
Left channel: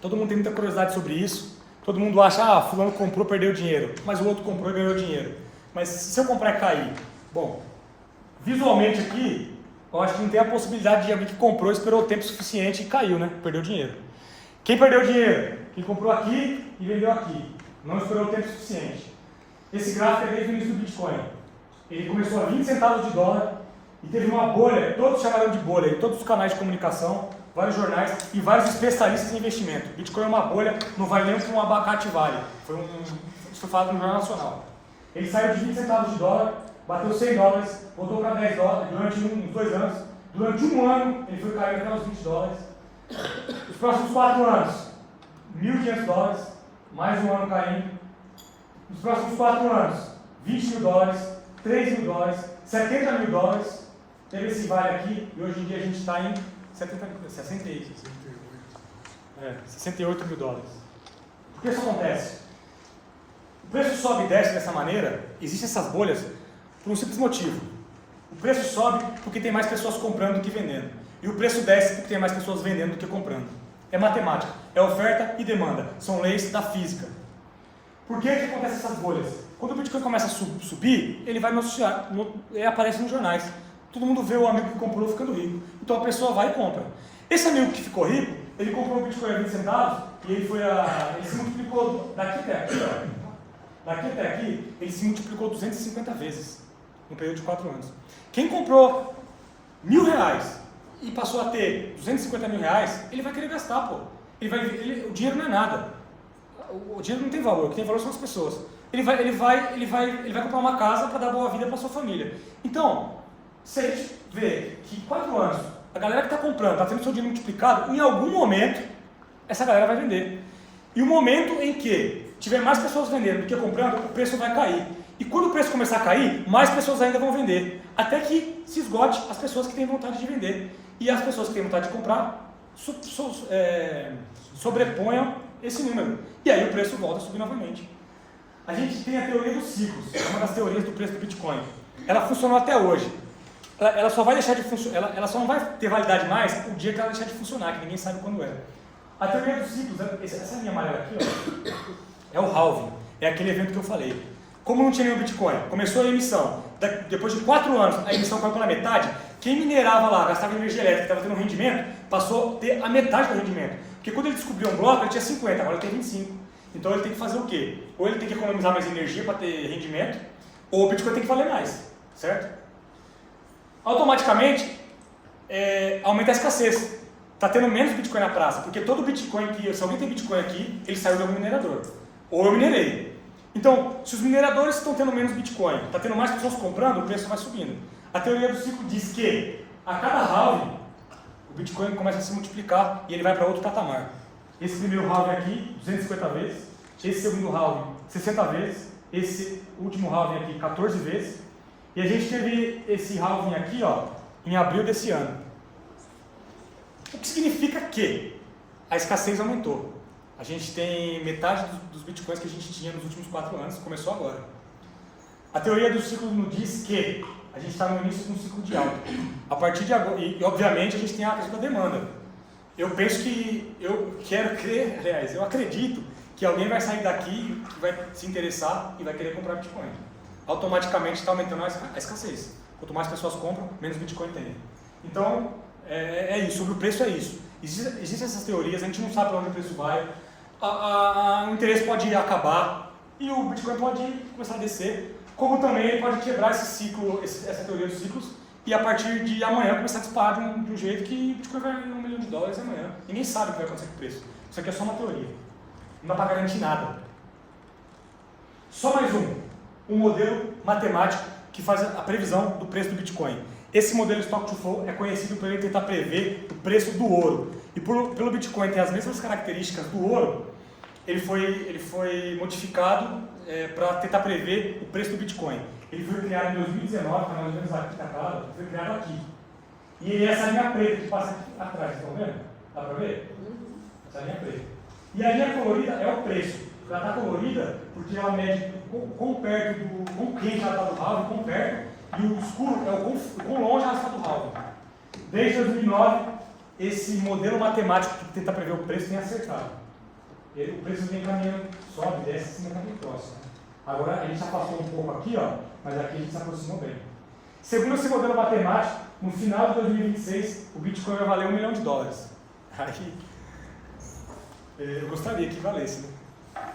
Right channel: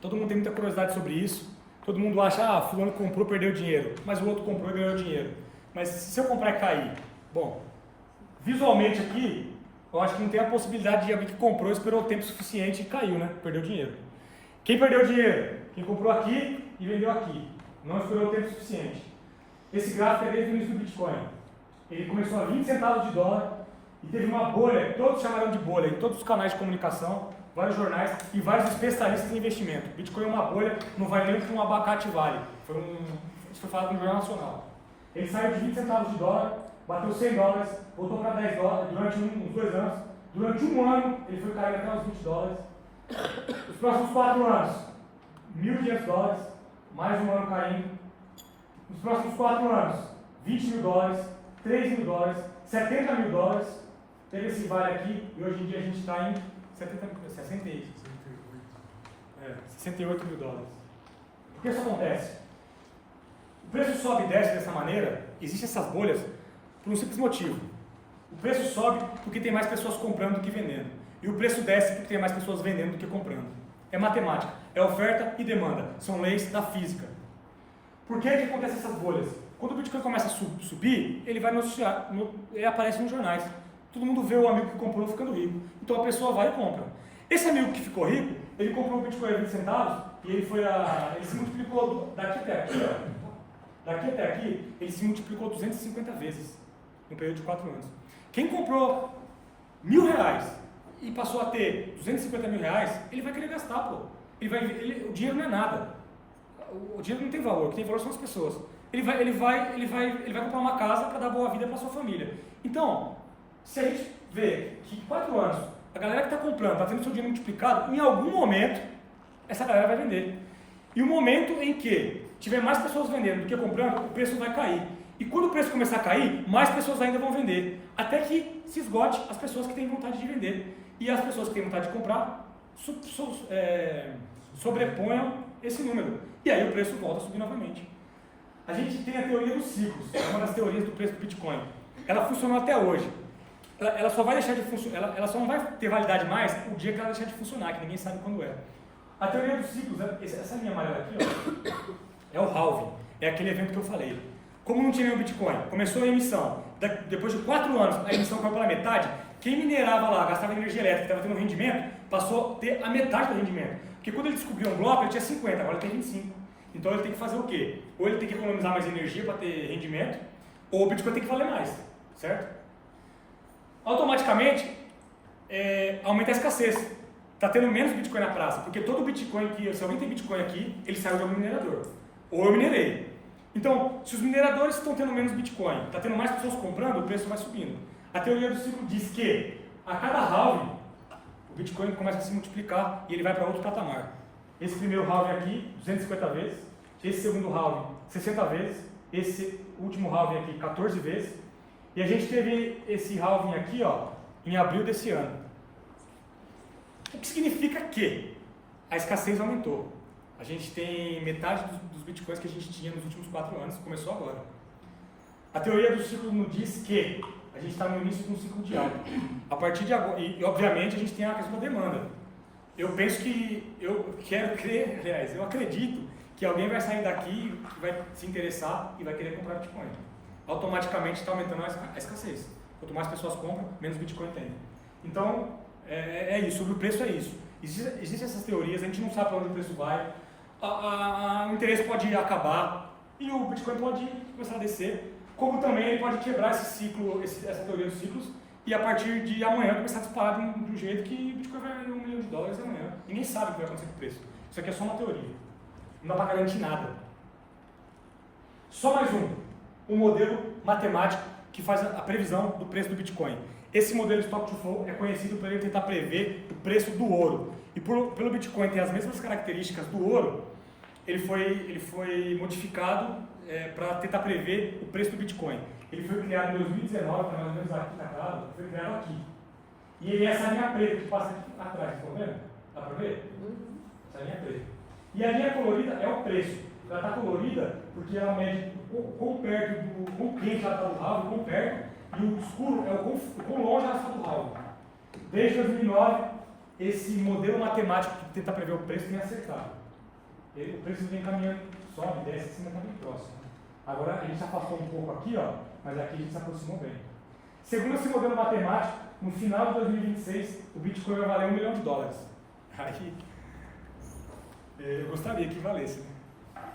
Todo mundo tem muita curiosidade sobre isso. Todo mundo acha, fulano comprou, perdeu dinheiro. Mas o outro comprou e ganhou dinheiro. Mas se eu comprar e cair? Bom, visualmente aqui, eu acho que não tem a possibilidade de alguém que comprou, esperou o tempo suficiente e caiu, né? Perdeu dinheiro. Quem perdeu dinheiro? Quem comprou aqui e vendeu aqui. Não esperou o tempo suficiente. Esse gráfico é desde o início do Bitcoin. Ele começou a 20 centavos de dólar e teve uma bolha, todos chamaram de bolha, em todos os canais de comunicação, vários jornais e vários especialistas em investimento. O Bitcoin é uma bolha, não vale nem o que um abacate vale. Isso foi falado no Jornal Nacional. Ele saiu de 20 centavos de dólar, bateu 100 dólares, voltou para 10 dólares durante uns 2 anos. Durante um ano, ele foi cair até os 20 dólares. Os próximos 4 anos, 1.500 dólares, mais um ano caindo. Nos próximos 4 anos, 20 mil dólares, 3 mil dólares, 70 mil dólares. Teve esse vale aqui e hoje em dia a gente está em 68 mil dólares. Por que isso acontece? O preço sobe e desce dessa maneira, existem essas bolhas por um simples motivo. O preço sobe porque tem mais pessoas comprando do que vendendo. E o preço desce porque tem mais pessoas vendendo do que comprando. É matemática, é oferta e demanda, são leis da física. Por que acontecem essas bolhas? Quando o Bitcoin começa a subir, ele vai noticiar, ele aparece nos jornais. Todo mundo vê o amigo que comprou ficando rico. Então a pessoa vai e compra. Esse amigo que ficou rico, ele comprou um Bitcoin a 20 centavos e ele se multiplicou daqui até aqui, ó. Daqui até aqui, ele se multiplicou 250 vezes no período de 4 anos. Quem comprou R$1.000 e passou a ter 250 mil reais, ele vai querer gastar, pô. O dinheiro não é nada. O dinheiro não tem valor, o que tem valor são as pessoas. Ele vai comprar uma casa para dar boa vida para sua família. Então, se a gente vê que em 4 anos, a galera que está comprando, está tendo seu dinheiro multiplicado, em algum momento, essa galera vai vender. E o momento em que tiver mais pessoas vendendo do que comprando, o preço vai cair. E quando o preço começar a cair, mais pessoas ainda vão vender. Até que se esgote as pessoas que têm vontade de vender. E as pessoas que têm vontade de comprar sobreponham esse número. E aí o preço volta a subir novamente. A gente tem a teoria dos ciclos, é uma das teorias do preço do Bitcoin. Ela funcionou até hoje. Ela só vai deixar de funcionar, ela só não vai ter validade mais o dia que ela deixar de funcionar, que ninguém sabe quando é. A teoria dos ciclos, essa linha amarela aqui, ó, é o halving, é aquele evento que eu falei. Como não tinha nenhum Bitcoin, começou a emissão, depois de 4 anos a emissão caiu pela metade, quem minerava lá, gastava energia elétrica, estava tendo um rendimento, passou a ter a metade do rendimento. Porque quando ele descobriu um bloco, ele tinha 50, agora ele tem 25. Então ele tem que fazer o quê? Ou ele tem que economizar mais energia para ter rendimento, ou o Bitcoin tem que valer mais, certo? Automaticamente, aumenta a escassez. Está tendo menos Bitcoin na praça, porque todo Bitcoin se alguém tem Bitcoin aqui, ele saiu de algum minerador. Ou eu minerei. Então, se os mineradores estão tendo menos Bitcoin, está tendo mais pessoas comprando, o preço vai subindo. A teoria do ciclo diz que a cada halving, o Bitcoin começa a se multiplicar e ele vai para outro patamar. Esse primeiro halving aqui, 250 vezes. Esse segundo halving, 60 vezes. Esse último halving aqui, 14 vezes. E a gente teve esse halving aqui, ó, em abril desse ano. O que significa que a escassez aumentou. A gente tem metade dos bitcoins que a gente tinha nos últimos 4 anos, começou agora. A teoria do ciclo nos diz que a gente está no início de um ciclo de alta. A partir de agora, e obviamente a gente tem a questão da demanda. Eu penso que, eu quero crer, aliás, eu acredito que alguém vai sair daqui, que vai se interessar e vai querer comprar Bitcoin. Automaticamente está aumentando a escassez. Quanto mais pessoas compram, menos Bitcoin tem. Então, é isso. Sobre o preço é isso. Existem essas teorias, a gente não sabe para onde o preço vai. O interesse pode acabar e o Bitcoin pode começar a descer. Como também ele pode quebrar esse ciclo, essa teoria dos ciclos, e a partir de amanhã começar a disparar de um jeito que o Bitcoin vai a $1 milhão amanhã. Ninguém sabe o que vai acontecer com o preço. Isso aqui é só uma teoria. Não dá para garantir nada. Só mais um modelo matemático que faz a previsão do preço do Bitcoin. Esse modelo Stock to Flow é conhecido por ele tentar prever o preço do ouro. E pelo Bitcoin ter as mesmas características do ouro, ele foi modificado para tentar prever o preço do Bitcoin. Ele foi criado em 2019, está mais ou menos aqui na tela, foi criado aqui. E ele é essa linha preta que passa aqui atrás, estão vendo? Dá para ver? Essa linha preta. E a linha colorida é o preço. Ela está colorida porque ela mede quão quente ela está do halving, quão perto, e o escuro é o quão longe ela está do halving. Desde 2009, esse modelo matemático que tenta prever o preço tem acertado. O preço vem caminhando, sobe, desce, acima está bem próximo. Agora a gente já passou um pouco aqui, ó, mas aqui a gente se aproximou bem. Segundo esse modelo matemático, no final de 2026, o Bitcoin vai valer $1 milhão. Aí, eu gostaria que valesse, né?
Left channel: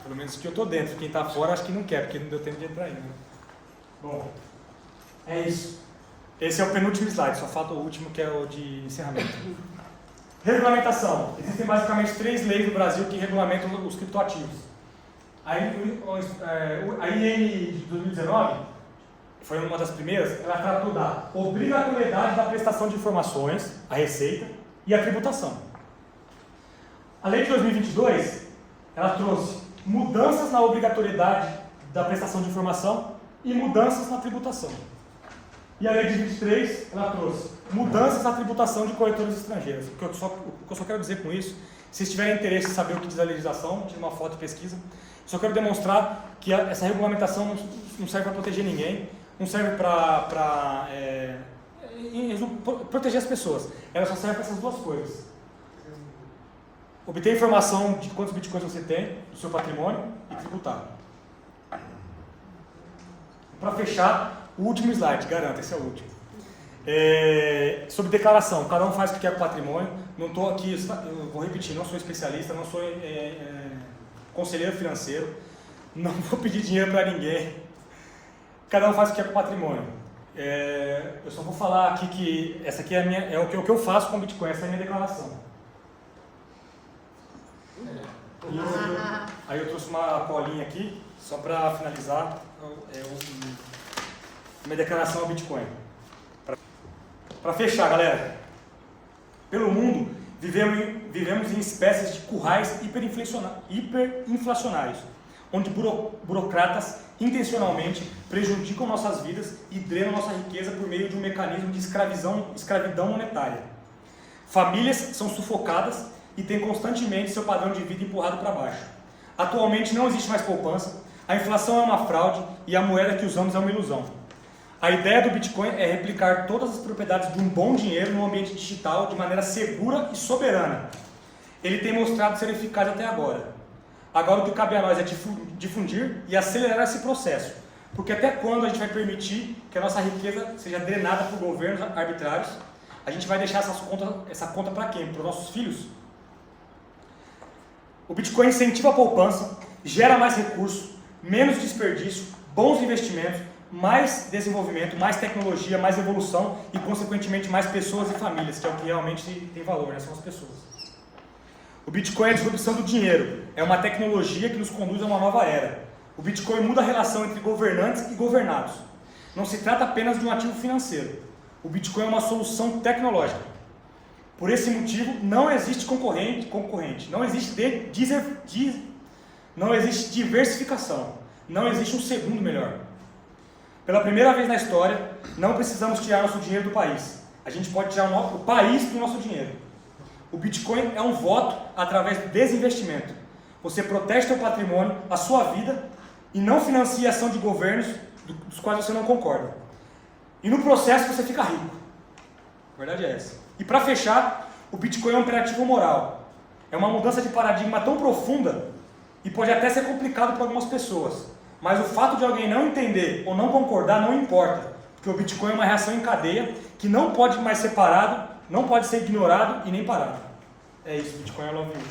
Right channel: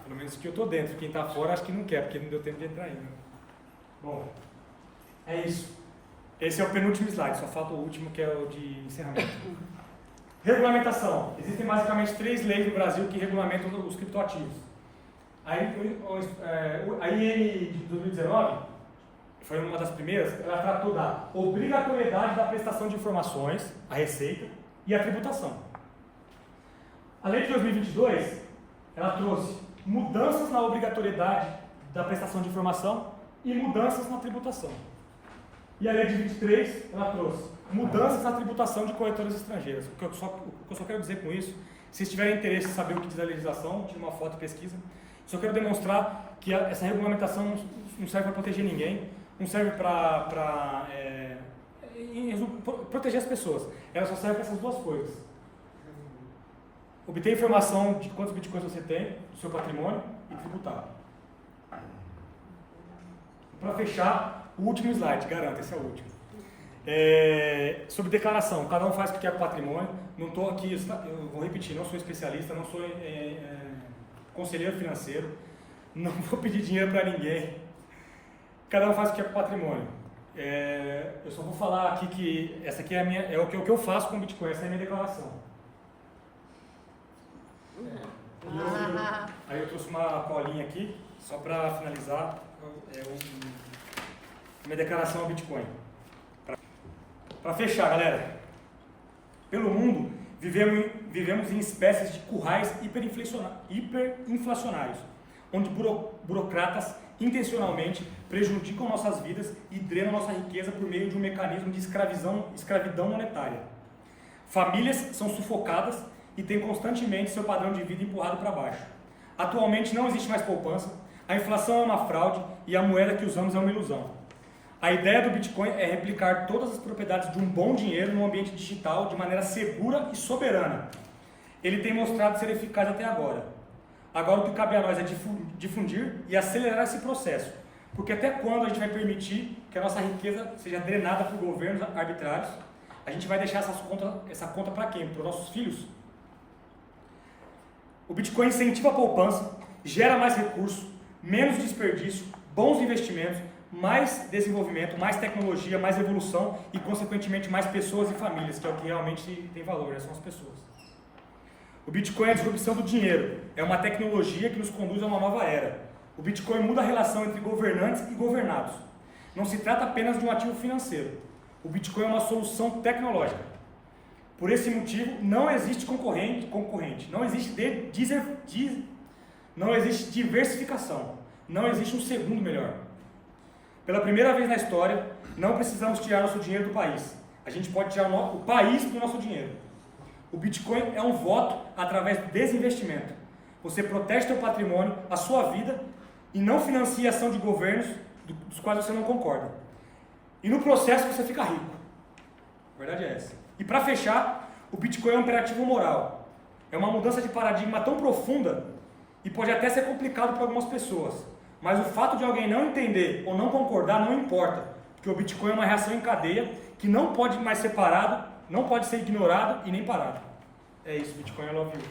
Pelo menos que eu estou dentro. Quem está fora acho que não quer, porque não deu tempo de entrar ainda. Bom, é isso. Esse é o penúltimo slide, só falta o último, que é o de encerramento. Regulamentação. Existem basicamente 3 leis no Brasil que regulamentam os criptoativos. A IN de 2019, foi uma das primeiras, ela tratou da obrigatoriedade da prestação de informações, a receita, e a tributação. A lei de 2022, ela trouxe mudanças na obrigatoriedade da prestação de informação e mudanças na tributação. E a lei de 23, ela trouxe mudanças na tributação de corretoras estrangeiras. O que eu só quero dizer com isso, se vocês tiverem interesse em saber o que diz a legislação, tira uma foto e pesquisa. Só quero demonstrar que essa regulamentação não serve para proteger ninguém, não serve para proteger as pessoas. Ela só serve para essas duas coisas. Obter informação de quantos bitcoins você tem, do seu patrimônio, e tributar. Para fechar, o último slide, garanto, esse é o último. Sobre declaração, cada um faz o que quer com o patrimônio. Não estou aqui, eu vou repetir, não sou especialista, não sou conselheiro financeiro, não vou pedir dinheiro para ninguém. Cada um faz o que quer com o patrimônio. Eu só vou falar aqui que essa aqui é o que eu faço com o Bitcoin, essa é a minha declaração. Aí eu trouxe uma colinha aqui, só para finalizar, minha declaração ao Bitcoin. Para fechar, galera, pelo mundo vivemos em espécies de currais hiperinflacionários, onde burocratas intencionalmente prejudicam nossas vidas e drenam nossa riqueza por meio de um mecanismo de escravidão monetária. Famílias são sufocadas e têm constantemente seu padrão de vida empurrado para baixo. Atualmente não existe mais poupança, a inflação é uma fraude e a moeda que usamos é uma ilusão. A ideia do Bitcoin é replicar todas as propriedades de um bom dinheiro no ambiente digital de maneira segura e soberana. Ele tem mostrado ser eficaz até agora. Agora o que cabe a nós é difundir e acelerar esse processo. Porque até quando a gente vai permitir que a nossa riqueza seja drenada por governos arbitrários? A gente vai deixar essa conta para quem? Para os nossos filhos? O Bitcoin incentiva a poupança, gera mais recursos, menos desperdício, bons investimentos, mais desenvolvimento, mais tecnologia, mais evolução e, consequentemente, mais pessoas e famílias, que é o que realmente tem valor, né? São as pessoas. O Bitcoin é a disrupção do dinheiro, é uma tecnologia que nos conduz a uma nova era. O Bitcoin muda a relação entre governantes e governados. Não se trata apenas de um ativo financeiro. O Bitcoin é uma solução tecnológica. Por esse motivo, não existe concorrente, não existe não existe diversificação, não existe um segundo melhor. Pela primeira vez na história, não precisamos tirar nosso dinheiro do país. A gente pode tirar o país do nosso dinheiro. O Bitcoin é um voto através do desinvestimento. Você protege seu patrimônio, a sua vida, e não financia a ação de governos dos quais você não concorda. E no processo você fica rico. A verdade é essa. E para fechar, o Bitcoin é um imperativo moral. É uma mudança de paradigma tão profunda e pode até ser complicado para algumas pessoas. Mas o fato de alguém não entender ou não concordar não importa, porque o Bitcoin é uma reação em cadeia que não pode mais ser parado, não pode ser ignorado e nem parado. É isso, Bitcoin é love you.